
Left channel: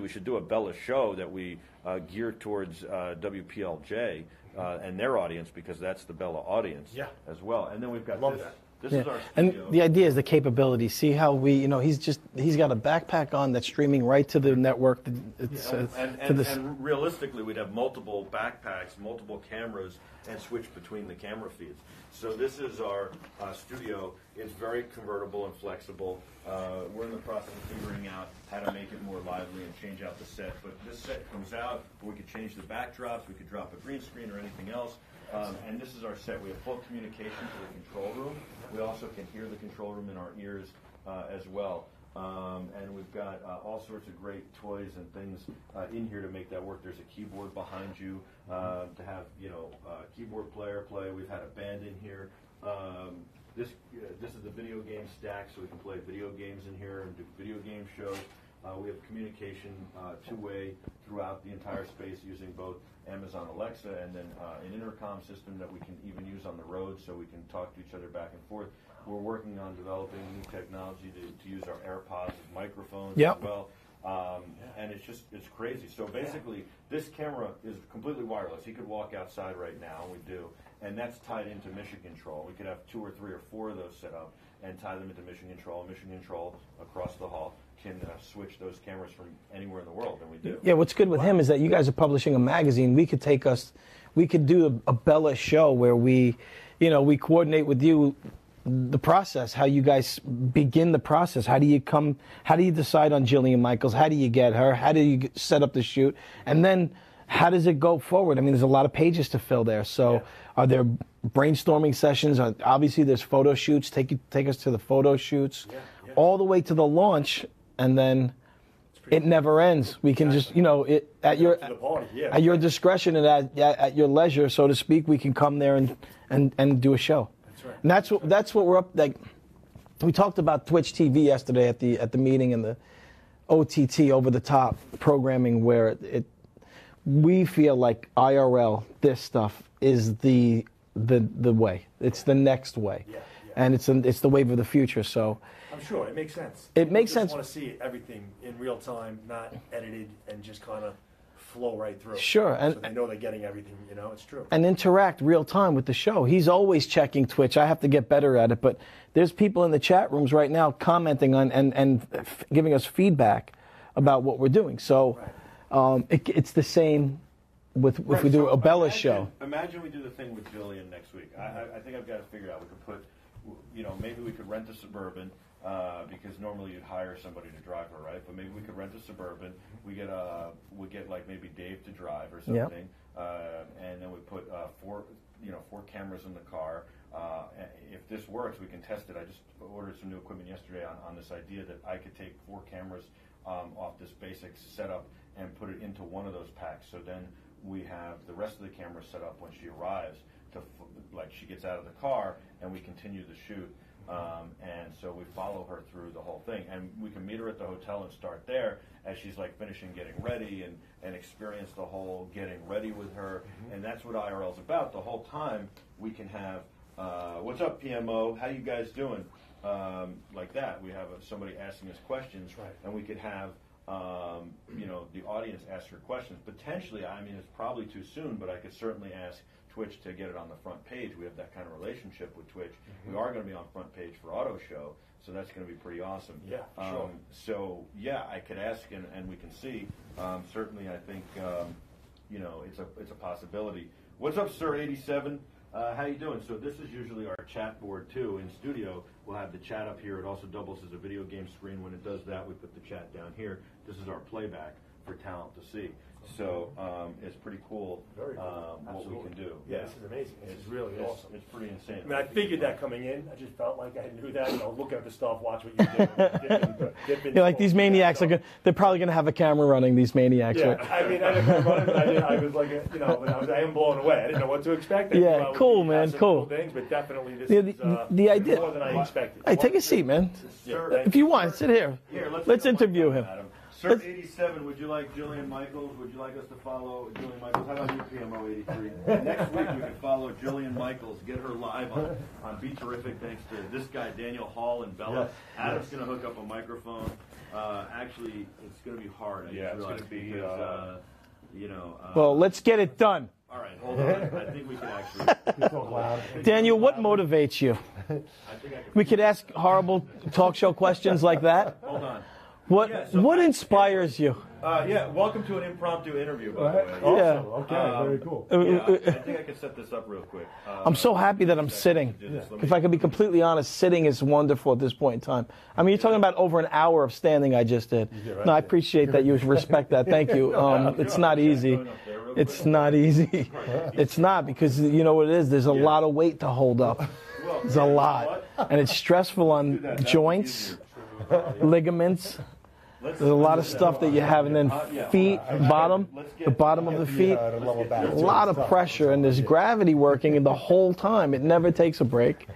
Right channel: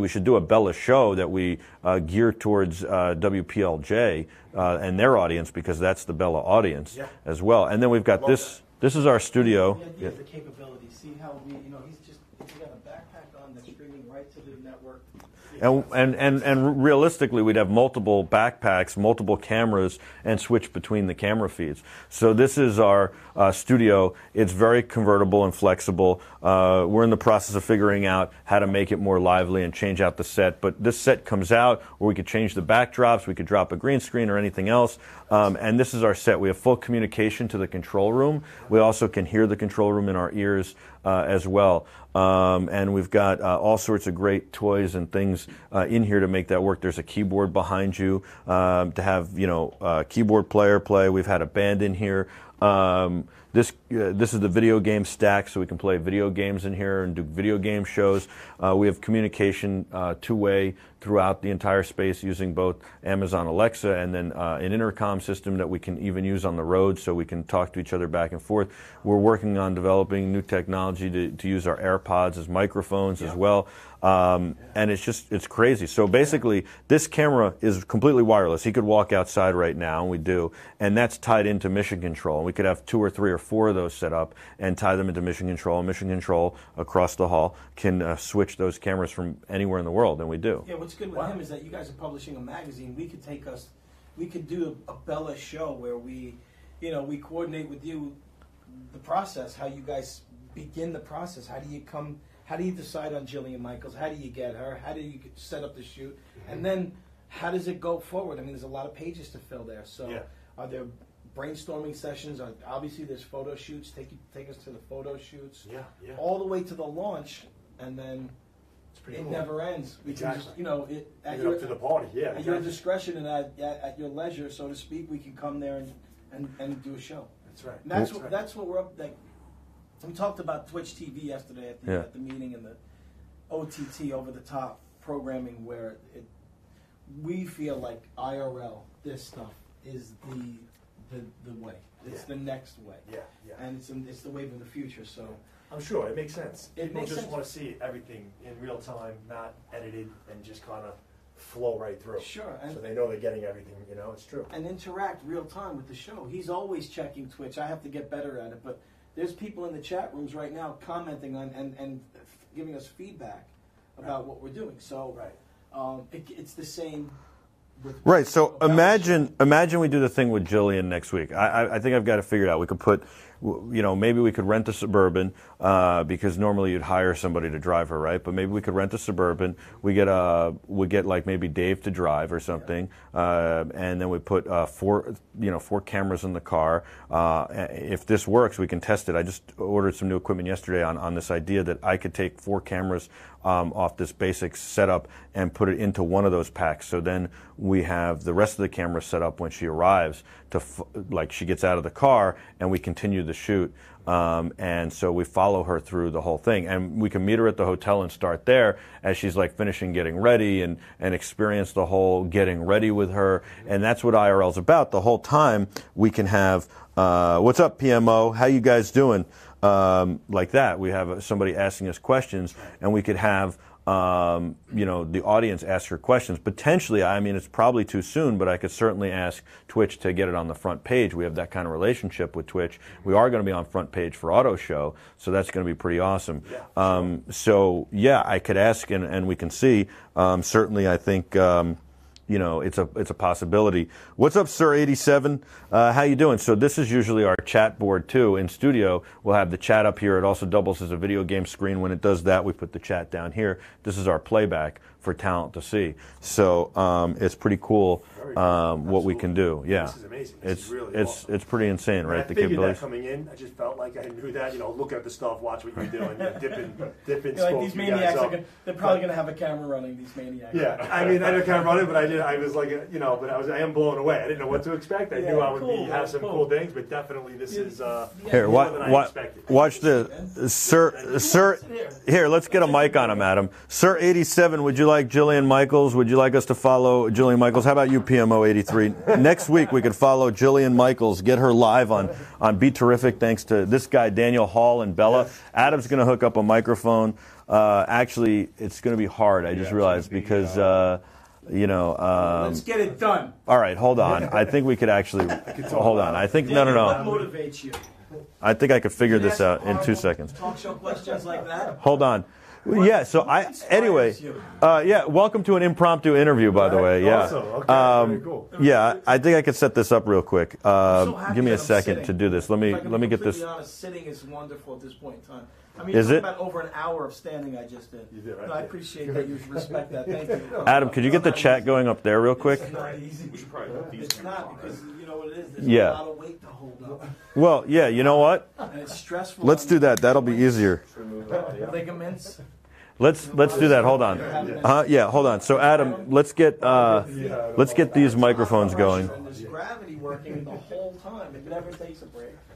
We should do a Bella show that we gear towards WPLJ and their audience, because that's the Bella audience as well. And then we've got this. This is our studio. And the idea is the capability. See how he's got a backpack on that's streaming right to the network. And realistically, we'd have multiple backpacks, multiple cameras, and switch between the camera feeds. So this is our studio. It's very convertible and flexible. We're in the process of figuring out how to make it more lively and change out the set. But this set comes out where we could change the backdrops, we could drop a green screen or anything else. And this is our set. We have full communication to the control room. We also can hear the control room in our ears as well. And we've got all sorts of great toys and things in here to make that work. There's a keyboard behind you to have, keyboard player play. We've had a band in here. This is the video game stack, so we can play video games in here and do video game shows. We have communication two-way throughout the entire space using both Amazon Alexa and then an intercom system that we can even use on the road so we can talk to each other back and forth. We're working on developing new technology to use our AirPods as microphones as well. And it's crazy. So basically, this camera is completely wireless. He could walk outside right now, and we do, and that's tied into Mission Control. And we could have 2 or 3 or 4 of those set up and tie them into Mission Control. And Mission Control across the hall can switch those cameras from anywhere in the world, and we do. Yeah, what's good with him is that you guys are publishing a magazine. We could do a Bella show where we coordinate with you the process, how you guys begin the process. How do you decide on Jillian Michaels? How do you get her? How do you set up the shoot? And then how does it go forward? I mean, there's a lot of pages to fill there. So are there brainstorming sessions? Obviously, there's photo shoots. Take us to the photo shoots, all the way to the launch, and then it never ends. We can just, at your discretion and at your leisure, so to speak, we can come there and do a show. That's right. And that's what we're up. Like we talked about Twitch TV yesterday at the meeting and the OTT over the top programming where we feel like IRL, this stuff is the way. It's the next way, and it's the wave of the future. So I'm sure it makes sense. It makes sense. Just want to see everything in real time, not edited, and just kind of flow right through. Sure, and so they know they're getting everything. It's true. And interact real time with the show. He's always checking Twitch. I have to get better at it, but there's people in the chat rooms right now commenting on and giving us feedback about what we're doing. So it's the same with right. So imagine we do the thing with Jillian next week. I think I've got it figured out. We could put, maybe we could rent a Suburban because normally you'd hire somebody to drive her, right? But maybe we could rent a Suburban. We get like maybe Dave to drive or something, and then we put 4 cameras in the car. If this works, we can test it. I just ordered some new equipment yesterday on this idea that I could take 4 cameras off this basic setup and put it into one of those packs. So then we have the rest of the cameras set up when she arrives to like she gets out of the car, and we continue the shoot. And so we follow her through the whole thing, and we can meet her at the hotel and start there as she's like finishing getting ready and experience the whole getting ready with her. And that's what IRL's about. The whole time we can have, what's up, PMO? How you guys doing? Like that. We have somebody asking us questions, and we could have the audience ask her questions. Potentially, I mean, it's probably too soon, but I could certainly ask Twitch to get it on the front page. We have that kind of relationship with Twitch. We are going to be on front page for Auto Show, so that's going to be pretty awesome. So, I could ask, and we can see. Certainly, I think, it's a possibility. What's up, Sir 87? How you doing? So this is usually our chat board too. In studio, we'll have the chat up here. It also doubles as a video game screen. When it does that, we put the chat down here. This is our playback for talent to see. So it's pretty cool what we can do. Yeah, this is amazing. This is really awesome. It's pretty insane, right? I figured that coming in. I just felt like I knew that. Look at the stuff, watch what you're doing, dipping. Like these maniacs they're probably going to have a camera running. These maniacs. Yeah, I mean, I had a camera running, but I was like, but I am blown away. I didn't know what to expect. I knew I would cool, man. Some cool things, but definitely this is more than I expected. Watch take a seat, man. Sir. Sit here. Here, let's get a mic on him, Adam. Sir 87, would you like Jillian Michaels? Would you like us to follow Jillian Michaels? How about you, PMO 83? Next week we could follow Jillian Michaels, get her live on Be Terrific, thanks to this guy Daniel Hall and Bella. Adam's going to hook up a microphone. Actually, it's going to be hard. I just realized because. Well, let's get it done. All right, hold on. I think we could actually hold on. I think Daniel, no. what motivates you? I think I could We figure could this ask out in 2 horrible seconds. Talk show questions like that. Hold on. What- yeah, so what I inspires anyway, you? Yeah, welcome to an impromptu interview, by the way. Yeah. Awesome. Okay, very cool. Yeah, I think I could set this up real quick. I'm so happy Give me that a I'm second sitting. to do this. Let me if I can be get completely this. honest, sitting is wonderful at this point in time. I mean, you're Is talking it? about over an hour of standing I just did. No, I appreciate that you respect that. Thank you. Adam, could you It's get the not chat easy. going up there real quick? It's not easy. It's not, because you know what it is? There's a Yeah. lot of weight to hold up. Well, There's yeah, a you know lot. what? And it's stressful Let's on do that. That'll be joints, easier. ligaments. Let's There's a lot do of that. stuff Hold that on. you have, and then Yeah, hold on. feet, So Adam, bottom, let's the get bottom of the feet. let's get these A lot microphones of pressure, going. and there's gravity working the whole time. It never takes a break,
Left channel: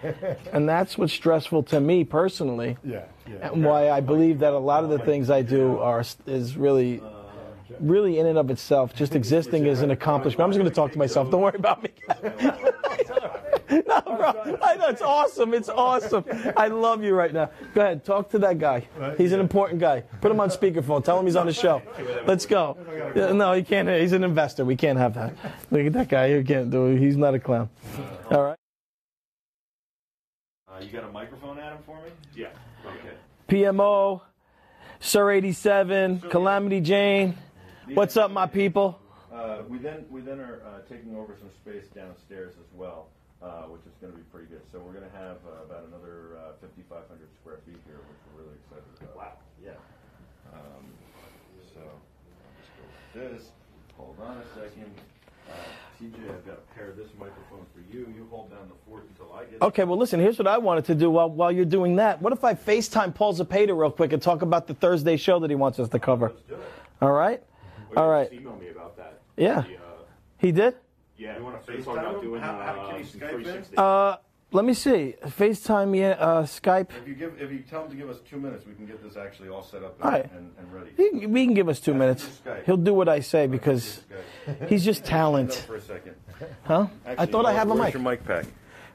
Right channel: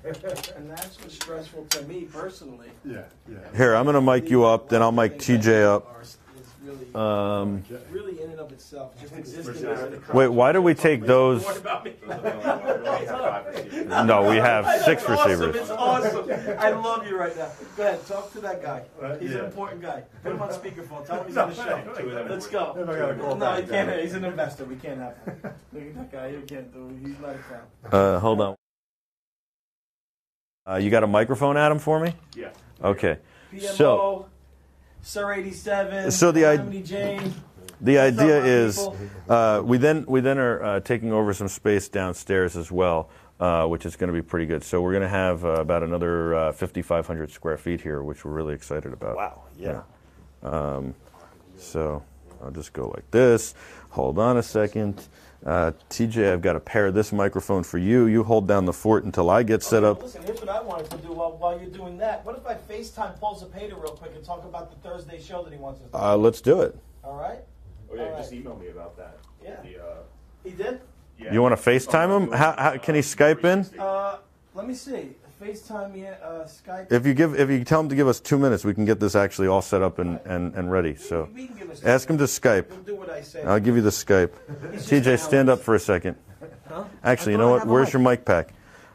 and that's what's stressful to me personally. And Here, why I'm gonna I mic believe you that a up, lot then of I'll the mic things I TJ do up. is really, really in and of itself, just existing is an accomplishment. why I'm do gonna we talk to take myself. Don't those- worry about me. No, we have That's 6 awesome. receivers. It's awesome. I love you right now. Go ahead, talk to that guy. He's an important guy. Put him on speakerphone. Tell him he's on the show. Let's go. No, he can't. He's an investor. We can't have that. Look at that guy. You can't do it. He's not a clown. Hold on. You got a microphone, Adam, for me? Yeah. Okay. PMO, Sir 87, So the Calamity Jane. The What's up, idea my is people? we then are taking over some space downstairs as well, which is going to be pretty good. So we're going to have about another 5,500 square feet here, which we're really excited about. Wow. Yeah. So I'll just go like this. Hold on a second. TJ, I've got to pair this microphone for you. You hold down the fort until I get Okay, set well, up. listen, here's what I wanted to do while you're doing that. What if I FaceTime Paul Zapata real quick and talk about the Thursday show that he wants us to cover? Let's do it. All right? All right. Just email me about that. Yeah. He did? You want to FaceTime him? How can he Skype in? Let me see. FaceTime, Skype. If you tell him to give us 2 minutes, we can get this actually all set up and, All right. and ready. We So can give us 2 ask him minutes. to Skype. He'll do what I say. I'll give you the because Skype. He's just TJ, stand talent. up for a second. Huh? Actually, I you thought know I what? have a Where's mic. your mic pack?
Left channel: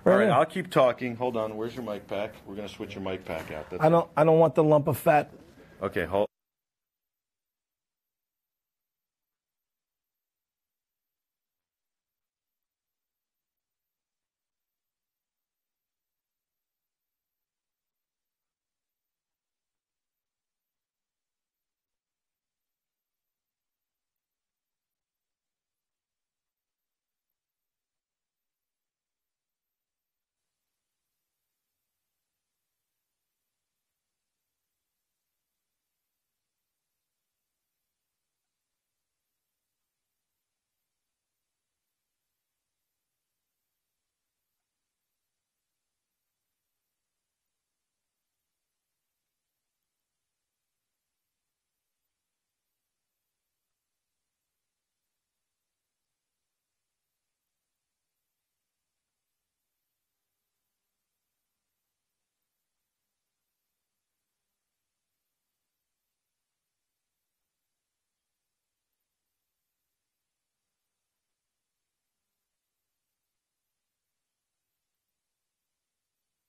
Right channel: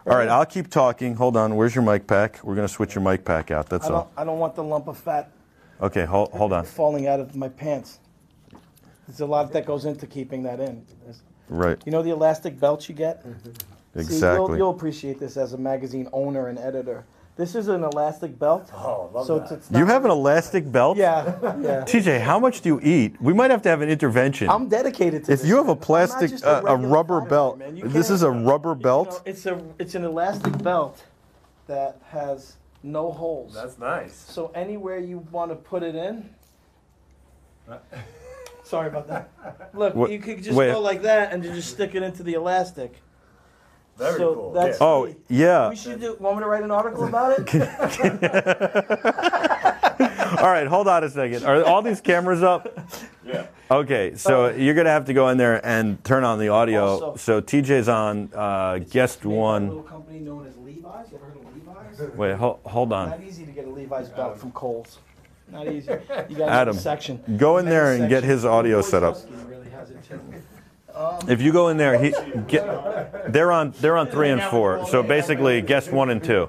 All right, I'll keep talking. Hold on. Where's your mic pack? We're going to switch your mic pack out. That's all. I don't want the lump of fat Okay, hold on. falling out of my pants. There's a lot that goes into keeping that in. Right. You know the elastic belts you get? Exactly. See, you'll appreciate this as a magazine owner and editor. This is an elastic belt. Oh, love so that. it's not, You have an elastic belt? Yeah, yeah. TJ, how much do you eat? We might have to have an intervention. I'm dedicated to If this. you have a I'm not plastic, just a regular rubber fat belt, guy, man. You this can't- is a rubber belt? It's an elastic belt that has no holes. That's nice. So anywhere you want to put it in. Sorry about that. Look, What- you could just wait. go like that and you just stick it into the elastic. Very so cool. That's Oh, me. yeah. We should do. Want me to write an article about it? All right, hold on a second. Are all these cameras up? Yeah. Okay, so you're going to have to go in there and turn on the audio. Also- So TJ's on guest Made by a one. little company known as Levi's. You ever heard of Levi's? Wait, hold on. Not easy to get a Levi's belt from Kohl's. Not easy. You got Adam, a section. go in there Men's and get section. his audio set up. Wojciechowski really has it too. If you go in there, they're on 3 and 4. So basically, guest 1 and 2.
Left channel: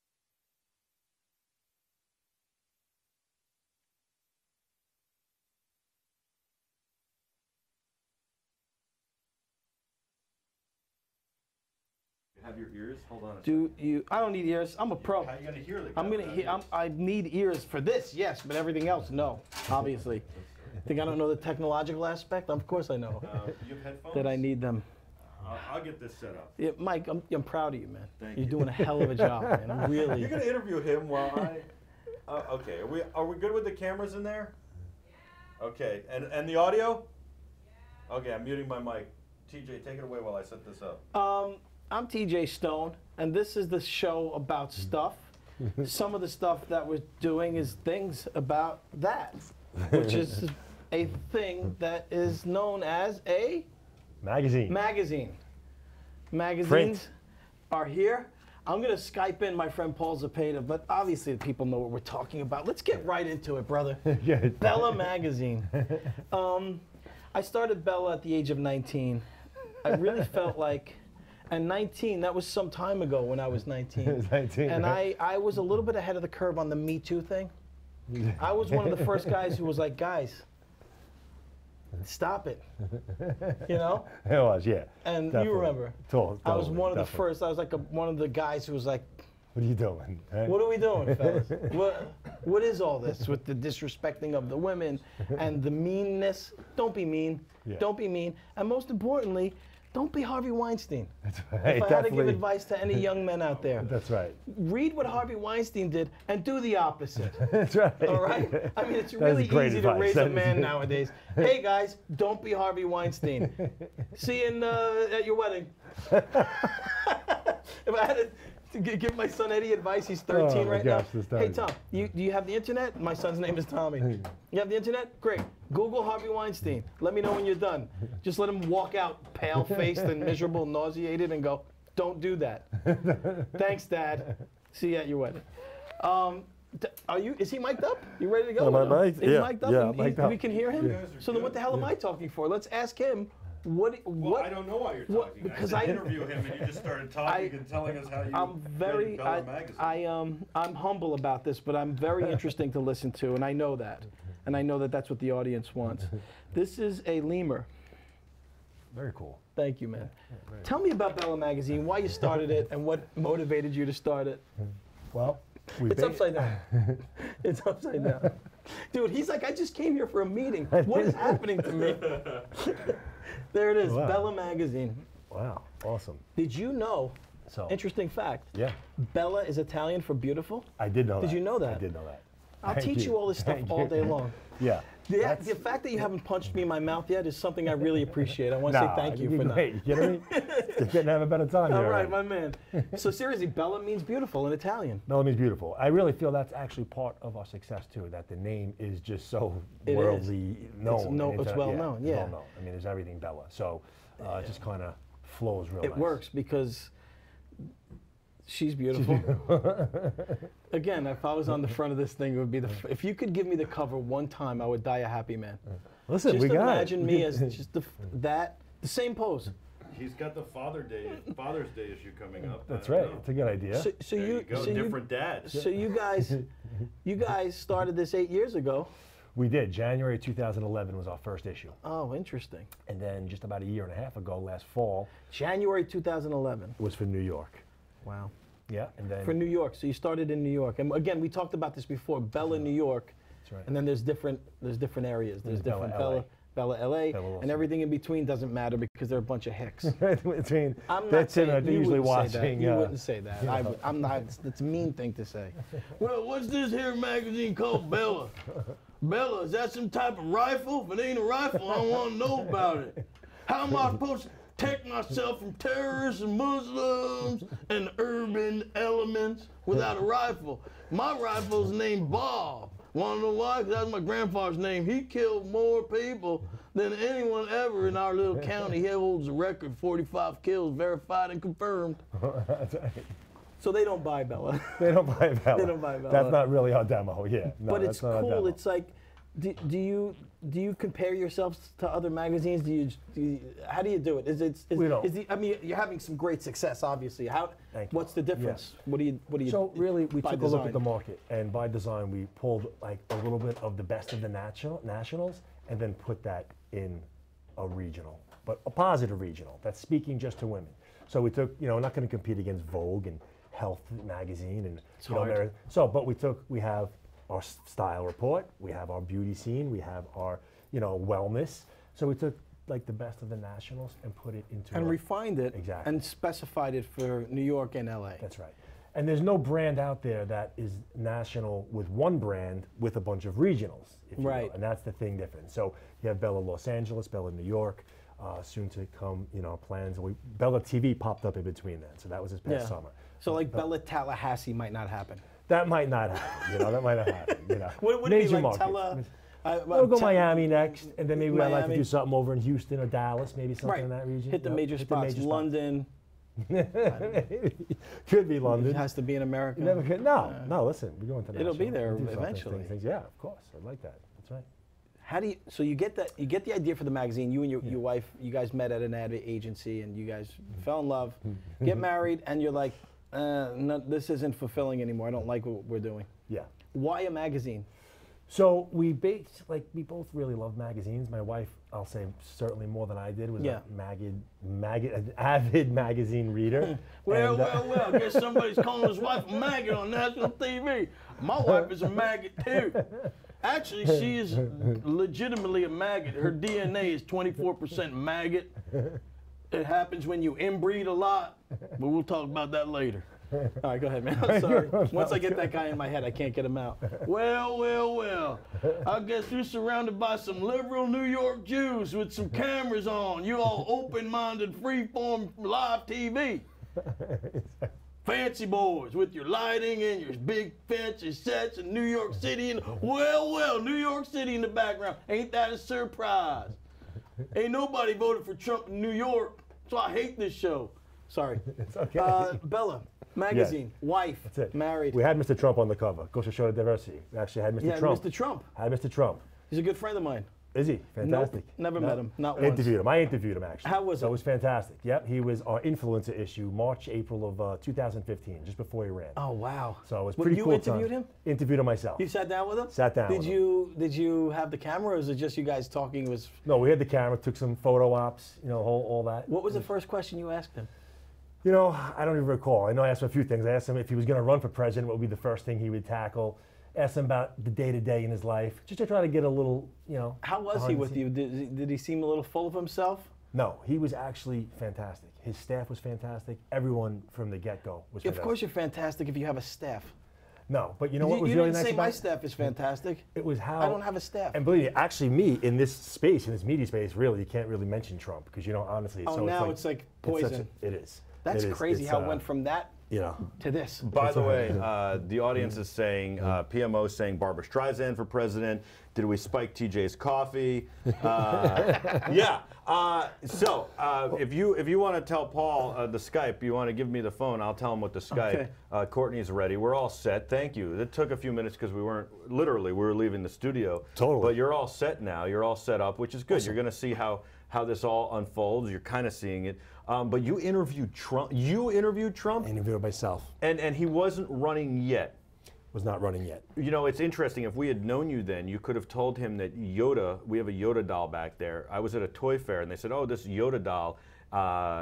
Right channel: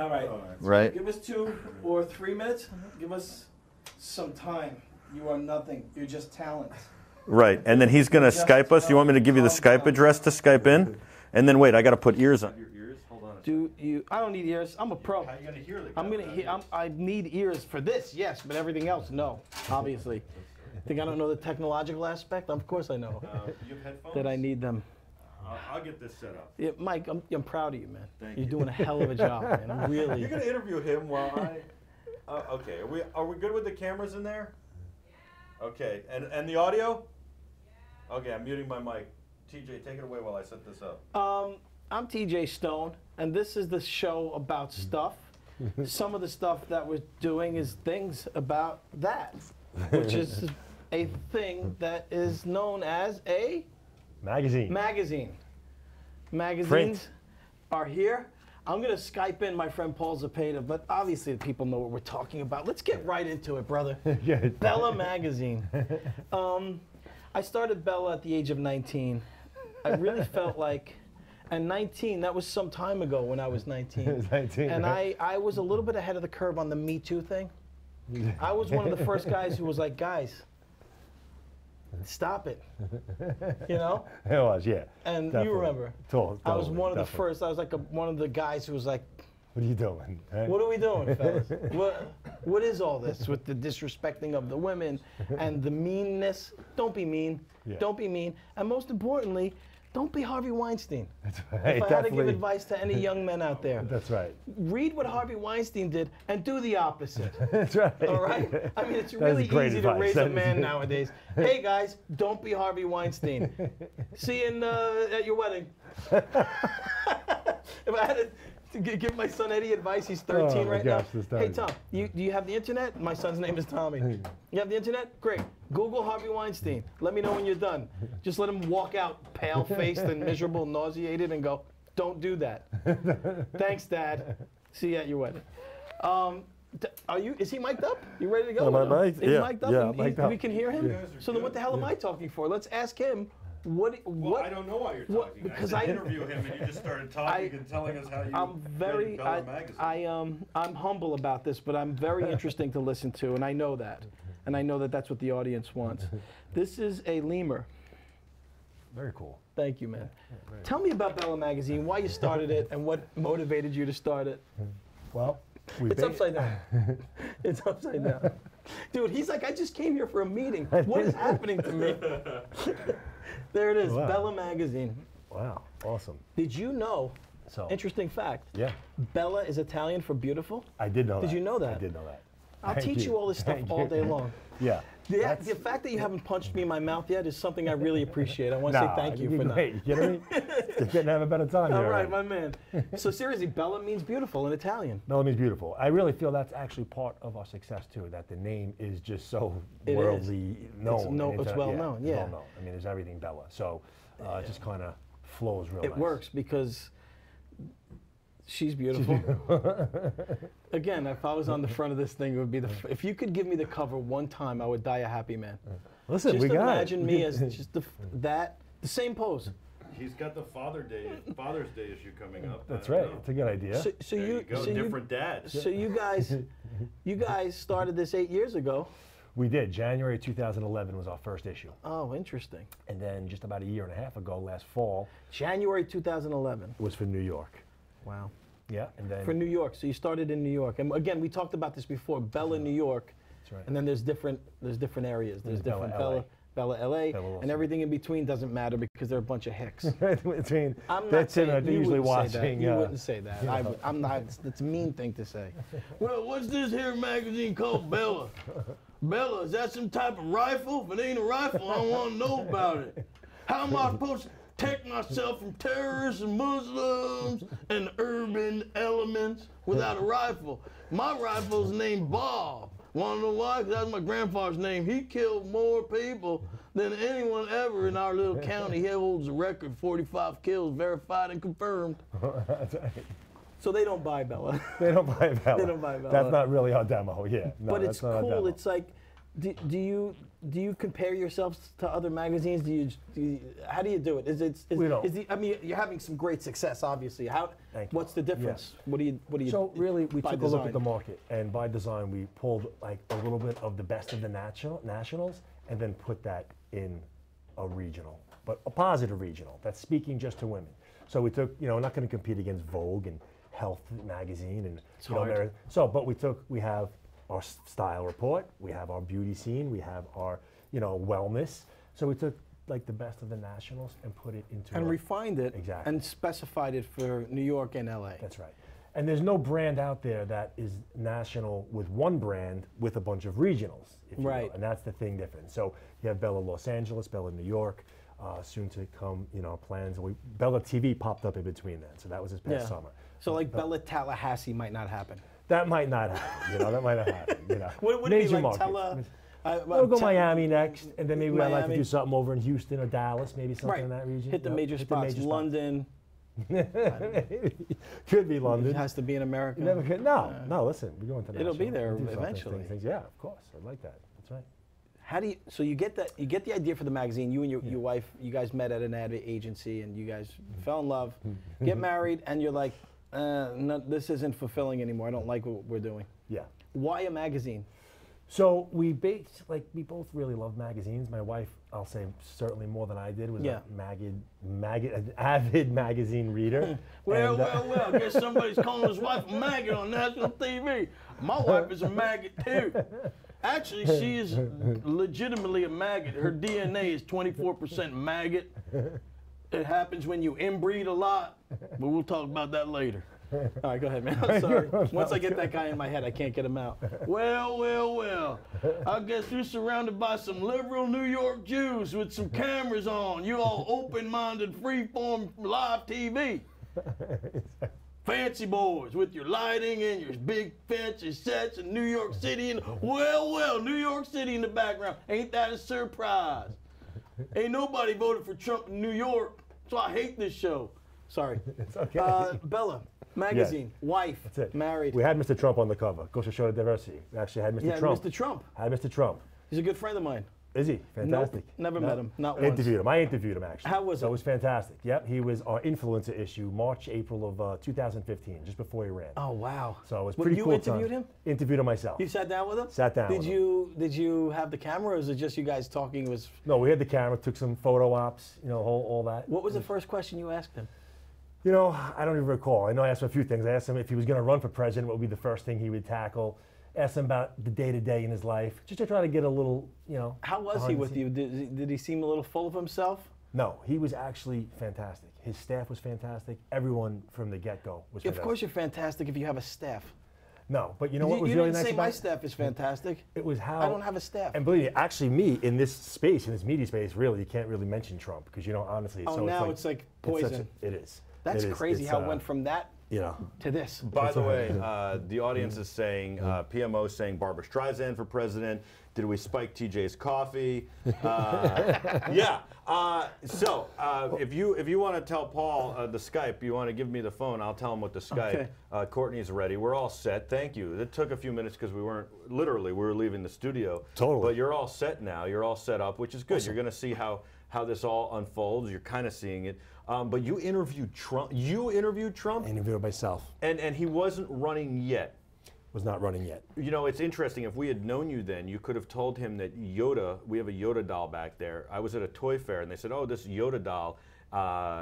All right. Right. Give us 2 or 3 minutes. Give us some time. You are nothing. You're just talent. Right, and then he's going to Skype us. You want me to give you the Skype address to Skype in? And then wait, I got to put ears on your ears. Hold on. Do you? I don't need ears. I'm a pro. How are you going to hear the I'm gonna hear. I need ears for this, yes, but everything else, no. Obviously. Think I don't know the technological aspect? Of course I know you have headphones? that I need them. I'll get this set up. Yeah, Mike, I'm proud of you, man. Thank You're you. doing a hell of a job, man. I'm really. You're going to interview him while I... okay, are we good with the cameras in there? Okay, and the audio? Okay, I'm muting my mic. TJ, take it away while I set this up. I'm TJ Stone, and this is the show about stuff. Some of the stuff that we're doing is things about that, which is a thing that is known as a Magazine. magazine. Magazines Print. are here. I'm going to Skype in my friend Paul Zapata, but obviously the people know what we're talking about. Let's get right into it, brother. Yeah. Bella Magazine. I started Bella at the age of 19. I really felt like, and 19, that was some time ago when I was 19. It was 19, And right? I was a little bit ahead of the curve on the Me Too thing. I was one of the first guys who was like, guys, stop it. You know? It was, yeah. And definitely. you remember, Totally, I was one of the definitely. first. I was like one of the guys who was like, What are you doing? Hey? "What are we doing, fellas? What is all this with the disrespecting of the women and the meanness? Don't be mean. Yeah. Don't be mean. And most importantly, don't be Harvey Weinstein." That's If right. I had to give definitely. advice to any young men out there, That's right. read what Harvey Weinstein did and do the opposite. That's right. All right? I mean, it's That is really great easy to advice. raise That a is- man nowadays. Hey, guys, don't be Harvey Weinstein. See you at your wedding. If I had to give my son Eddie advice, he's 13 Oh, my right gosh, now. this Hey, Tommy. Tom, do you have the internet? My son's name is Tommy. You have the internet? Great. Google Harvey Weinstein. Let me know when you're done. Just let him walk out pale-faced and miserable, nauseated, and go, "Don't do that." Thanks, Dad. See you at your wedding. Is he mic'd up? You ready to go? Am I mic'd? Is he Yeah, mic'd up? yeah, And I'm mic'd up. We can hear him? Yeah. So then what the hell am I talking for? Let's ask him. What? I don't know why you're what- talking. because I I- did interview him, and you just started talking and telling us how you I'm very, read Bella magazine. I'm humble about this, but I'm very interesting to listen to, and I know that. And I know that that's what the audience wants. This is a lemur. Very cool. Thank you, man. Tell me about Bella Magazine, why you started it, and what motivated you to start it. Well, we It's upside down. It's upside down. Dude, he's like, I just came here for a meeting. What is happening to me? There it is, Wow. Bella Magazine. Wow, awesome. Did you know, So, interesting fact, yeah, Bella is Italian for beautiful? I did know that. Did you know that? I did know that. I'll Thank teach you all this stuff Thank all you. day long. Yeah. The fact that you haven't punched me in my mouth yet is something I really appreciate. I want to say thank you for that. Great. You kidding me? You're getting to have a better time All here. right, my man. So seriously, Bella means beautiful in Italian. Bella means beautiful. I really feel that's actually part of our success too. That the name is just so It is. worldly known. and it's well known, it's yeah. well known. I mean, there's everything Bella. So it just kind of flows real It nice. works because she's beautiful. Again, if I was on the front of this thing, it would be if you could give me the cover one time, I would die a happy man. Listen, Just we got imagine it. me as just the same pose. He's got the Father's Day issue coming up. That's right. It's a good idea. So There you, you go. so Different dads. So you guys started this 8 years ago. We did. January 2011 was our first issue. Oh, interesting. And then just about a year and a half ago, last fall, January 2011. was for New York. Wow. Yeah, and then For New York. So you started in New York. And again, we talked about this before. Bella, New York. That's right. And then there's different areas. There's Bella, different LA. Bella, LA, Bella Wilson. and everything in between doesn't matter because they're a bunch of hicks. between I'm not that's saying him. you Usually wouldn't say that. watching. You wouldn't say that. you know. I'm not. It's a mean thing to say. Well, what's this here magazine called Bella? Bella, is that some type of rifle? If it ain't a rifle, I don't want to know about it. How am I supposed to protect myself from terrorists and Muslims and urban elements without a rifle? My rifle's named Bob. Want to know why? Because that's my grandfather's name. He killed more people than anyone ever in our little county. He holds the record, 45 kills, verified and confirmed. That's right. So they don't buy Bella. They don't buy Bella. They don't buy Bella. That's not really our demo. Yeah. No, But that's it's not our cool. demo. It's like, do you compare yourselves to other magazines? How do you do it? We don't. I mean, you're having some great success, obviously. Thank you. What's the difference? What do you? So really, we by took a look at the design? market, and by design, we pulled like a little bit of the best of the nationals, and then put that in a regional, but a positive regional that's speaking just to women. So we took, we're not going to compete against Vogue and Health magazine and hard. but we have our style report, we have our beauty scene, we have our wellness. So we took like the best of the nationals and put it into And a- refined it Exactly. and specified it for New York and LA. That's right. And there's no brand out there that is national with one brand with a bunch of regionals, if you will. Right. And that's the thing different. So you have Bella Los Angeles, Bella New York, soon to come, plans. Bella TV popped up in between that, so that was this past summer. So like Bella Tallahassee might not happen. That might not happen, that might not happen, Would it be Major like markets. Tella? We'll go Miami next, and then maybe I'd like to Miami. do something over in Houston or Dallas, maybe something Right. in that region. Hit the major spots. London. Could be London. It has to be in America. You never could. No, listen, we're going to It'll be national. there We'll do something, eventually. things. Yeah, of course. I'd like that. That's right. How do you? So you get that? You get the idea for the magazine. You and your wife, you guys met at an ad agency, and you guys fell in love, get married, and you're like, no, this isn't fulfilling anymore. I don't like what we're doing. Yeah. Why a magazine? So we both really love magazines. My wife, I'll say certainly more than I did, was Yeah. an avid magazine reader. Well, And, I guess somebody's calling his wife a maggot on national TV. My wife is a maggot too. Actually, she is legitimately a maggot. Her DNA is 24% maggot. It happens when you inbreed a lot, but we'll talk about that later. All right, go ahead, man. I'm sorry. Once I get that guy in my head, I can't get him out. Well. I guess you're surrounded by some liberal New York Jews with some cameras on. You all open-minded, free-form live TV. Fancy boys with your lighting and your big fancy sets in New York City. And well, New York City in the background. Ain't that a surprise? Ain't nobody voted for Trump in New York, so I hate this show. Sorry. it's okay. Bella, magazine, wife, That's it. married. We had Mr. Trump on the cover. Goes to show the diversity. We actually had Mr. Yeah, Trump. Mr. Trump. Had Mr. Trump. He's a good friend of mine. Is he? Fantastic. Never met him, not I once. interviewed him. I interviewed him, actually. How was So it? it was fantastic. Yep, he was our influencer issue, March, April of 2015, just before he ran. Oh, wow. So it was Well, pretty you cool. interviewed time. him? Interviewed him myself. You sat down with him? Sat down Did with you have the camera, or was it just you guys talking? It was. No, we had the camera, took some photo ops, all that. What was the first question you asked him? I don't even recall. I know I asked him a few things. I asked him if he was going to run for president, what would be the first thing he would tackle. Asked him about the day-to-day in his life, just to try to get a little, How was he behind the with you? Did he seem a little full of himself? No, he was actually fantastic. His staff was fantastic. Everyone from the get-go was fantastic. Of course you're fantastic if you have a staff. No, but you know what was you really didn't nice say about my it? staff is fantastic. It was how I don't have a staff. And believe me, actually, me in this space, in this media space, really, you can't really mention Trump because honestly, Oh, now it's like poison. It is. That's It is. crazy It's, how it went from that to this. By the way, the audience is saying, PMO saying Barbara Streisand for president. Did we spike TJ's coffee? Yeah. So if you want to tell Paul the Skype, you want to give me the phone, I'll tell him what the Skype. Okay. Courtney's ready. We're all set. Thank you. It took a few minutes because we were leaving the studio. Totally. But you're all set now. You're all set up, which is good. You're going to see how this all unfolds. You're kind of seeing it. But you interviewed Trump. I interviewed myself. And he wasn't running yet. Was not running yet. It's interesting. If we had known you then, you could have told him that Yoda, we have a Yoda doll back there. I was at a toy fair and they said, oh, this Yoda doll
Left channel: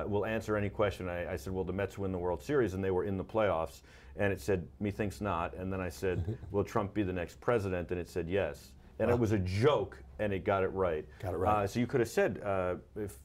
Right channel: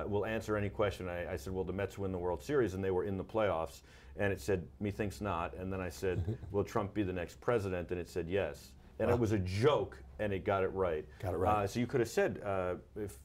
will answer any question. I said, well, the Mets win the World Series and they were in the playoffs. And it said, methinks not. And then I said, will Trump be the next president? And it said, yes. And it was a joke, and it got it right. Got it right. So you could have said,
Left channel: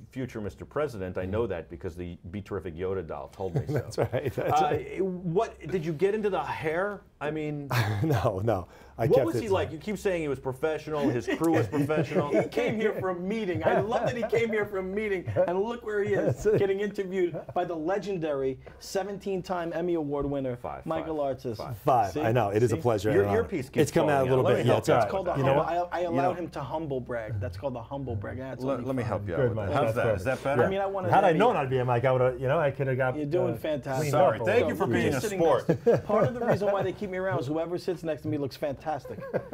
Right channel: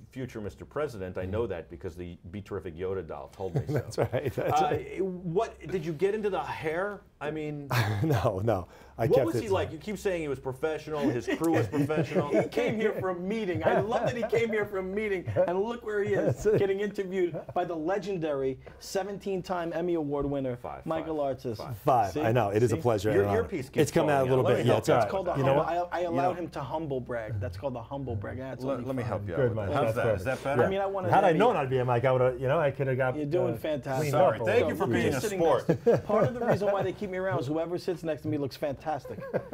future Mr. President, I know that because the Be Terrific Yoda doll told me so. That's right. That's right. What, did you get into the hair? I mean... No. What was he like? You keep saying he was professional, his crew was professional. He came here for a meeting. I love that he came here for a meeting, and look where he is, getting interviewed by the legendary 17-time Emmy Award winner, Michael Artist. Five. See? I know. It is a pleasure. Your and honor. earpiece keeps It's come out a falling little out. Let bit. me Yeah, help it's you. all It's right. Called the You know humble. what? I allowed him to humble brag. That's called the humble brag. That's Let me help you out Good, with Mike. that. How's That's that? Is that better? I mean, I wanted. Had I Emmy. known I'd be a Mike, I would have. I could have got. You're doing fantastic. cleaned up Sorry. a Thank little. you for You're being just a sitting sport. next- Part of the reason why they keep me around is whoever sits next to me looks fantastic.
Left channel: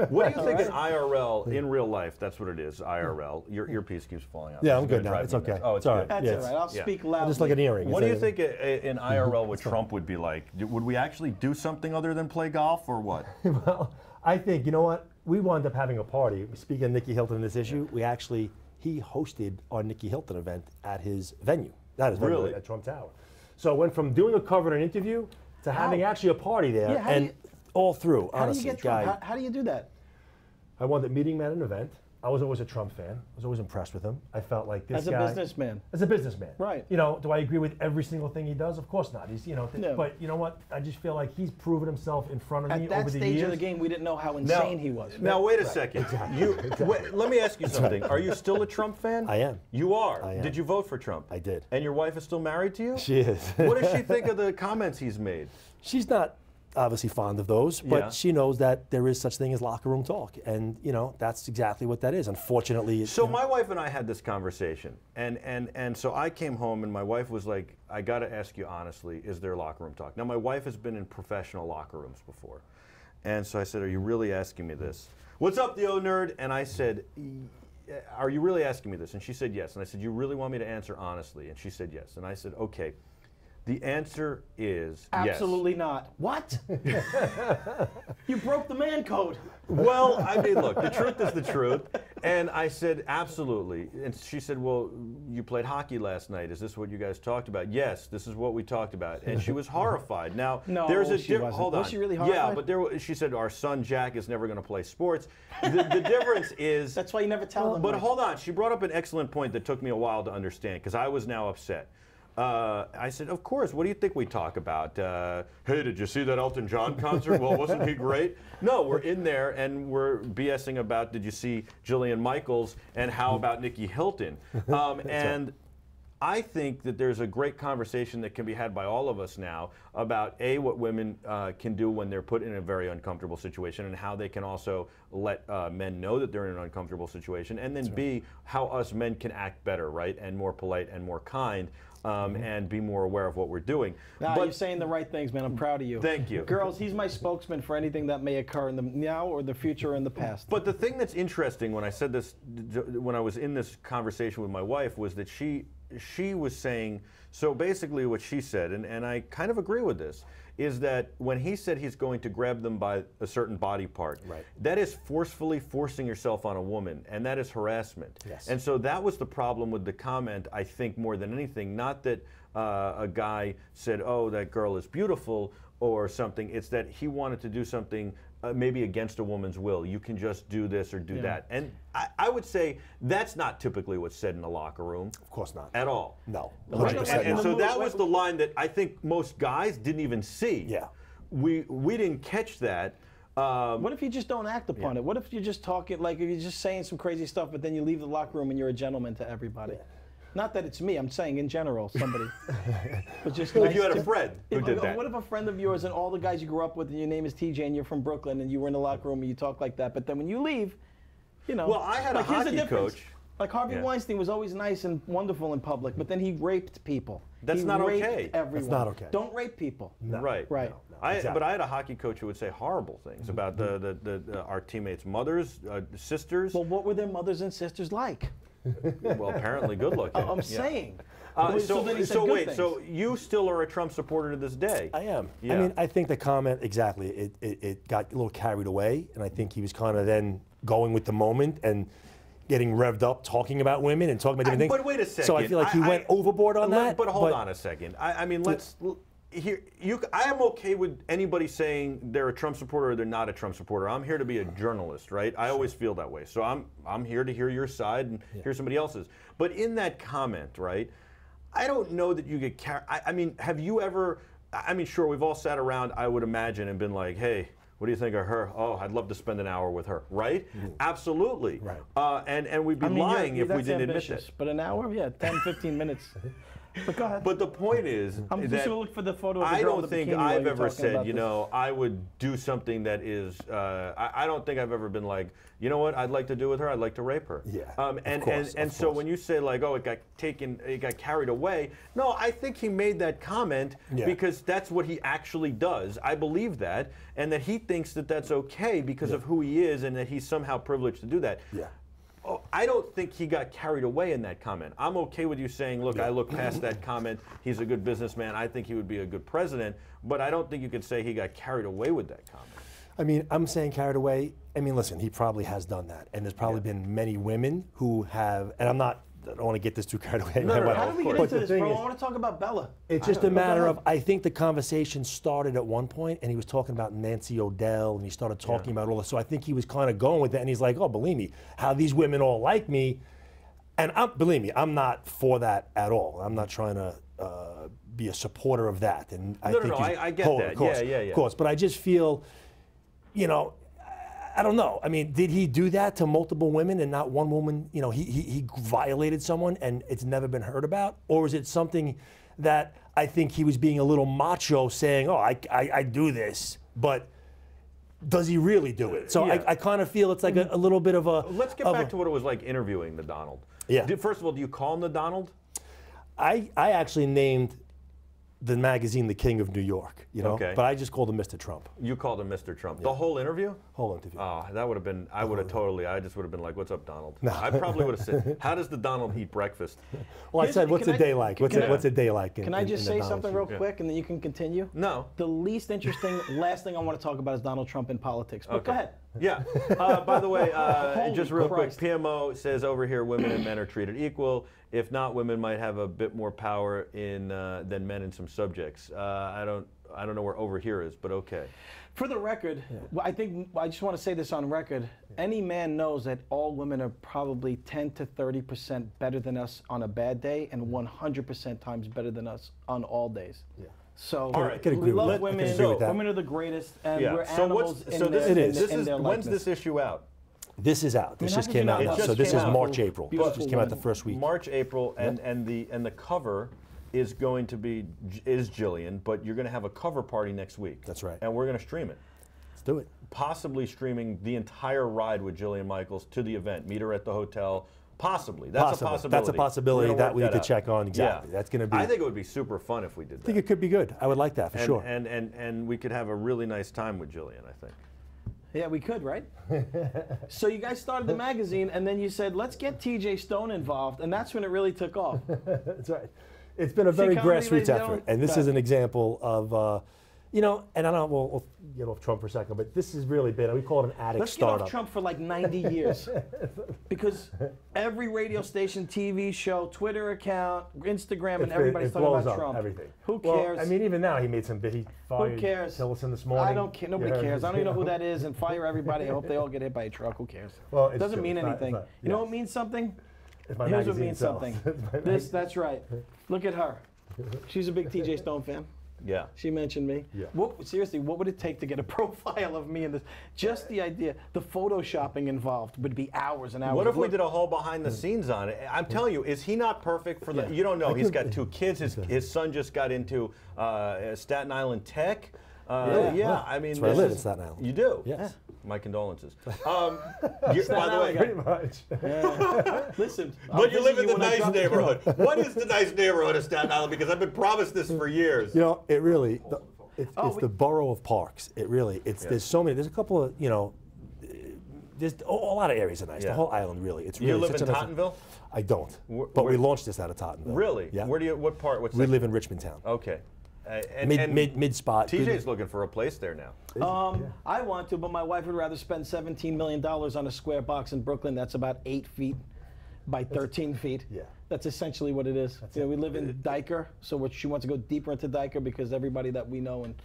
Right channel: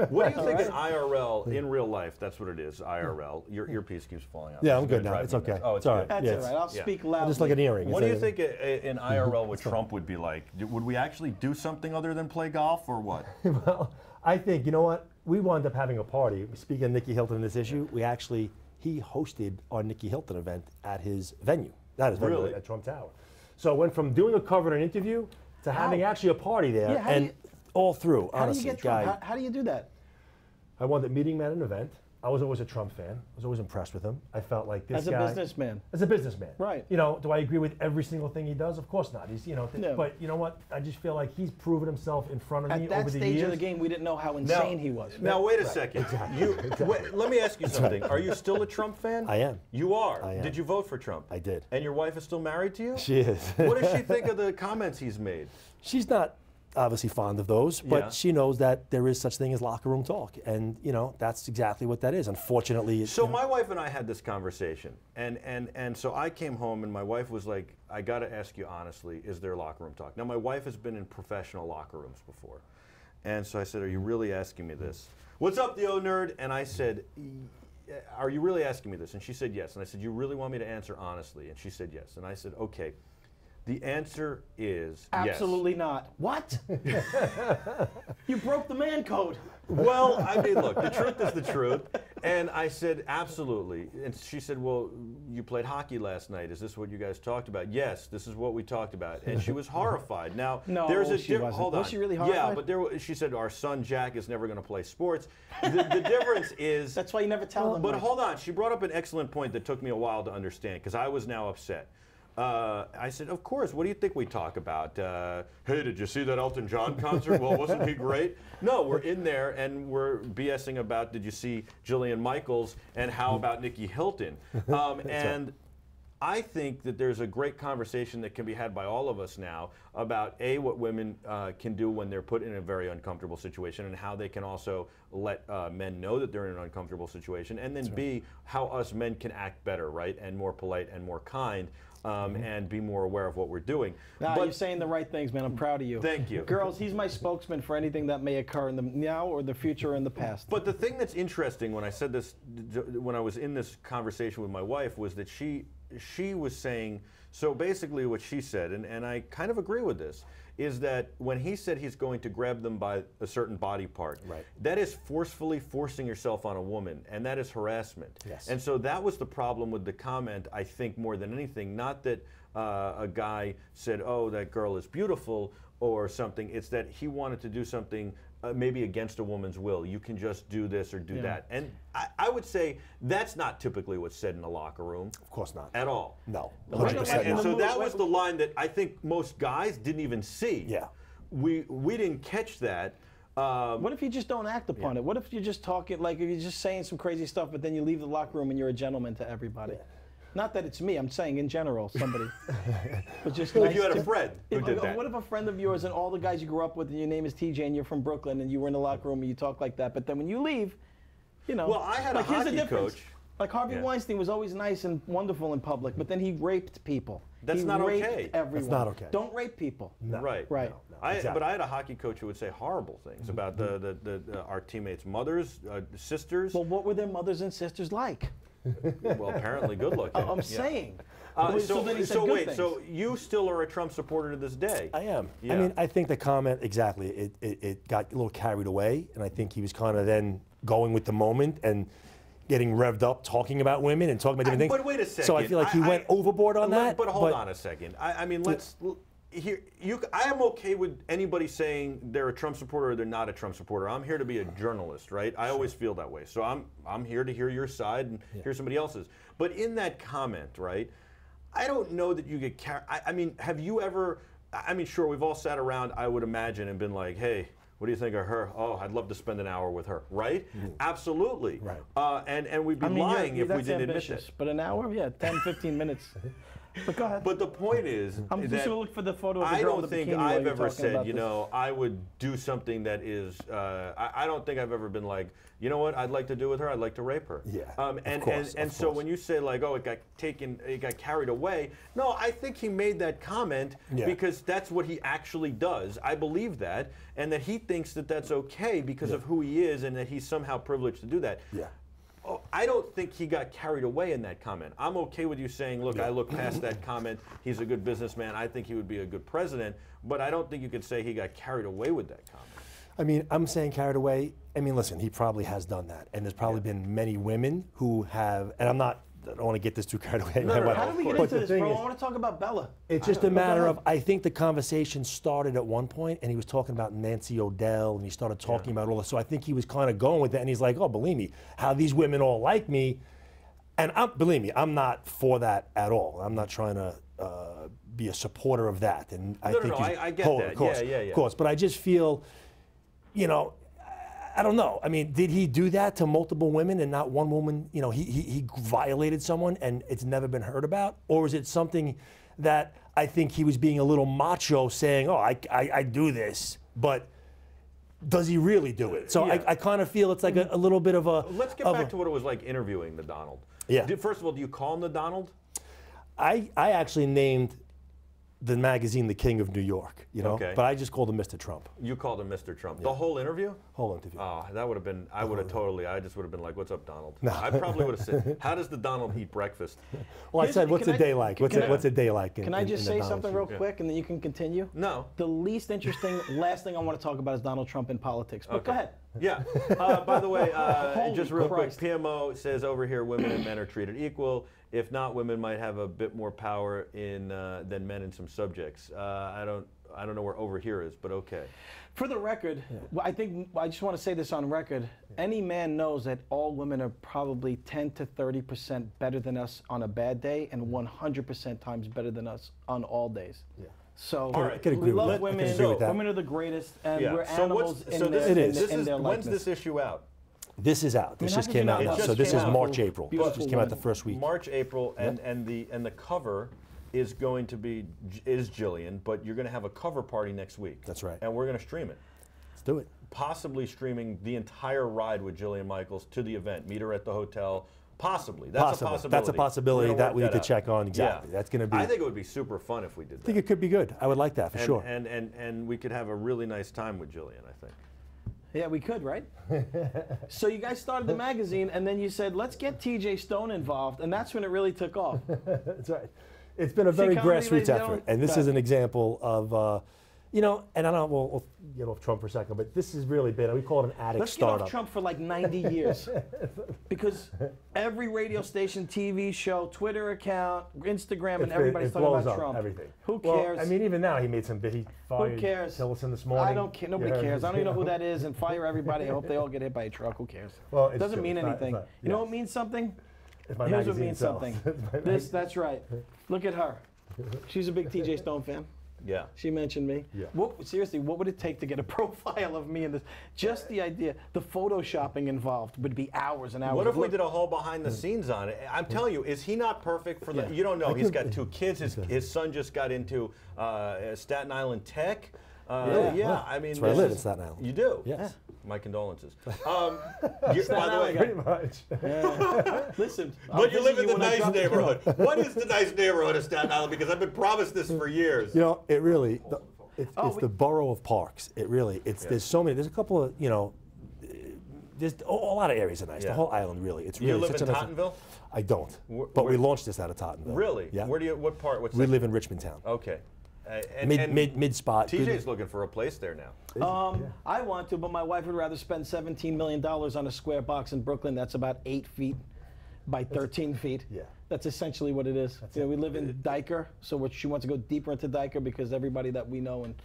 What do you think in IRL, in real life, that's what it is, IRL. Your piece keeps falling out. Yeah, This I'm is good gonna now. drive It's me okay. nuts. Oh, it's It's all good. right. That's Yeah, all right. I'll yeah. speak loudly. Just like an earring. What It's do you like- think in IRL what Trump would be like? Would we actually do something other than play golf or what? Well, I think, you know what? We wound up having a party. Speaking of Nikki Hilton in this issue, he hosted our Nikki Hilton event at his venue. Not his venue, Really? at Trump Tower. So it went from doing a cover and an interview to having actually a party there. Yeah, how do and you- all through, How do honestly, you get Trump? guy. How do you do that? I wound up meeting him at an event. I was always a Trump fan. I was always impressed with him. I felt like this As a guy. businessman. As a businessman. Right. Do I agree with every single thing he does? Of course not. He's, No. but you know what? I just feel like he's proven himself in front of me At that over the stage years. of the game, we didn't know how insane he was. Now wait a second. Let me ask you something. Are you still a Trump fan? I am. You are. I am. Did you vote for Trump? I did. And your wife is still married to you? She is. What does she think of the comments he's made? She's not obviously fond of those, but Yeah. she knows that there is such thing as locker room talk, and that's exactly what that is. Unfortunately, So my wife and I had this conversation, and so I came home and my wife was like, I got to ask you honestly, is there locker room talk? Now my wife has been in professional locker rooms before, and so I said, are you really asking me this? What's up, the O Nerd? And I said, are you really asking me this? And she said yes. And I said, you really want me to answer honestly? And she said yes. And I said, okay. The answer is Absolutely not. What? You broke the man code. Well, I mean, look, the truth is the truth. And I said, absolutely. And she said, well, you played hockey last night. Is this what you guys talked about? Yes, this is what we talked about. And she was horrified. Now, no, there's a she wasn't. hold on. Was she really horrified? Yeah, but she said, our son Jack is never going to play sports. The difference is... That's why you never tell them. But hold on. She brought up an excellent point that took me a while to understand, because I was now upset. I said, of course, what do you think we talk about? Hey, did you see that Elton John concert? Well, wasn't he great? No, we're in there and we're BSing about, did you see Jillian Michaels and how about Nikki Hilton? And I think that there's a great conversation that can be had by all of us now about A, what women can do when they're put in a very uncomfortable situation, and how they can also let men know that they're in an uncomfortable situation, and then B, how us men can act better, right, and more polite and more kind. And be more aware of what we're doing. But you're saying the right things, man. I'm proud of you. Thank you. Girls, he's my spokesman for anything that may occur in the now or the future or in the past. But the thing that's interesting when I said this, when I was in this conversation with my wife, was that she was saying, so basically what she said, and I kind of agree with this, is that when he said he's going to grab them by a certain body part, that is forcefully forcing yourself on a woman, and that is harassment. Yes. And so that was the problem with the comment, I think, more than anything. Not that a guy said, oh, that girl is beautiful or something. It's that he wanted to do something maybe against a woman's will. You can just do this or do that. And I would say that's not typically what's said in the locker room. Of course not. At all. No. And so that was the line that I think most guys didn't even see. Yeah. We didn't catch that. What if you just don't act upon it? What if you're just talking, like if you're just saying some crazy stuff, but then you leave the locker room and you're a gentleman to everybody? Not that it's me, I'm saying in general, somebody. But just if you had a friend who did that. What if a friend of yours and all the guys you grew up with and your name is TJ and you're from Brooklyn and you were in the locker room and you talk like that, but then when you leave, you know. Well, I had like, a hockey coach. Like Harvey Weinstein was always nice and wonderful in public, but then he raped people. That's not okay. Everyone. That's not okay. Don't rape people. No. Right. Right. No, exactly. But I had a hockey coach who would say horrible things about our teammates' mothers, sisters. Well, what were their mothers and sisters like? Well, apparently good looking. I'm saying. So wait, so you still are a Trump supporter to this day? I am. Yeah. I mean, I think the comment, exactly, it got a little carried away, and I think he was kind of then going with the moment and getting revved up, talking about women and talking about different things. But wait a second. So I feel like he went overboard on that. But hold on a second. I mean, let's... Here, I am okay with anybody saying they're a Trump supporter or they're not a Trump supporter. I'm here to be a journalist, right? I always feel that way. So I'm here to hear your side and hear somebody else's. But in that comment, right, I don't know that you get carried. I mean, have you ever, I mean, sure, we've all sat around, I would imagine, and been like, hey, what do you think of her? Oh, I'd love to spend an hour with her, right? Absolutely. Right. And we'd be lying if we didn't admit that. But an hour? Yeah, 10, 15 minutes. But go ahead. But the point is, I'm just that going to look for the photo of the I girl don't in the think bikini while I've you're ever talking said, about you this. know, I would do something that is. I don't think I've ever been like, you know what, I'd like to do with her. I'd like to rape her. Yeah. And so when you say like, oh, it got carried away. No, I think he made that comment because that's what he actually does. I believe that, and that he thinks that that's okay because of who he is, and that he's somehow privileged to do that. Yeah. Oh, I don't think he got carried away in that comment. I'm okay with you saying, look, I look past that comment. He's a good businessman. I think he would be a good president. But I don't think you could say he got carried away with that comment. I mean, I'm saying carried away. I mean, listen, he probably has done that. And there's probably been many women who have, and I don't want to get this too carried away. No, How did we get into this, bro? I want to talk about Bella. It's just a matter of, I think the conversation started at one point, and he was talking about Nancy O'Dell, and he started talking about all this. So I think he was kind of going with that, and he's like, oh, believe me, how these women all like me. And believe me, I'm not for that at all. I'm not trying to be a supporter of that. And I get that. Of course, yeah. Of course. But I just feel, you know, I don't know. I mean, did he do that to multiple women and not one woman? You know, he violated someone and it's never been heard about? Or is it something that I think he was being a little macho saying, oh, I do this, but does he really do it? So I kind of feel it's like a little bit of a... Let's get back to what it was like interviewing the Donald. Yeah. First of all, do you call him the Donald? I actually named the magazine The King of New York, you know. Okay. But I just called him Mr. Trump. You called him Mr. Trump. The whole interview? Whole interview. Oh, that would have been. I would have totally. I just would have been like, "What's up, Donald?" No. I probably would have said, "How does the Donald eat breakfast?" Well, I said, "What's a day like? What's a day like?" Can I just say something real quick, and then you can continue? No. The least interesting, last thing I want to talk about is Donald Trump in politics. But go ahead. Yeah. By the way, just real Christ. quick, PMO says over here, women and men are treated equal. If not, women might have a bit more power than men in some subjects. I don't know where over here is, but okay. For the record, I think I just want to say this on record. Any man knows that all women are probably 10 to 30% better than us on a bad day, and 100% times better than us on all days. Yeah. So All right, we love women. Women are the greatest, and we're animals in their when's this issue out? This is out. This just came out. So this is March, April. It just came out the first week. March, April, and the cover is going to be Jillian, but you're going to have a cover party next week. That's right. And we're going to stream it. Let's do it. Possibly streaming the entire ride with Jillian Michaels to the event. Meet her at the hotel. Possibly. That's a possibility. That's a possibility that we could check on. Exactly. Yeah. That's going to be. I think it would be super fun if we did that. I think it could be good. I would like that for sure. And we could have a really nice time with Jillian, I think. Yeah, we could, right? So you guys started the magazine, and then you said, let's get TJ Stone involved, and that's when it really took off. That's right. It's been a very grassroots effort, and this is an example of, you know, and I don't know, we'll get off Trump for a second, but this has really been, we call it an addict startup. Let's get off Trump for like 90 years. Because every radio station, TV show, Twitter account, Instagram, and everybody's talking about Trump. Everything. Who cares? Well, I mean, even now he made some big, he fired Who cares? Tillerson this morning. I don't care. Nobody cares. I don't even know who that is, and fire everybody. I hope they all get hit by a truck. Who cares? Well, it doesn't mean anything. You know what means something? Here's what means something. That's right. Look at her. She's a big TJ Stone fan. Yeah. She mentioned me. Yeah. Seriously, what would it take to get a profile of me in this? Just the idea, the photoshopping involved would be hours and hours. What if we did a whole behind the scenes on it? I'm telling you, is he not perfect for the? You don't know. He's got 2 kids. His son just got into Staten Island Tech. Yeah. I mean, that's where I live in Staten Island. You do? Yes. My condolences. By the way, pretty much. Listen, but you live in the nice neighborhood. What is the nice neighborhood of Staten Island? Because I've been promised this for years. You know, it really, it's the borough of Parks. It really, there's so many. There's a couple of, you know, there's a lot of areas are nice. The whole island, really. It's really. You live in Tottenville? I don't. But we launched this out of Tottenville. Really? Yeah. Where do you? What part? We live in Richmond Town. Okay. Mid spot. TJ's looking for a place there now. I want to, but my wife would rather spend $17 million on a square box in Brooklyn that's about 8 feet by 13 feet. Yeah. That's essentially what it is. We live in Diker, so she wants to go deeper into Diker because everybody that we know and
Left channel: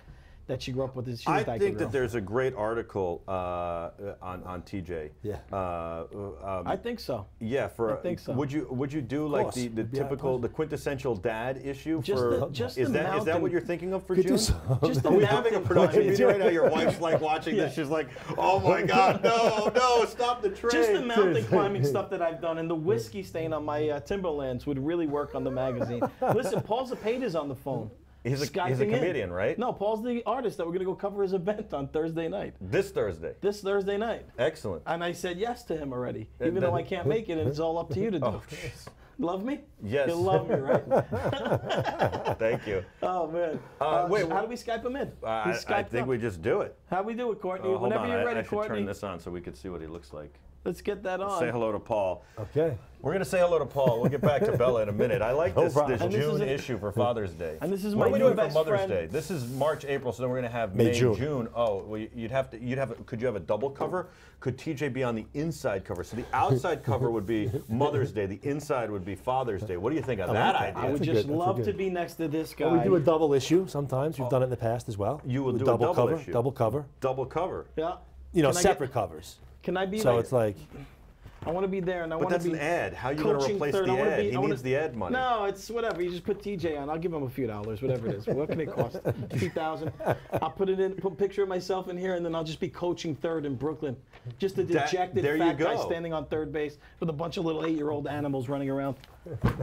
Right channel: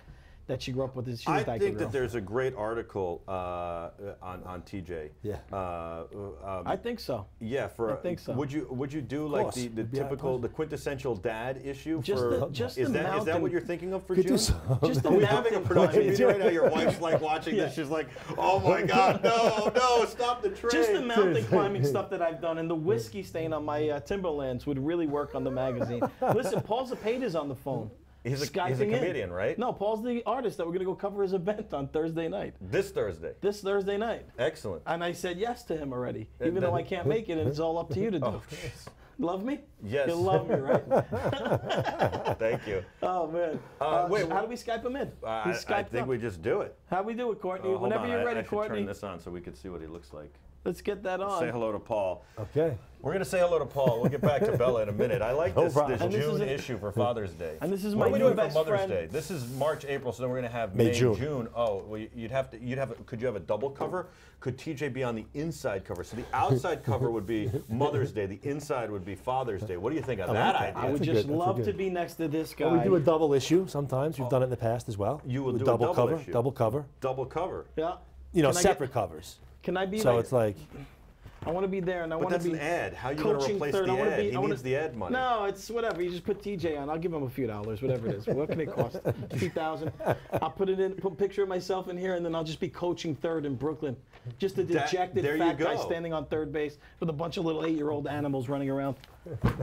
that she grew up with is she's a Diker girl. I think that there's a great article on TJ. Yeah. I think so. Yeah. I think so. Would you do like the typical, the quintessential dad issue? Is that what you're thinking of for June? Just the Are we having a production meeting right now? Your wife's like watching this. She's like, oh my God, no, stop the train. Just the mountain climbing stuff that I've done and the whiskey stain on my Timberlands would really work on the magazine. Listen, Paul Zepeda's on the phone. He's a comedian, right? No, Paul's the artist that we're going to go cover his event on Thursday night. This Thursday? This Thursday night. Excellent. And I said yes to him already, even though I can't make it, and it's all up to you to do. Oh, jeez. Love me? Yes. You'll love me, right? Thank you. Oh, man. Wait, how do we Skype him in? I think we just do it. How we do it, Courtney? Whenever you're ready, I should Courtney. turn this on so we can see what he looks like. Let's get that on. Say hello to Paul. Okay. We're going to say hello to Paul. We'll get back to Bella in a minute. I like this June issue for Father's Day. And this is what my are we doing best for Mother's friend. Day? This is March, April, so then we're going to have May, May, June. June. Oh, well, could you have a double cover? Could TJ be on the inside cover? So the outside cover would be Mother's Day. The inside would be Father's Day. What do you think of that idea? I would just love to be next to this guy. Well, we do a double issue sometimes. We've done it in the past as well. You will do double a double cover, issue. double cover. Double cover. Yeah. You know, Can I separate covers. Can I be So like, it's like, I want to be there, and I But want to that's be an ad. How are you going to coaching replace third. the I wanna ad? be- He I wanna- needs the ad money. No, it's whatever. You just put TJ on. I'll give him a few dollars, whatever it is. What can it cost? 2,000. I'll put it in, put a picture of myself in here, and then I'll just be coaching third in Brooklyn. Just a dejected there you fat guy go. standing on third base with a bunch of little 8-year-old animals running around.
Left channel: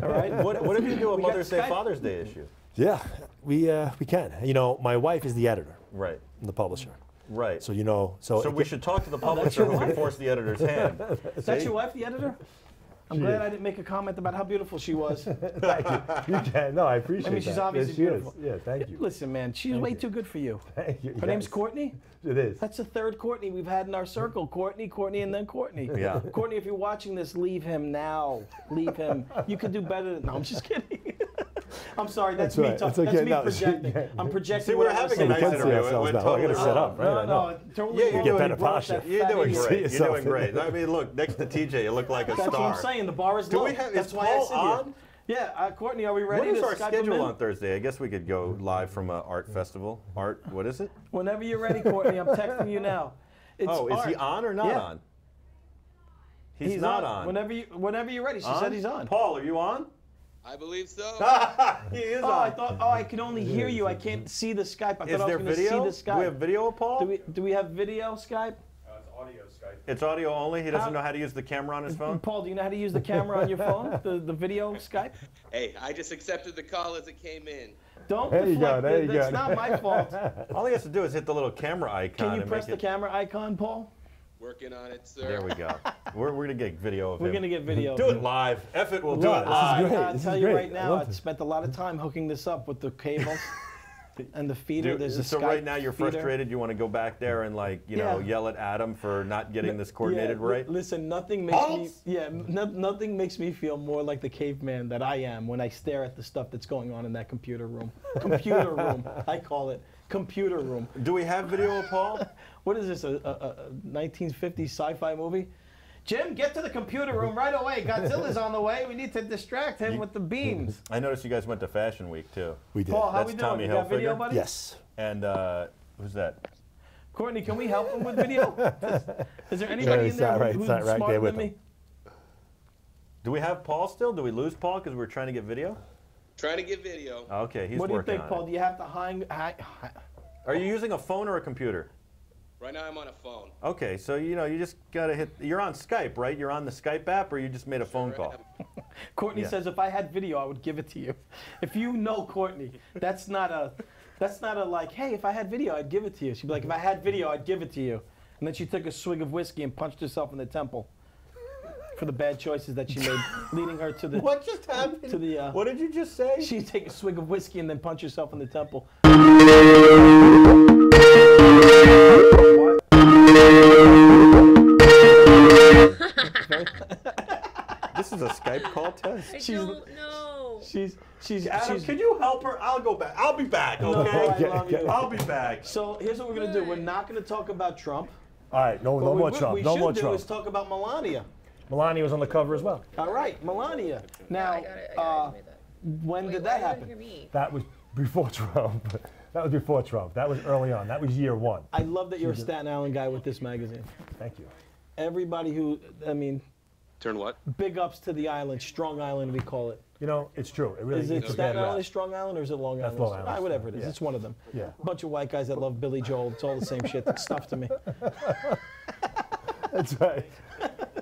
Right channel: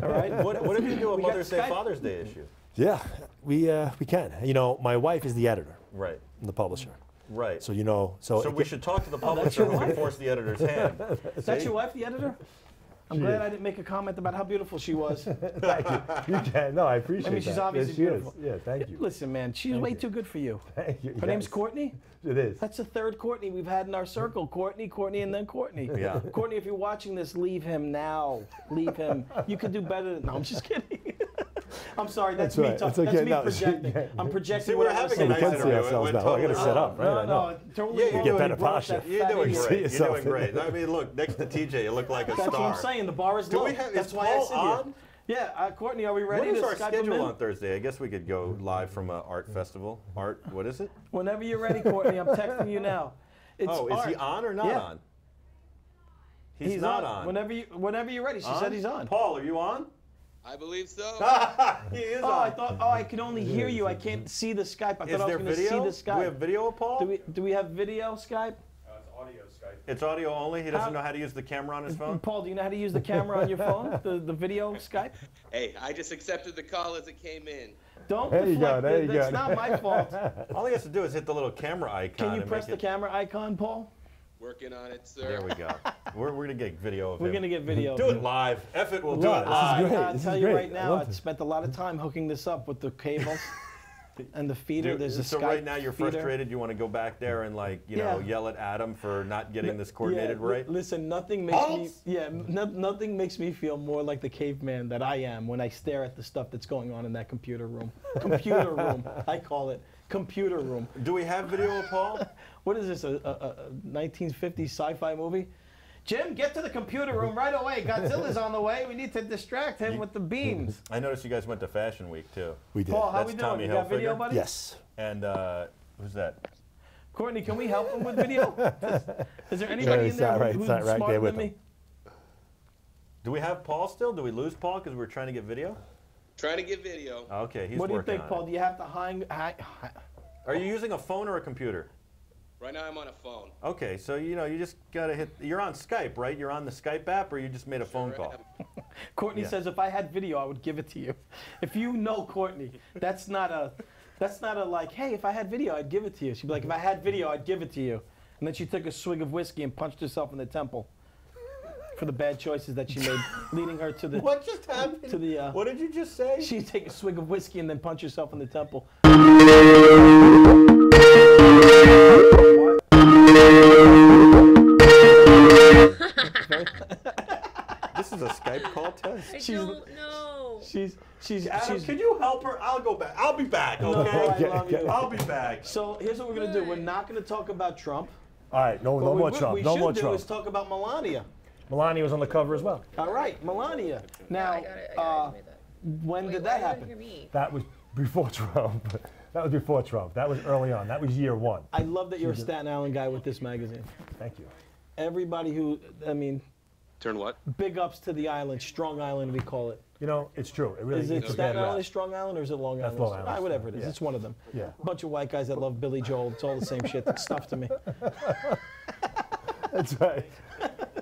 All right. What if you do a We got Mother's Day, Skype. Father's Day issue? yeah, we can. You know, my wife is the editor, Right. the publisher. Right. So you know, So we should talk to the publisher who can force the editor's hand. Is that your wife, the editor? I'm glad I didn't make a comment about how beautiful she was. Thank you. You can. No, I appreciate that. I mean, she's obviously Yes, she is. beautiful. Yeah, thank you. Listen, man, she's way too good for you. Thank you. Her name's Courtney? It is. That's the third Courtney we've had in our circle. Courtney, and then Courtney. Yeah. Courtney, if you're watching this, leave him now. Leave him. You could do better than... No, I'm just kidding. I'm sorry, that's me. right. That's It's okay. me No, projecting. yeah. I'm projecting. See, we're what I having was a nice saying. We can see interview. ourselves We're now. I gotta totally- set up, right? I know. No, totally Yeah, you wrong get when better you brought posture. that You're fat doing idiot. great. You're yourself. doing great. I mean, look, next to TJ, you look like a That's star. what I'm saying. The bar is Do low. we have? That's Is why I Paul sit here. on? Yeah, Courtney, are we ready What is to our Skype him schedule in? on Thursday? I guess we could go live from an art festival. Art, what is it? Whenever you're ready, Courtney, I'm texting you now. It's Oh, is he art. on or not Yeah. on? He's not on. Whenever you're ready. She said he's on. Paul, are you on? I believe so. He is Oh, on. I thought. Oh, I can only hear you. I can't see the Skype. I thought Is I was there going to see video? the Skype. Do we have video of Paul? Do we have video Skype? It's audio only. He doesn't How- know how to use the camera on his phone. Paul, do you know how to use the camera on your phone? The video Skype? Hey, I just accepted the call as it came in. Don't There you deflect go, there it. you That's go. not my fault. All he has to do is hit the little camera icon. Can you and press make the camera icon, Paul? Working on it, sir. There we go. We're gonna get video of We're him. gonna get video. Do it live. F it, we'll do Love it it. live. This is great. I'll This tell is you great. right I now, love I this. spent a lot of time hooking this up with the cables and the feeder. Dude, There's a so Skype right now you're feeder. frustrated. You want to go back there and you know, Yeah. yell at Adam for not getting this coordinated right. Listen, nothing makes me nothing makes me feel more like the caveman that I am when I stare at the stuff that's going on in that computer room. Computer room, I call it computer room. Do we have video of Paul? What is this? A 1950s sci-fi movie? Jim, get to the computer room right away. Godzilla's on the way. We need to distract him with the beams. I noticed you guys went to Fashion Week too. We did. Paul, how That's we doing? Tommy You got video, Hilfiger? buddy? Yes. And who's that? Courtney, can we help him with video? Is there anybody in it's there not right- who's it's not right smarter there with than me? Do we have Paul still? Do we lose Paul because we're trying to get video? Trying to get video. Okay, he's What do you working think, on Paul? it. Do you have to hang? Are you using a phone or a computer? Right now I'm on a phone. Okay, so you know you just gotta hit. You're on Skype, right? You're on the Skype app, or you just made a phone call. Courtney Yeah. says if I had video, I would give it to you. If you know Courtney, that's not a like, hey, if I had video, I'd give it to you. She'd be like, if I had video, I'd give it to you. And then she took a swig of whiskey and punched herself in the temple for the bad choices that she made, leading her to the. What just happened? To the. What did you just say? She'd take a swig of whiskey and then punch herself in the temple. This is a Skype call test. I don't know. She's Adam, can you help her? I'll go back. I'll be back. No, Okay. I love you. I'll be back. So here's what we're gonna do. We're not gonna talk about Trump. All right, no What more we Trump. No more should do Trump. is talk about Melania. Melania was on the cover as well. All right, Melania. Now, I got it. when Wait, did why that are you happen? hear me? That was before Trump. That was before Trump. That was early on. That was year one. I love that you're a Staten Island guy with this magazine. Thank you. Everybody who, I mean, Turn what? big ups to the island, Strong Island we call it. You know, it's true. It really Is it it's a Staten bad rap. Island is Strong Island or is it Long That's Island? Long Island. Ah, whatever it is, Yeah. it's one of them. Yeah. Bunch of white guys that love Billy Joel. It's all the same shit. It's stuff to me. That's right.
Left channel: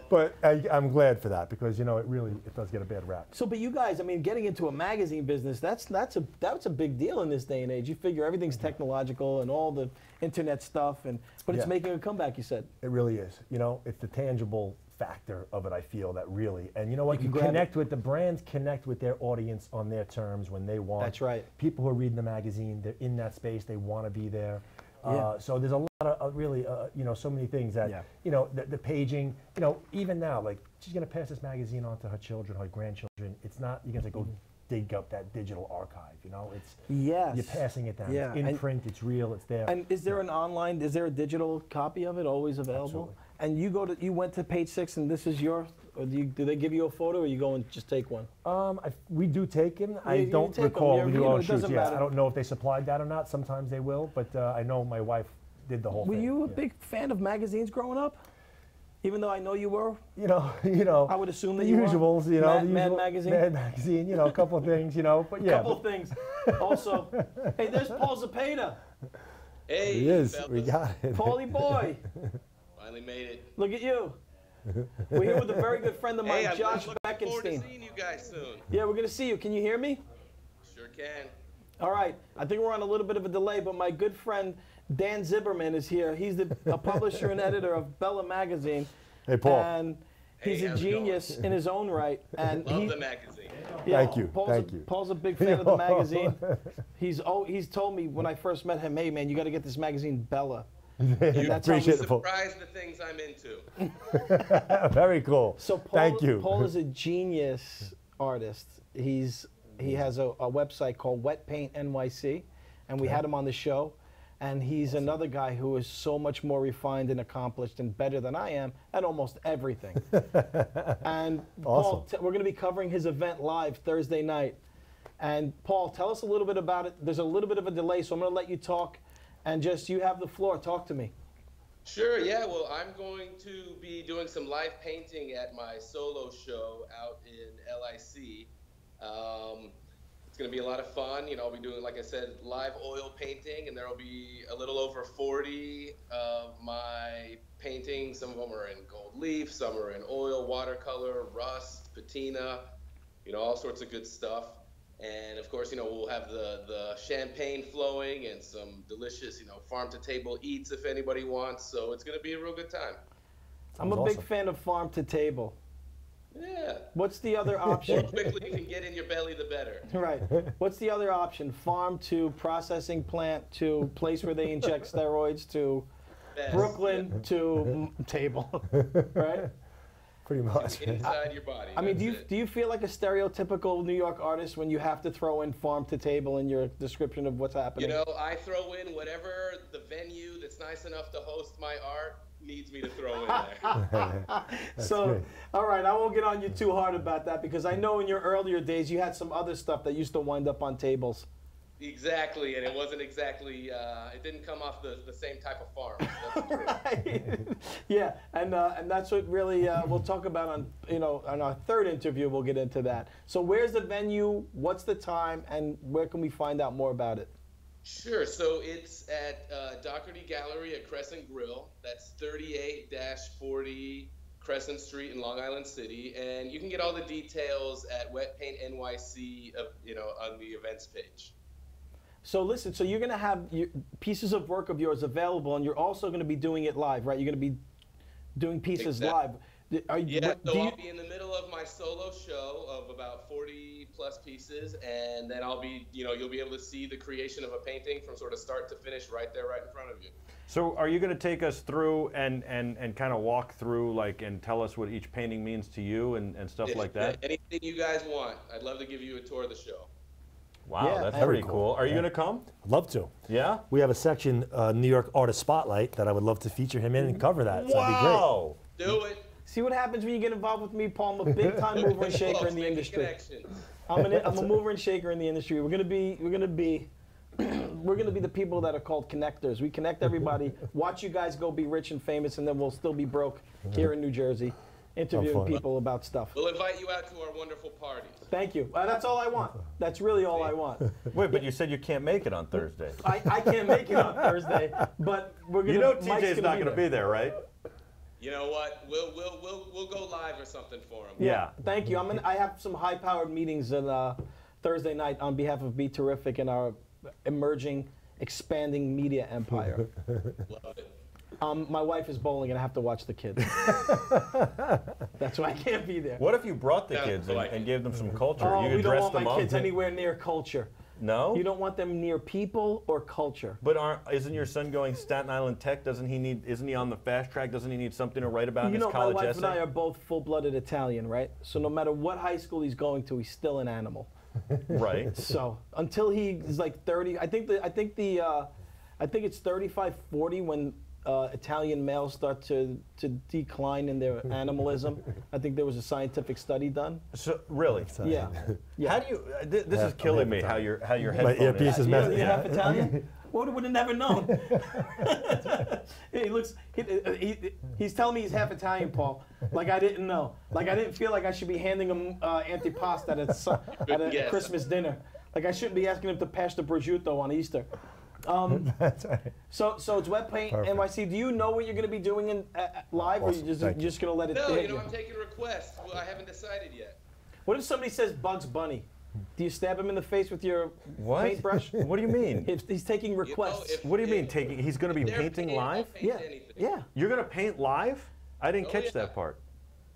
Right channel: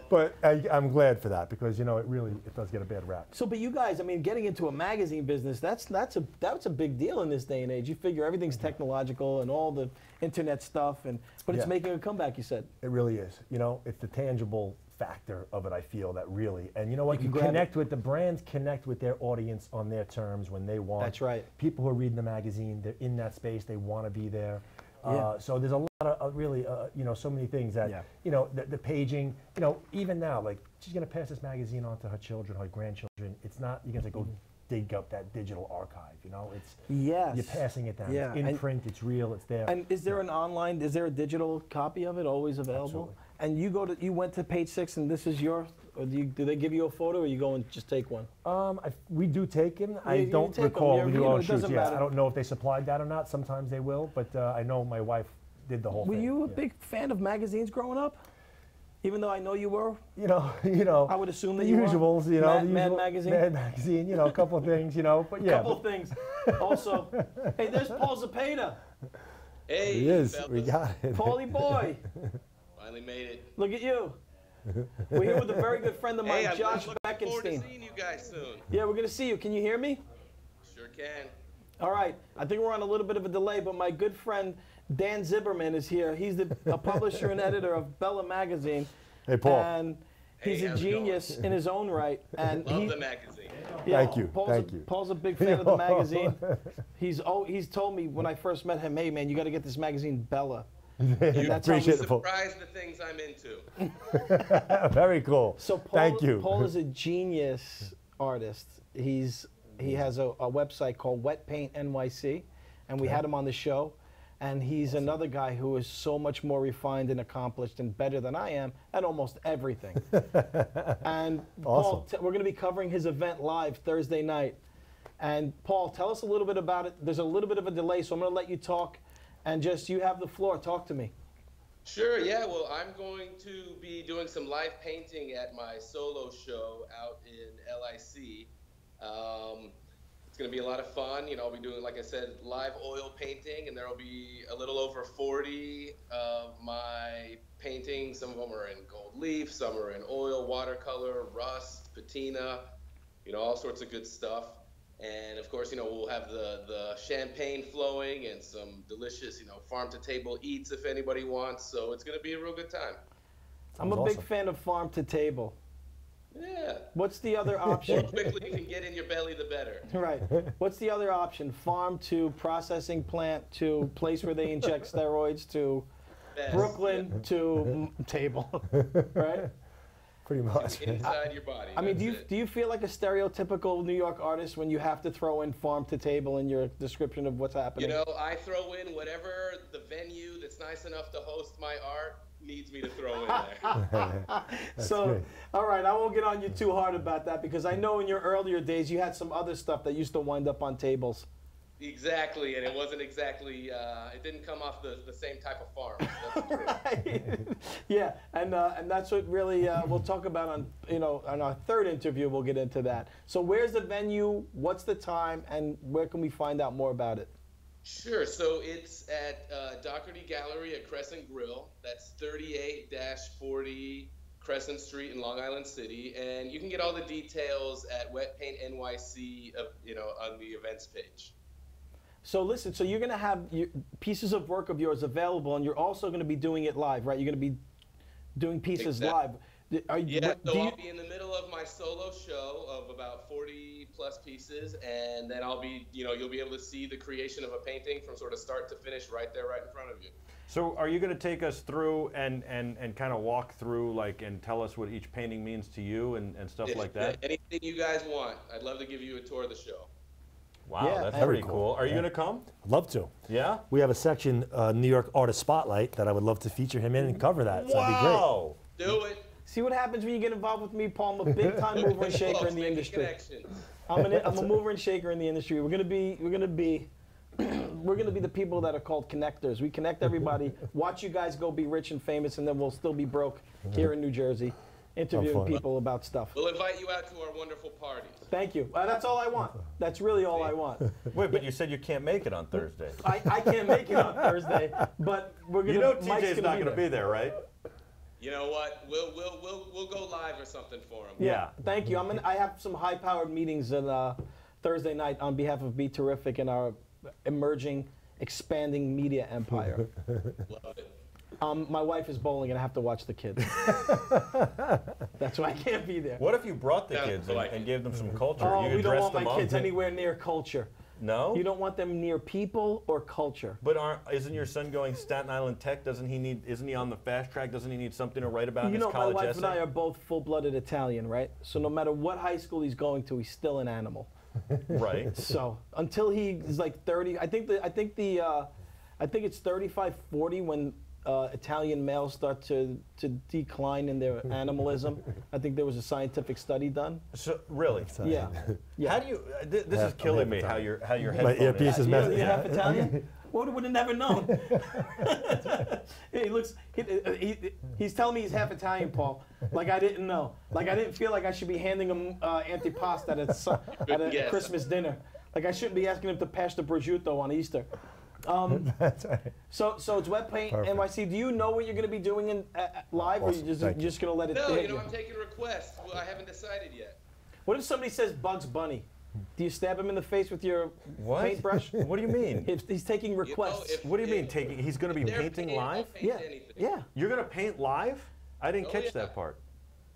But I'm glad for that because, you know, it does get a bad rap. So, but you guys, I mean, getting into a magazine business, that's a big deal in this day and age. You figure everything's technological and all the internet stuff, but it's Yeah. making a comeback. You said. It really is. You know, it's the tangible factor of it, I feel, that really. And you know what? You You can grab connect with the brands, connect with their audience on their terms when they want. That's right. People who are reading the magazine, they're in that space, they want to be there. Yeah. So there's a lot of really, you know, so many things that, Yeah. you know, the paging, you know, even now, like, she's going to pass this magazine on to her children, her grandchildren. It's not, you're going to go dig up that digital archive, you know? It's, Yes. you're passing it down. Yeah, It's in and- print, it's real, it's there. And is there an online? Is there a digital copy of it always available? Absolutely. And you went to page 6, and this is your. Or do they give you a photo, or you go and just take one? We do take them. I you don't take 'em. recall. You're- We do you know, all it shoots. doesn't Yeah, matter. I don't know if they supplied that or not. Sometimes they will, but I know my wife did the whole Were thing. you a Yeah. big fan of magazines growing up? Even though I know you were. You know. I would assume that the you were. usuals. You know, Mad, the Mad usual, Magazine. Mad Magazine. You know, a couple of things. You know, but A yeah. couple of things. Also, hey, there's Paul Zapata. Hey, He is. We fellas. got it. Paulie boy. Finally made it. Look at you. We're here with a very good friend of mine, Hey, I'm Josh looking forward to Beckenstein. seeing you guys soon. Yeah, we're going to see you. Can you hear me? Sure can. All right. I think we're on a little bit of a delay, but my good friend Dan Zimmerman is here. He's a publisher and editor of Bella Magazine. Hey, Paul. And He's Hey, a how's it going? genius in his own right, and Love the magazine. Thank you, thank you. Paul's a big fan of the magazine. He's told me when I first met him, hey man, you got to get this magazine, Bella. And that's how we Appreciate it, Paul. Surprise the things I'm into. Very cool. So Paul, Thank you. Paul is a genius artist. He has a website called Wet Paint NYC, and we had him on the show. And he's another guy who is so much more refined and accomplished and better than I am at almost everything. And Paul, we're going to be covering his event live Thursday night. And Paul, tell us a little bit about it. There's a little bit of a delay, so I'm going to let you talk. And just, you have the floor. Talk to me. Sure, yeah. Well, I'm going to be doing some live painting at my solo show out in LIC. It's going to be a lot of fun. You know, I'll be doing, like I said, live oil painting, and there will be a little over 40 of my paintings. Some of them are in gold leaf, some are in oil, watercolor, rust, patina, you know, all sorts of good stuff. And of course, you know, we'll have the champagne flowing and some delicious, you know, farm-to-table eats if anybody wants. So it's going to be a real good time. I'm a big fan of farm to table. Yeah. What's the other option? The more quickly you can get in your belly, the better. Right. What's the other option? Farm to processing plant to place where they inject steroids to Best, Brooklyn to table, right? Pretty much. Inside your body. I mean, that's do you feel like a stereotypical New York artist when you have to throw in farm to table in your description of what's happening? You know, I throw in whatever the venue that's nice enough to host my art needs me to throw in there. So, great. all right, I won't get on you too hard about that because I know in your earlier days you had some other stuff that used to wind up on tables. Exactly, and it wasn't exactly, it didn't come off the same type of farm. That's true. Right. Yeah, and that's what really we'll talk about on, you know, on our third interview. We'll get into that. So where's the venue? What's the time? And where can we find out more about it? Sure, so it's at Doherty Gallery at Crescent Grill. That's 38-40 Crescent Street in Long Island City, and you can get all the details at Wet Paint NYC, you know, on the events page. So listen, so you're going to have pieces of work of yours available, and you're also going to be doing it live, right? You're going to be doing pieces live. Yeah, so I'll be in the middle of my solo show of about 40 plus pieces, and then I'll be, you know, you'll be able to see the creation of a painting from sort of start to finish right there, right in front of you. So are you going to take us through and kind of walk through, like, and tell us what each painting means to you and stuff like that? Anything you guys want. I'd love to give you a tour of the show. Wow, Yeah, that's very pretty cool. Are you going to come? I'd love to. Yeah? We have a section, New York Artist Spotlight, that I would love to feature him in and cover that. So that'd be great. Wow! Do it. See what happens when you get involved with me, Paul. I'm a big time mover and shaker in the Making industry. connections. I'm a mover and shaker in the industry. We're gonna be the people that are called connectors. We connect everybody. Watch you guys go be rich and famous, and then we'll still be broke here in New Jersey, interviewing people about stuff. We'll invite you out to our wonderful parties. Thank you. That's all I want. That's really all I want. Wait, but you said you can't make it on Thursday. I can't make it on Thursday, but we're gonna. You know Mike's TJ's not going to be there, right? You know what? We'll go live or something for him. Yeah. Thank you. I have some high-powered meetings on Thursday night on behalf of Be Terrific and our emerging, expanding media empire. Love it. My wife is bowling and I have to watch the kids. That's why I can't be there. What if you brought the Sounds kids like and gave them some culture? Oh, You we could don't dress want them my up kids and- anywhere near culture. No? You don't want them near people or culture. But isn't your son going Staten Island Tech? Isn't he on the fast track? Doesn't he need something to write about in You his know, my college wife essay? and I are both full-blooded Italian, right? So no matter what high school he's going to, he's still an animal. Right. So until he's like 30, I think it's 35, 40 when Italian males start to decline in their animalism. I think there was a scientific study done. So really? Yeah. How do you? This is killing me. How your headphone earpiece is messing. You half Italian? Would have never known. He's telling me he's half Italian, Paul. Like I didn't know. Like I didn't feel like I should be handing him antipasto at a Christmas dinner. Like I shouldn't be asking him to pass the prosciutto on Easter. That's right. So it's Wet Paint NYC. Do you know what you're going to be doing in live, or Awesome. you're just going to let it No, hit you know, I'm taking requests. Well, I haven't decided yet. What if somebody says Bugs Bunny? Do you stab him in the face with your paintbrush? What do you mean? He's taking requests. What do you mean taking? He's going to be painting live? Yeah. You're going to paint live? I didn't Oh, catch yeah. that part.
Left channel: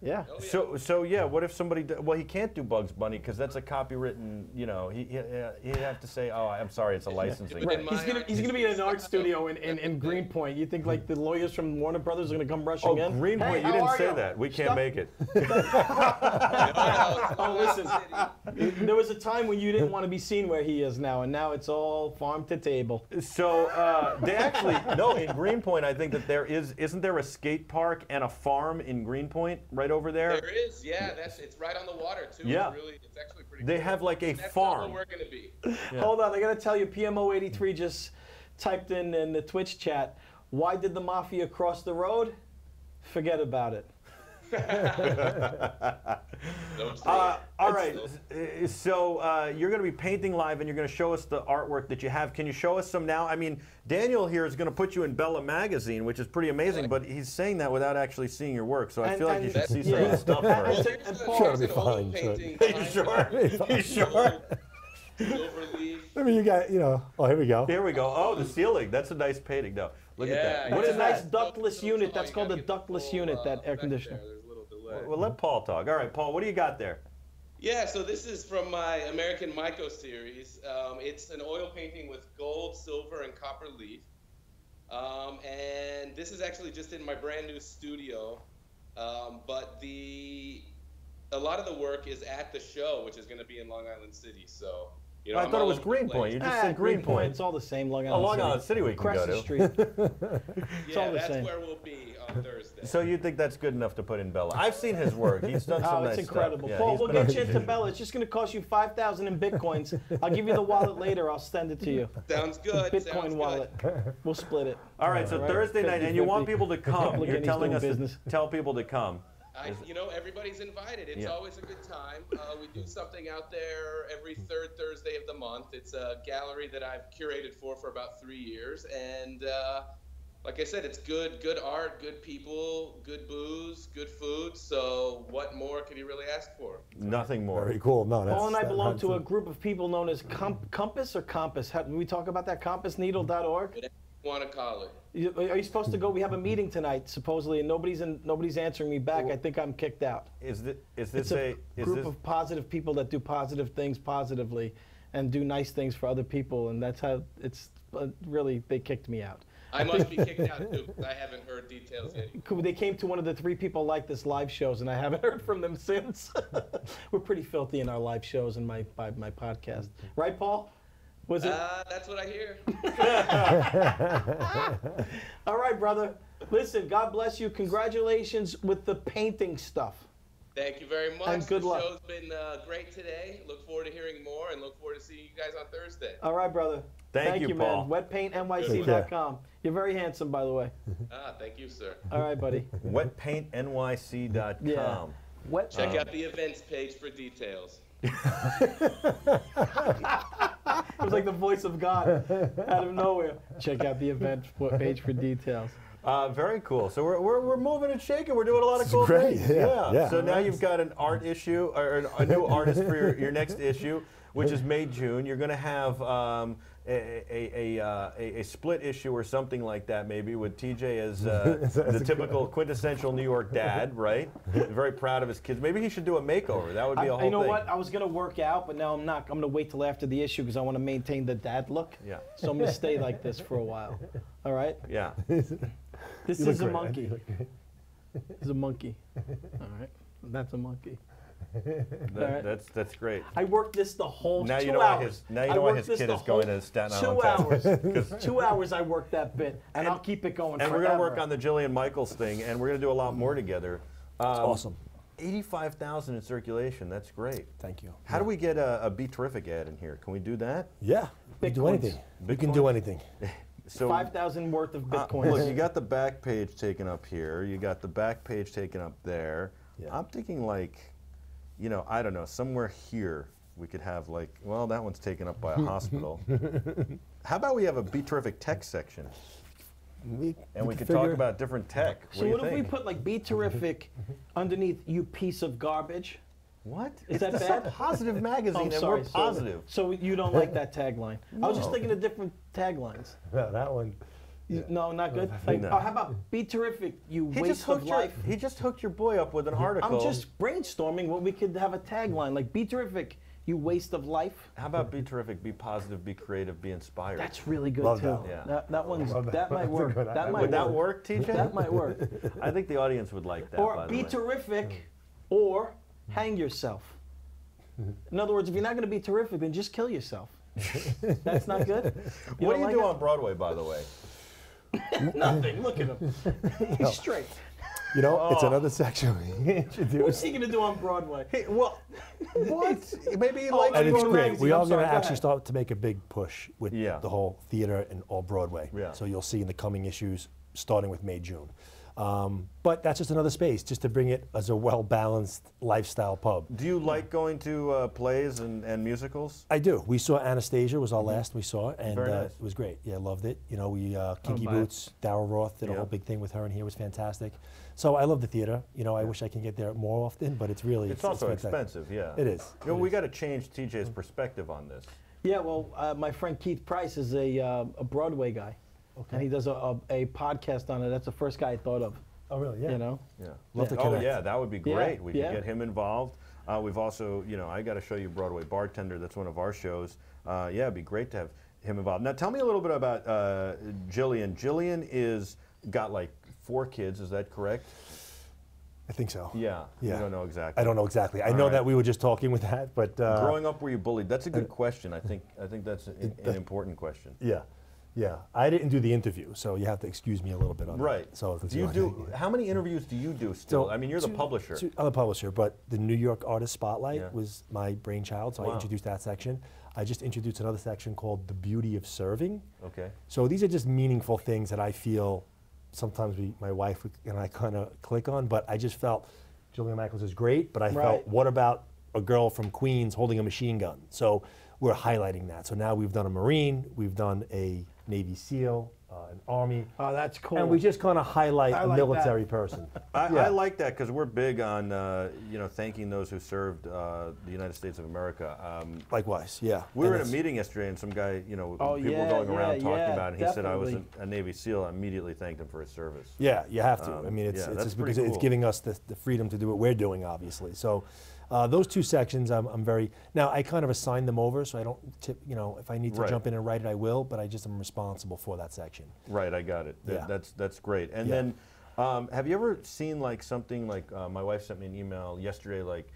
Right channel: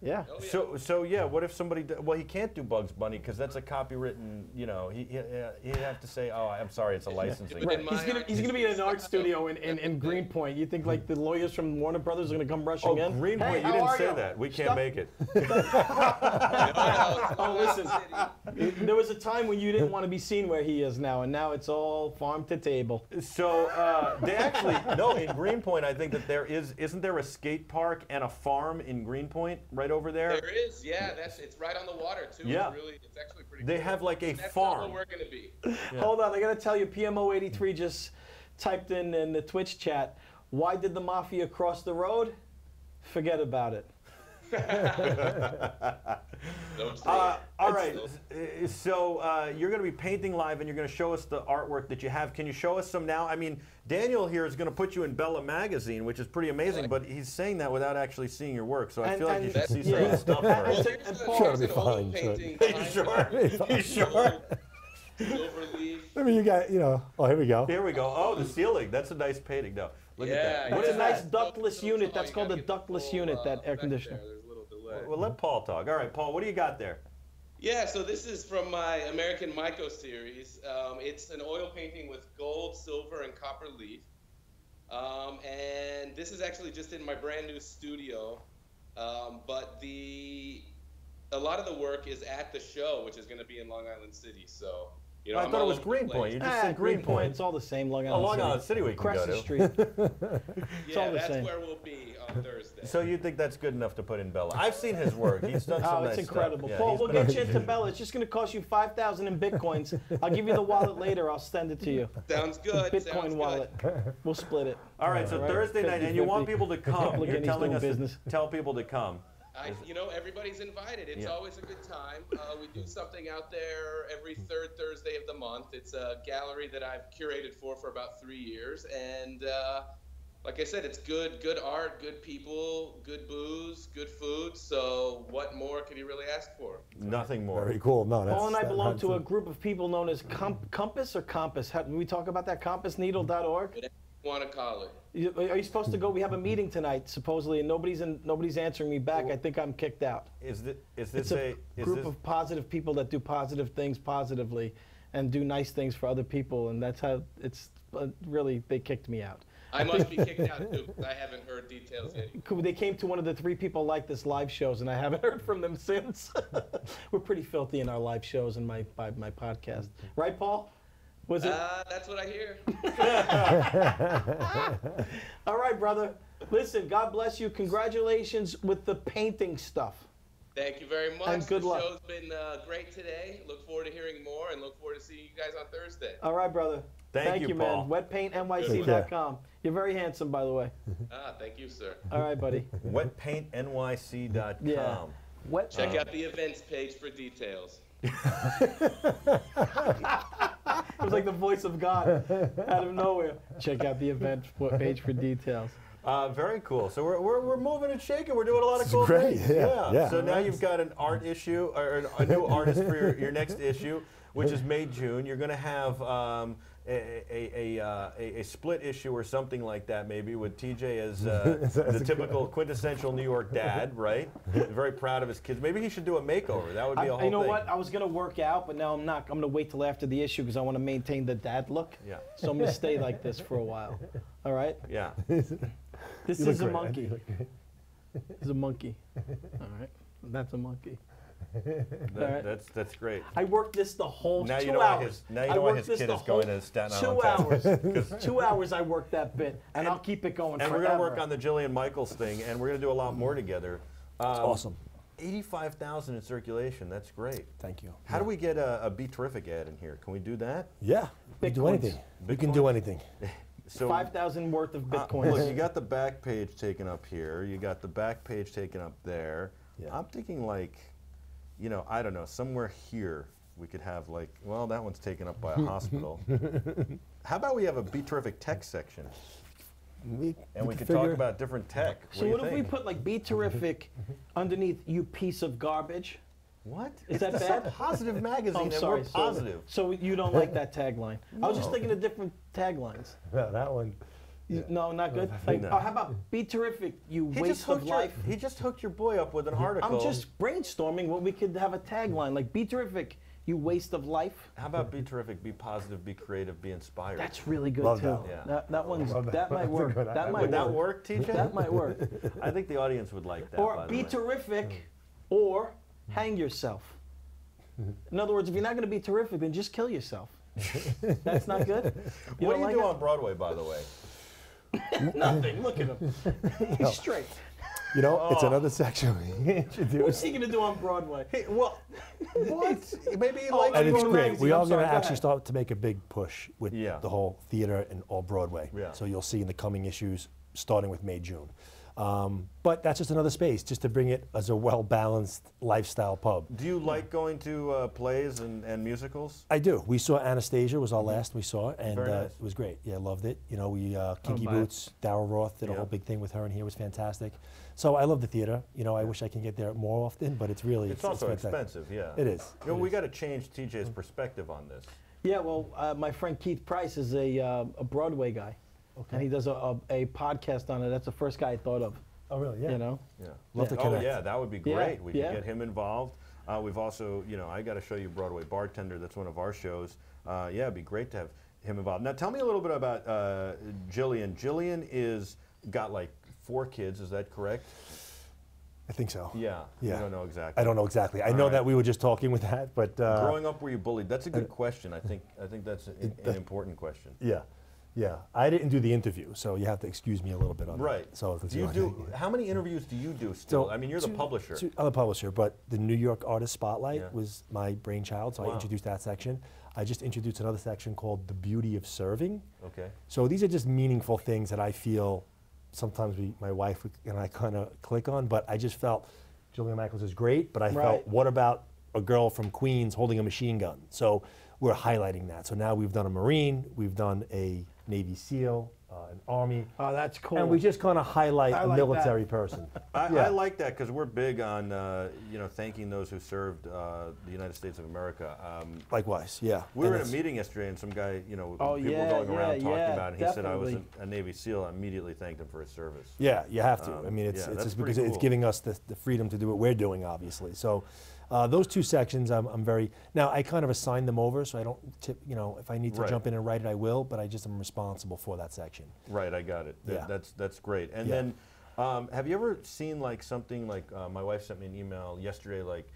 Yeah. Oh, yeah. So yeah, what if somebody? Well, he can't do Bugs Bunny because that's a copywritten. You know, he'd have to say, "Oh, I'm sorry, it's a licensing." Right. He's gonna be in an art studio in Greenpoint. You think like the lawyers from Warner Brothers are gonna come rushing in? Greenpoint, Hey, you didn't how say are that. We can't make it. Oh, listen. There was a time when you didn't want to be seen where he is now, and now it's all farm to table. So they actually no in Greenpoint. I think that isn't there a skate park and a farm in Greenpoint right over there? There is, yeah. It's right on the water too. Yeah. It's actually pretty. They cool. have like a That's farm. not where we're gonna be. Yeah. Hold on, I gotta tell you, PMO83 just typed in the Twitch chat. Why did the mafia cross the road? Forget about it. All right. So you're going to be painting live, and you're going to show us the artwork that you have. Can you show us some now? I mean, Daniel here is going to put you in Bella Magazine, which is pretty amazing, but he's saying that without actually seeing your work. So I feel like you should see some of the stuff first. Sure, it'll be fine. You sure? You sure? I mean, you got, oh, here we go. Here we go. Oh, the ceiling. That's a nice painting. No, look at that. What is a nice ductless unit? That's called a ductless unit, that air conditioner. Well, let Paul talk. All right, Paul, what do you got there? Yeah, so this is from my American Myco series. It's an oil painting with gold, silver, and copper leaf. And this is actually just in my brand new studio. But a lot of the work is at the show, which is going to be in Long Island City. So, I thought it was Greenpoint. You just said Greenpoint. It's all the same. Long Island Long Island City we can go to. Crescent Street. It's all the that's same. where we'll be on Thursday. So you think that's good enough to put in Bella? I've seen his work. He's done some nice it's incredible. stuff. Yeah, Paul, he's we'll been get you on- into Bella. It's just going to cost you 5,000 in bitcoins. I'll give you the wallet later. I'll send it to you. Sounds good. Bitcoin Sounds wallet. We'll split it. All right, so Thursday night, and you want people to come. You're telling us to tell people to come. Everybody's invited. It's always a good time. We do something out there every third Thursday of the month. It's a gallery that I've curated for about 3 years, and like I said, it's good art, good people, good booze, good food. So what more could you really ask for? Nothing more. Very cool. No, that's, Paul and I belong to a group of people known as Compass or Compass. Did we talk about that? CompassNeedle.org? Whatever you want to call it. Are you supposed to go? We have a meeting tonight, supposedly, and nobody's answering me back. I think I'm kicked out. Is this It's a group of positive people that do positive things positively and do nice things for other people, and that's how it's really, they kicked me out. I must be kicked out too. I haven't heard details yet. They came to one of the 3 people like this live shows, and I haven't heard from them since. We're pretty filthy in our live shows and my podcast. Right, Paul? Was it? That's what I hear. All right, brother. Listen, God bless you. Congratulations with the painting stuff. Thank you very much. And good luck. The show's been great today. Look forward to hearing more and look forward to seeing you guys on Thursday. All right, brother. Thank you, Paul. Man. WetPaintNYC.com. You're very handsome, by the way. Thank you, sir. All right, buddy. WetPaintNYC.com. Yeah. Check out the events page for details. It was like the voice of God out of nowhere. Check out the event page for details. Very cool. So we're moving and shaking. We're doing a lot of cool great. things. Yeah. So now you've got an art issue, or a new artist for your next issue, which is May, June. You're going to have a split issue or something like that, maybe, with TJ as the typical quintessential New York dad, right? Very proud of his kids. Maybe he should do a makeover. That would be a whole thing. You know what? I was going to work out, but now I'm not. I'm going to wait till after the issue because I want to maintain the dad look. Yeah. So I'm going to stay like this for a while. All right? Yeah. This is a monkey. This is a monkey. All right? That's a monkey. That's great. I worked this the whole now 2 you know hours. Why you know why his kid is going to Staten Island, 2 hours. Texas. 2 hours I worked that bit, and I'll keep it going And forever. we're going to work on the Jillian Michaels thing, and we're going to do a lot more together. That's awesome. 85,000 in circulation. That's great. Thank you. How do we get a Be Terrific ad in here? Can we do that? Yeah. We can do anything. We can do anything. So 5,000 worth of bitcoins. Look, you got the back page taken up here. You got the back page taken up there. Yeah. I'm thinking like, I don't know, somewhere here we could have like, well, that one's taken up by a hospital. How about we have a Be Terrific tech section? We could talk about different tech. So what if we put like Be Terrific underneath you piece of garbage? What? Is it's that bad? a positive magazine, and sorry, we're positive. So you don't like that tagline? I was just thinking of different taglines. No, that one. No, not good. Like, No. how about be terrific, you waste of life? He just hooked your boy up with an article. I'm just brainstorming what we could have a tagline like be terrific, you waste of life. How about be terrific, be positive, be creative, be inspired? That's really good Love too. that. Yeah. That one's Love that. that might That's a work. good That idea. might Would that work, TJ? That might work. I think the audience would like that. Or by the be way. terrific, or hang yourself. In other words, if you're not going to be terrific, then just kill yourself. That's not good. What do you like do it? on Broadway, by the way? Nothing. Look at him. He's straight. You know, it's another section we introduced. What's he going to do on Broadway? Well, what? Maybe he Oh, likes And you it's go to great. magazine. We I'm are going sorry, to go actually ahead. start to make a big push with Yeah. the whole theater and all Broadway. Yeah. So you'll see in the coming issues, starting with May, June. But that's just another space, just to bring it as a well-balanced lifestyle pub. Do you like going to plays and musicals? I do. We saw Anastasia was our last we saw, and Very nice. it was great. Yeah, loved it. You know, we Kinky buy it. Boots, Daryl Roth did a Yeah. whole big thing with her, and here was fantastic. So I love the theater. You know, I wish I can get there more often, but it's really It's also fantastic. expensive, yeah. It is. You know, It we is. got to change TJ's perspective on this. Yeah, well, my friend Keith Price is a Broadway guy, and he does a podcast on it. That's the first guy I thought of. Oh, really? Yeah. You know. Yeah. Love to Oh, connect. yeah, that would be Yeah, great. We yeah. could get him involved. We've also, you know, I got to show you Broadway Bartender. That's one of our shows. Yeah, it'd be great to have him involved. Now, tell me a little bit about Jillian. Jillian is got like 4 kids. Is that correct? I think so. Yeah. Yeah. You don't know exactly. I don't know exactly. I All know right. that we were just talking with that, but Growing up, were you bullied? That's a good question. I think that's an important question. yeah, yeah. I didn't do the interview, so you have to excuse me a little bit on Right. that. So do you do? How many interviews do you do still? So, I mean, you're the publisher. I'm the publisher, but the New York Artist Spotlight Yeah. was my brainchild, so Wow. I introduced that section. I just introduced another section called The Beauty of Serving. Okay. So these are just meaningful things that I feel sometimes my wife and I kind of click on, but I just felt Julia Michaels is great, but I Right. felt, what about a girl from Queens holding a machine gun? So we're highlighting that. So now we've done a Marine, we've done a Navy SEAL, an Army, Oh, that's cool. and we just kind of highlight I a like military person. I Yeah. like that because we're big on you know, thanking those who served the United States of America. Likewise, yeah. We were And in a it's- meeting yesterday, and some guy, you know, Oh, people yeah, were going around yeah, talking yeah, about it. And he said I was definitely. a Navy SEAL. I immediately thanked him for his service. Yeah, you have to. I mean, yeah, it's that's just pretty because it's cool. giving us the freedom to do what we're doing, obviously. So those 2 sections, I'm very, now I kind of assign them over, so I don't tip, you know, if I need to Right. jump in and write it, I will, but I just am responsible for that section. Right, I got it. Yeah. That's great. And Yeah. then, have you ever seen like something like my wife sent me an email yesterday, like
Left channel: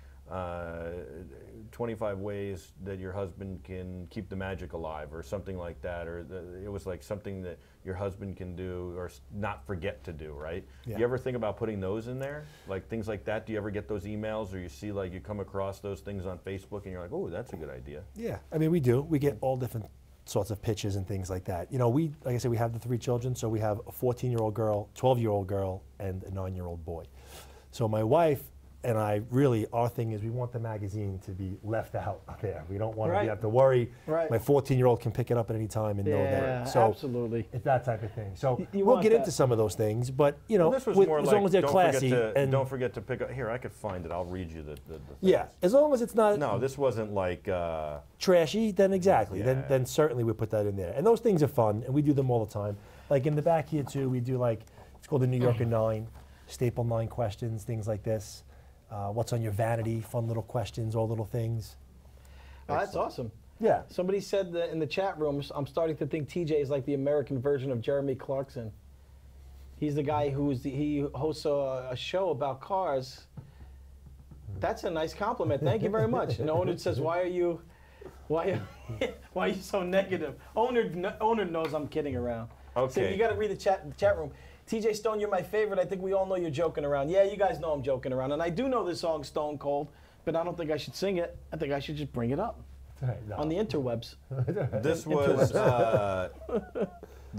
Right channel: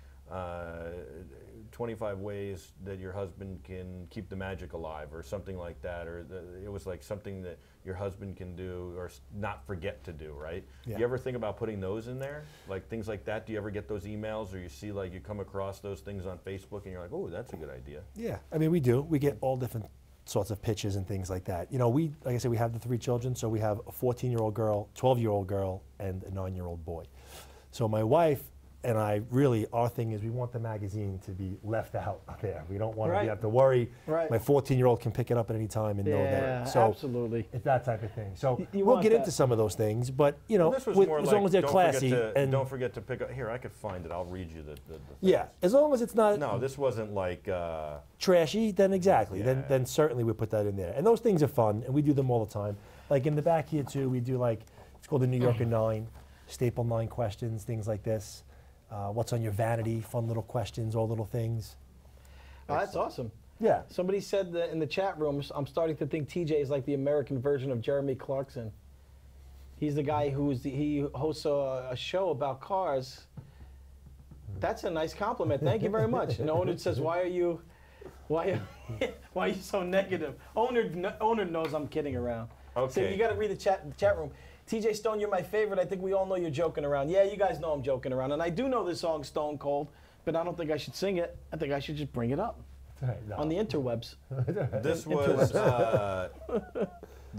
25 ways that your husband can keep the magic alive, or something like that, or it was like something that your husband can do or not forget to do, right? Yeah. Do you ever think about putting those in there, like things like that? Do you ever get those emails, or you see like you come across those things on Facebook and you're like, oh, that's a good idea? Yeah, I mean, we do. We get all different sorts of pitches and things like that. You know, like I said, we have the 3 children, so we have a 14-year-old girl, 12-year-old girl, and a 9-year-old boy. So my wife and I really, our thing is we want the magazine to be left out there. We don't want Right. to have to worry. Right. My 14-year-old can pick it up at any time and know Yeah, that. So absolutely. it's that type of thing. So You we'll want get that. into some of those things, but you know, Well, this was with- more as like, long as they're don't classy forget to, and don't forget to pick up. Here, I could find it. I'll read you the things. yeah, as long as it's not No, this wasn't like. trashy, then exactly. Yeah. Then certainly we put that in there. And those things are fun, and we do them all the time. Like in the back here too, we do like it's called the New Yorker 9, staple 9 questions, things like this. What's on your vanity? Fun little questions, all little things. Oh, that's awesome. Yeah. Somebody said that in the chat room, I'm starting to think TJ is like the American version of Jeremy Clarkson. He's the guy he hosts a show about cars. That's a nice compliment. Thank you very much. And owner says, why are you so negative? Owner knows I'm kidding around. So Okay. you got to read the chat room. TJ Stone, you're my favorite. I think we all know you're joking around. Yeah, you guys know I'm joking around. And I do know this song Stone Cold, but I don't think I should sing it. I think I should just bring it up on the interwebs. This was the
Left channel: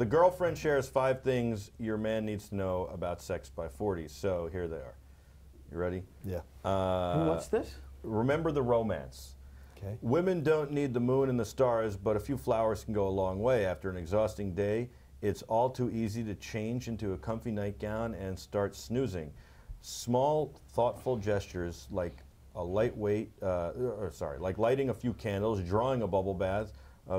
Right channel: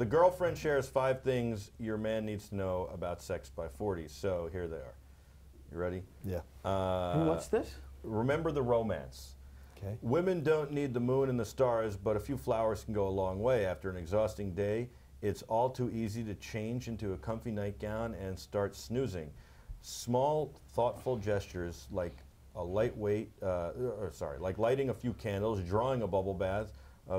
girlfriend shares 5 things your man needs to know about sex by 40. So here they are. You ready? Yeah. And what's this? Remember the romance. Okay. Women don't need the moon and the stars, but a few flowers can go a long way. After an exhausting day, it's all too easy to change into a comfy nightgown and start snoozing. Small, thoughtful gestures like like lighting a few candles, drawing a bubble bath,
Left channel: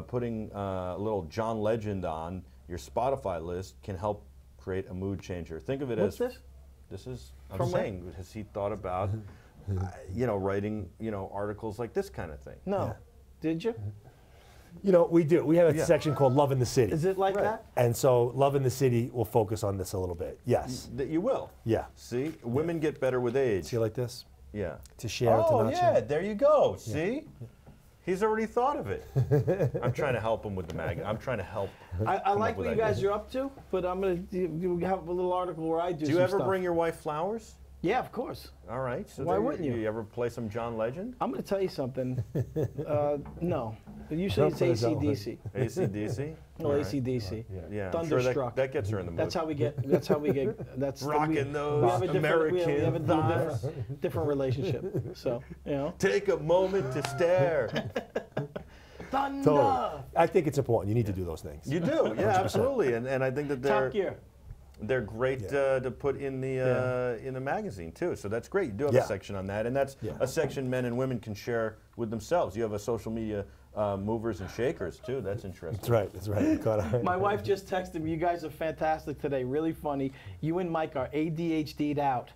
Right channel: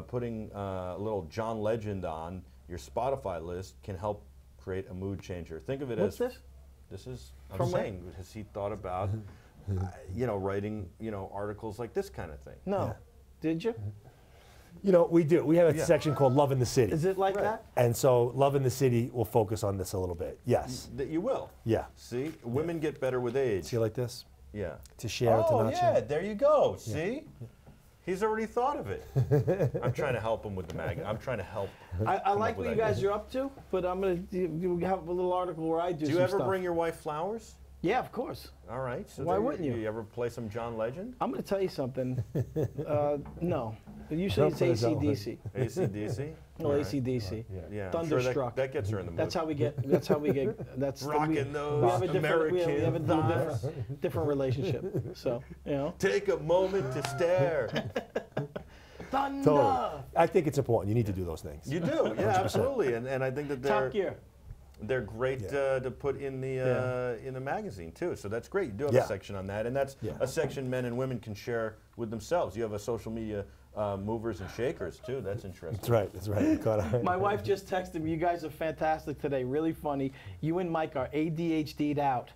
putting a little John Legend on, your Spotify list can help create a mood changer. Think of it What's as this? This is I'm From where? saying, has he thought about writing articles like this kind of thing? No. Did you? You know, we do. We have a Yeah. section called Love in the City. Is it like that? And so Love in the City will focus on this a little bit. Yes. That you will. Yeah. See, women get better with age. See like this? Yeah. To share, to Oh not yeah, share. there you go. See, he's already thought of it. I'm trying to help him with the mag. I'm trying to help. I come like up with what you guys ideas. are up to, but I'm going to have a little article where I do Do you some ever stuff. bring your wife flowers? Yeah, of course. All right. So Why there wouldn't you? You ever play some John Legend? I'm going to tell you something. No. Usually Don't it's put it that way. AC/DC. AC/DC? No, All right. AC/DC. Yeah. I'm sure Thunderstruck. that gets her in the mood. That's how we get. That's how we get. That's Rocking those have a different, we have a American little thighs. different relationship. So Take a moment to stare. Thunder. Totally. I think it's important. You need to do those things. You do, yeah, 100%. absolutely, and I think that Top Gear. they're great to put in the magazine too. So that's great. You do have Yeah. a section on that, and that's a section men and women can share with themselves. You have a social media movers and shakers too. That's interesting. That's right. That's right. You caught it. My wife just texted me. You guys are fantastic today. Really funny. You and Mike are ADHD'd out.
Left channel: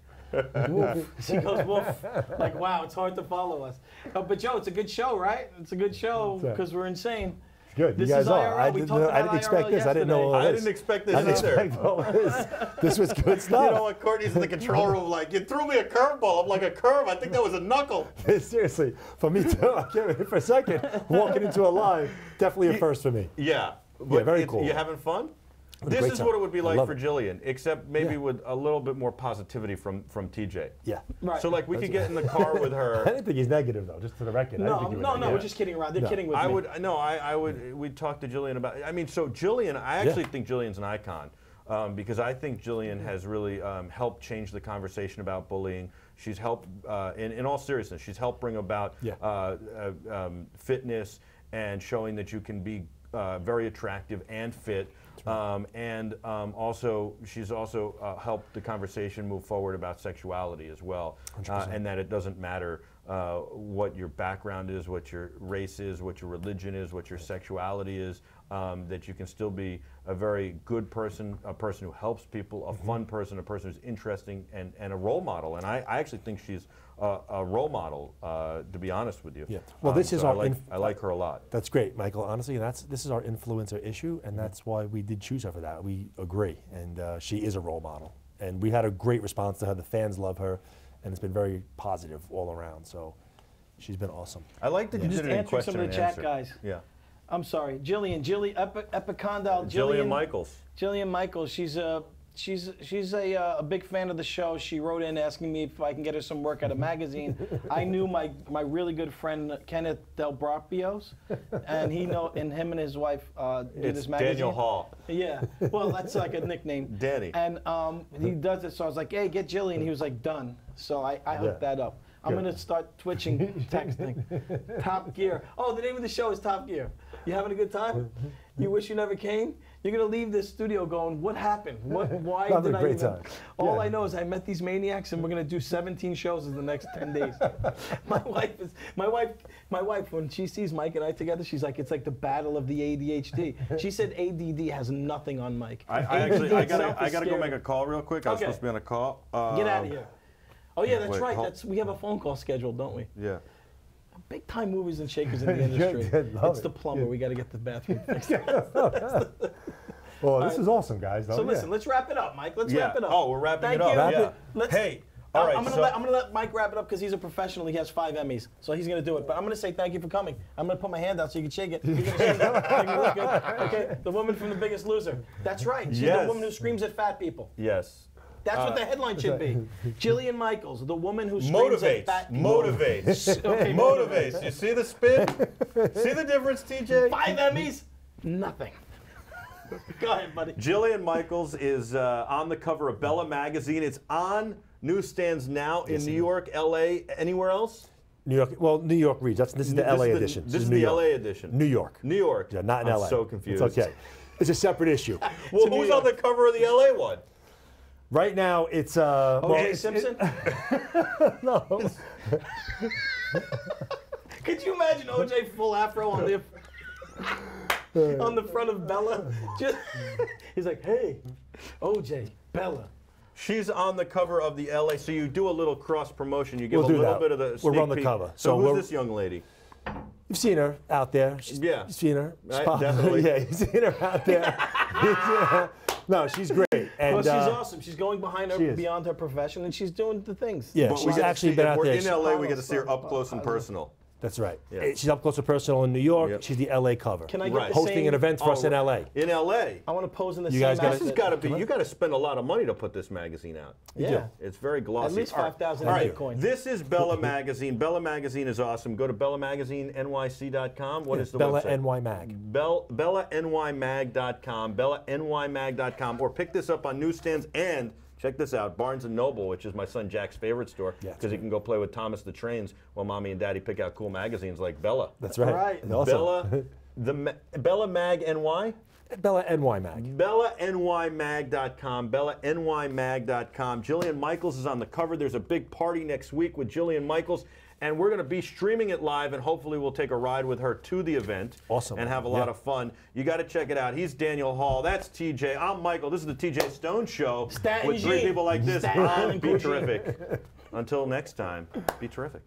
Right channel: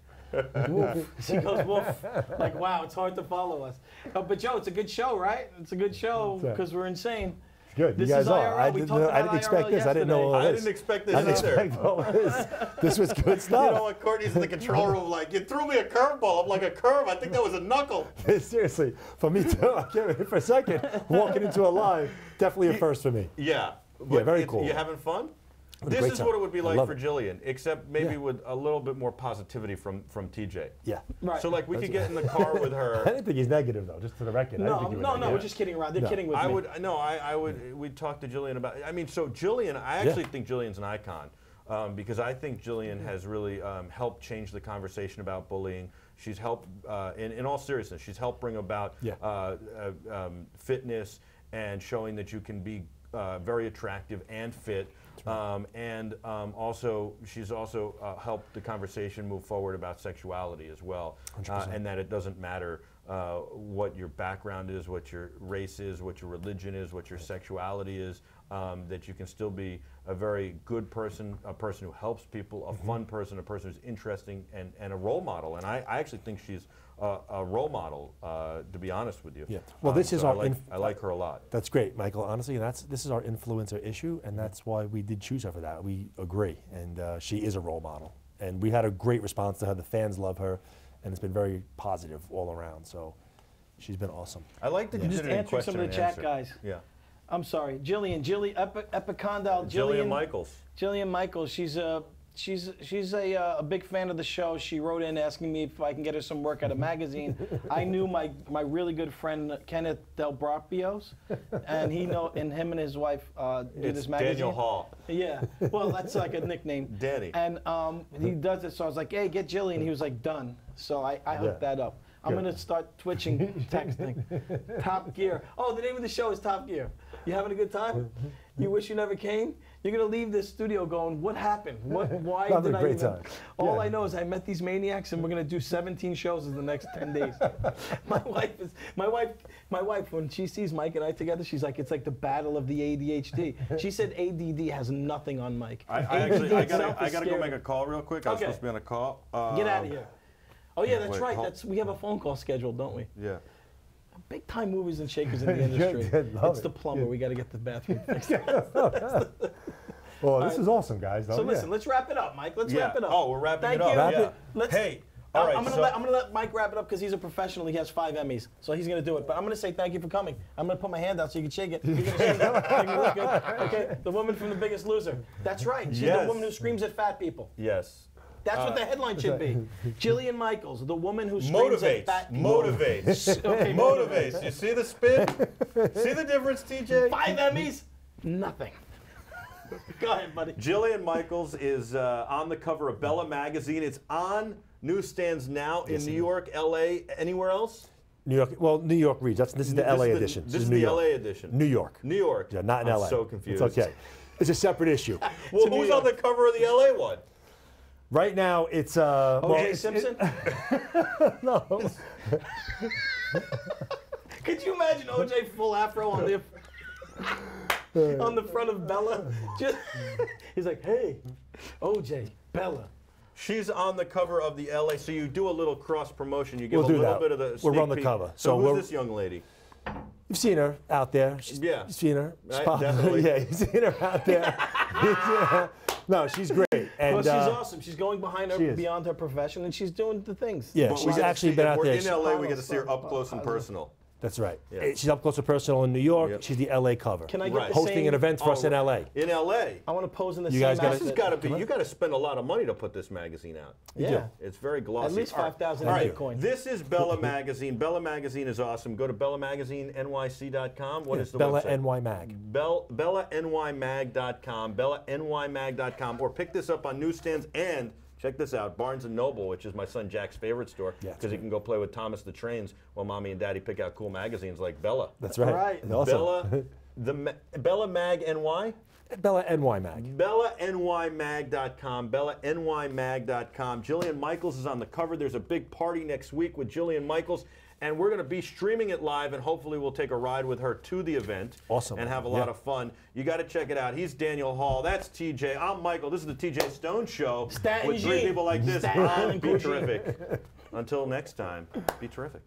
Woof. She goes, woof. Like, wow, it's hard to follow us. But Joe, it's a good show, right? It's a good show because we're insane. Good. This you guys is are. IRL. I We didn't, talked I about didn't expect IRL this. I didn't know all I this. didn't expect this I didn't either. expect all this. This was good stuff. You know what? Courtney's in the control room like, you threw me a curveball. I'm like, a curve? I think that was a knuckle. Seriously, for me too. I can't wait for a second. Walking into a live, definitely a first for me. Yeah. Yeah, very cool. You having fun? Had a This great is time. what it would be I like love for it. Jillian, except maybe Yeah. with a little bit more positivity from TJ. Yeah. Right. So like we could get in the car with I her. didn't think he's negative though. Just for the record. I didn't No, think he was no, negative. we're just kidding around. They're No. kidding with I me. would no, I would. We'd talk to Jillian about. I mean, so Jillian, I actually think Jillian's an icon because I think Jillian has really helped change the conversation about bullying. She's helped, in all seriousness, she's helped bring about fitness and showing that you can be very attractive and fit. Also, she's also helped the conversation move forward about sexuality as well, and that it doesn't matter what your background is, what your race is, what your religion is, what your sexuality is, that you can still be a very good person, a person who helps people, a fun person, a person who's interesting, and a role model. And I actually think she's a role model, to be honest with you. Yeah. Well, this is so our. I like her a lot. That's great, Michael. Honestly, this is our influencer issue, and that's why we did choose her for that. We agree, and she is a role model. And we had a great response to her. The fans love her, and it's been very positive all around. So she's been awesome. I like that you Just did it in answering question some of the and chat answer. guys. Yeah. I'm sorry, Epicondyle. Jillian Michaels. Jillian Michaels. She's a big fan of the show. She wrote in asking me if I can get her some work at a magazine. I knew my really good friend Kenneth Del Brapios, and him and his wife do It's this magazine. Daniel Hall. Yeah, well, that's like a nickname. Danny. And he does it, so I was like, hey, get Jillian. He was like, done. So I hooked that up. I'm going to start twitching, texting. Top Gear. Oh, the name of the show is Top Gear. You having a good time? You wish you never came? You're going to leave this studio going, what happened? Why Having did a I great even? time. All Yeah. I know is I met these maniacs, and we're going to do 17 shows in the next 10 days. My wife, when she sees Mike and I together, she's like, it's like the battle of the ADHD. She said ADD has nothing on Mike. I gotta go make a call real quick. I was supposed to be on a call. Get out of here. Oh yeah, that's wait, right. We have a phone call scheduled, don't we? Yeah. Big time movers and shakers in the industry. Love It's it. the plumber. We got to get the bathroom fixed. Well, this is awesome, guys. So listen, let's wrap it up, Mike. Let's wrap it up. Oh, we're wrapping Thank it up. you. Wrap Yeah. it. Let's, Hey, all right. I'm gonna let Mike wrap it up because he's a professional. He has 5 Emmys, so he's gonna do it. But I'm gonna say thank you for coming. I'm gonna put my hand out so you can shake it. You're gonna shake it. Make me look good. Okay. The woman from The Biggest Loser. That's right. She's Yes. the woman who screams at fat people. Yes. That's what the headline should be. Jillian Michaels, the woman who screams at fat people. Motivates. Okay, Motivates. You see the spin? See the difference, TJ? 5 Emmys, nothing. Go ahead, buddy. Jillian Michaels is on the cover of Bella magazine. It's on newsstands now in New York, LA, anywhere else? New York. Well, New York reads. This is the LA edition. This is New the York. LA edition. New York. New York. Yeah, not in I'm LA. so confused. It's okay. It's a separate issue. Well, It's New who's York. on the cover of the LA one? Right now, it's O.J. Simpson? No. Could you imagine O.J. full afro on the... on the front of Bella. He's like, hey, OJ, Bella. She's on the cover of the LA, so you do a little cross promotion. You give We'll a do little that. bit of the We're sneak on the peek. cover. So So who's this young lady? You've seen her out there. Yeah. You've seen her. Right, Spot- definitely. Yeah, you've seen her out there. No, she's great. And Well, she's awesome. She's going behind she her, is. beyond her profession, and she's doing the things. Yeah, But we she's get to actually see- been if out we're there. in LA, we get to see her up close and personal. That's right. Yeah. She's up close and personal in New York. Yep. She's the LA cover. Can I get Right. the hosting same, an event for us in LA. In LA. I want to pose in the You same guys gotta- This has outfit. got to be. You got to spend a lot of money to put this magazine out. Yeah. It's very glossy. At least All right. 5,000 All right. Bitcoin. This is Bella Magazine. Bella Magazine is awesome. Go to bellamagazinenyc.com. What is the Bella website? NY Mag. BellaNYMag.com. BellaNYMag.com. Or pick this up on newsstands and check this out, Barnes & Noble, which is my son Jack's favorite store, Yeah, because he can go play with Thomas the Trains while Mommy and Daddy pick out cool magazines like Bella. That's right. All right. Awesome. Bella Mag NY? Bella NY Mag. BellaNYMag.com, BellaNYMag.com. Jillian Michaels is on the cover. There's a big party next week with Jillian Michaels, and we're going to be streaming it live, and hopefully we'll take a ride with her to the event. Awesome. And have a lot of fun. You got to check it out. He's Daniel Hall. That's TJ. I'm Michael. This is the TJ Stone Show. Statin with three G. people like this. Statin Be G. terrific. Until next time, be terrific.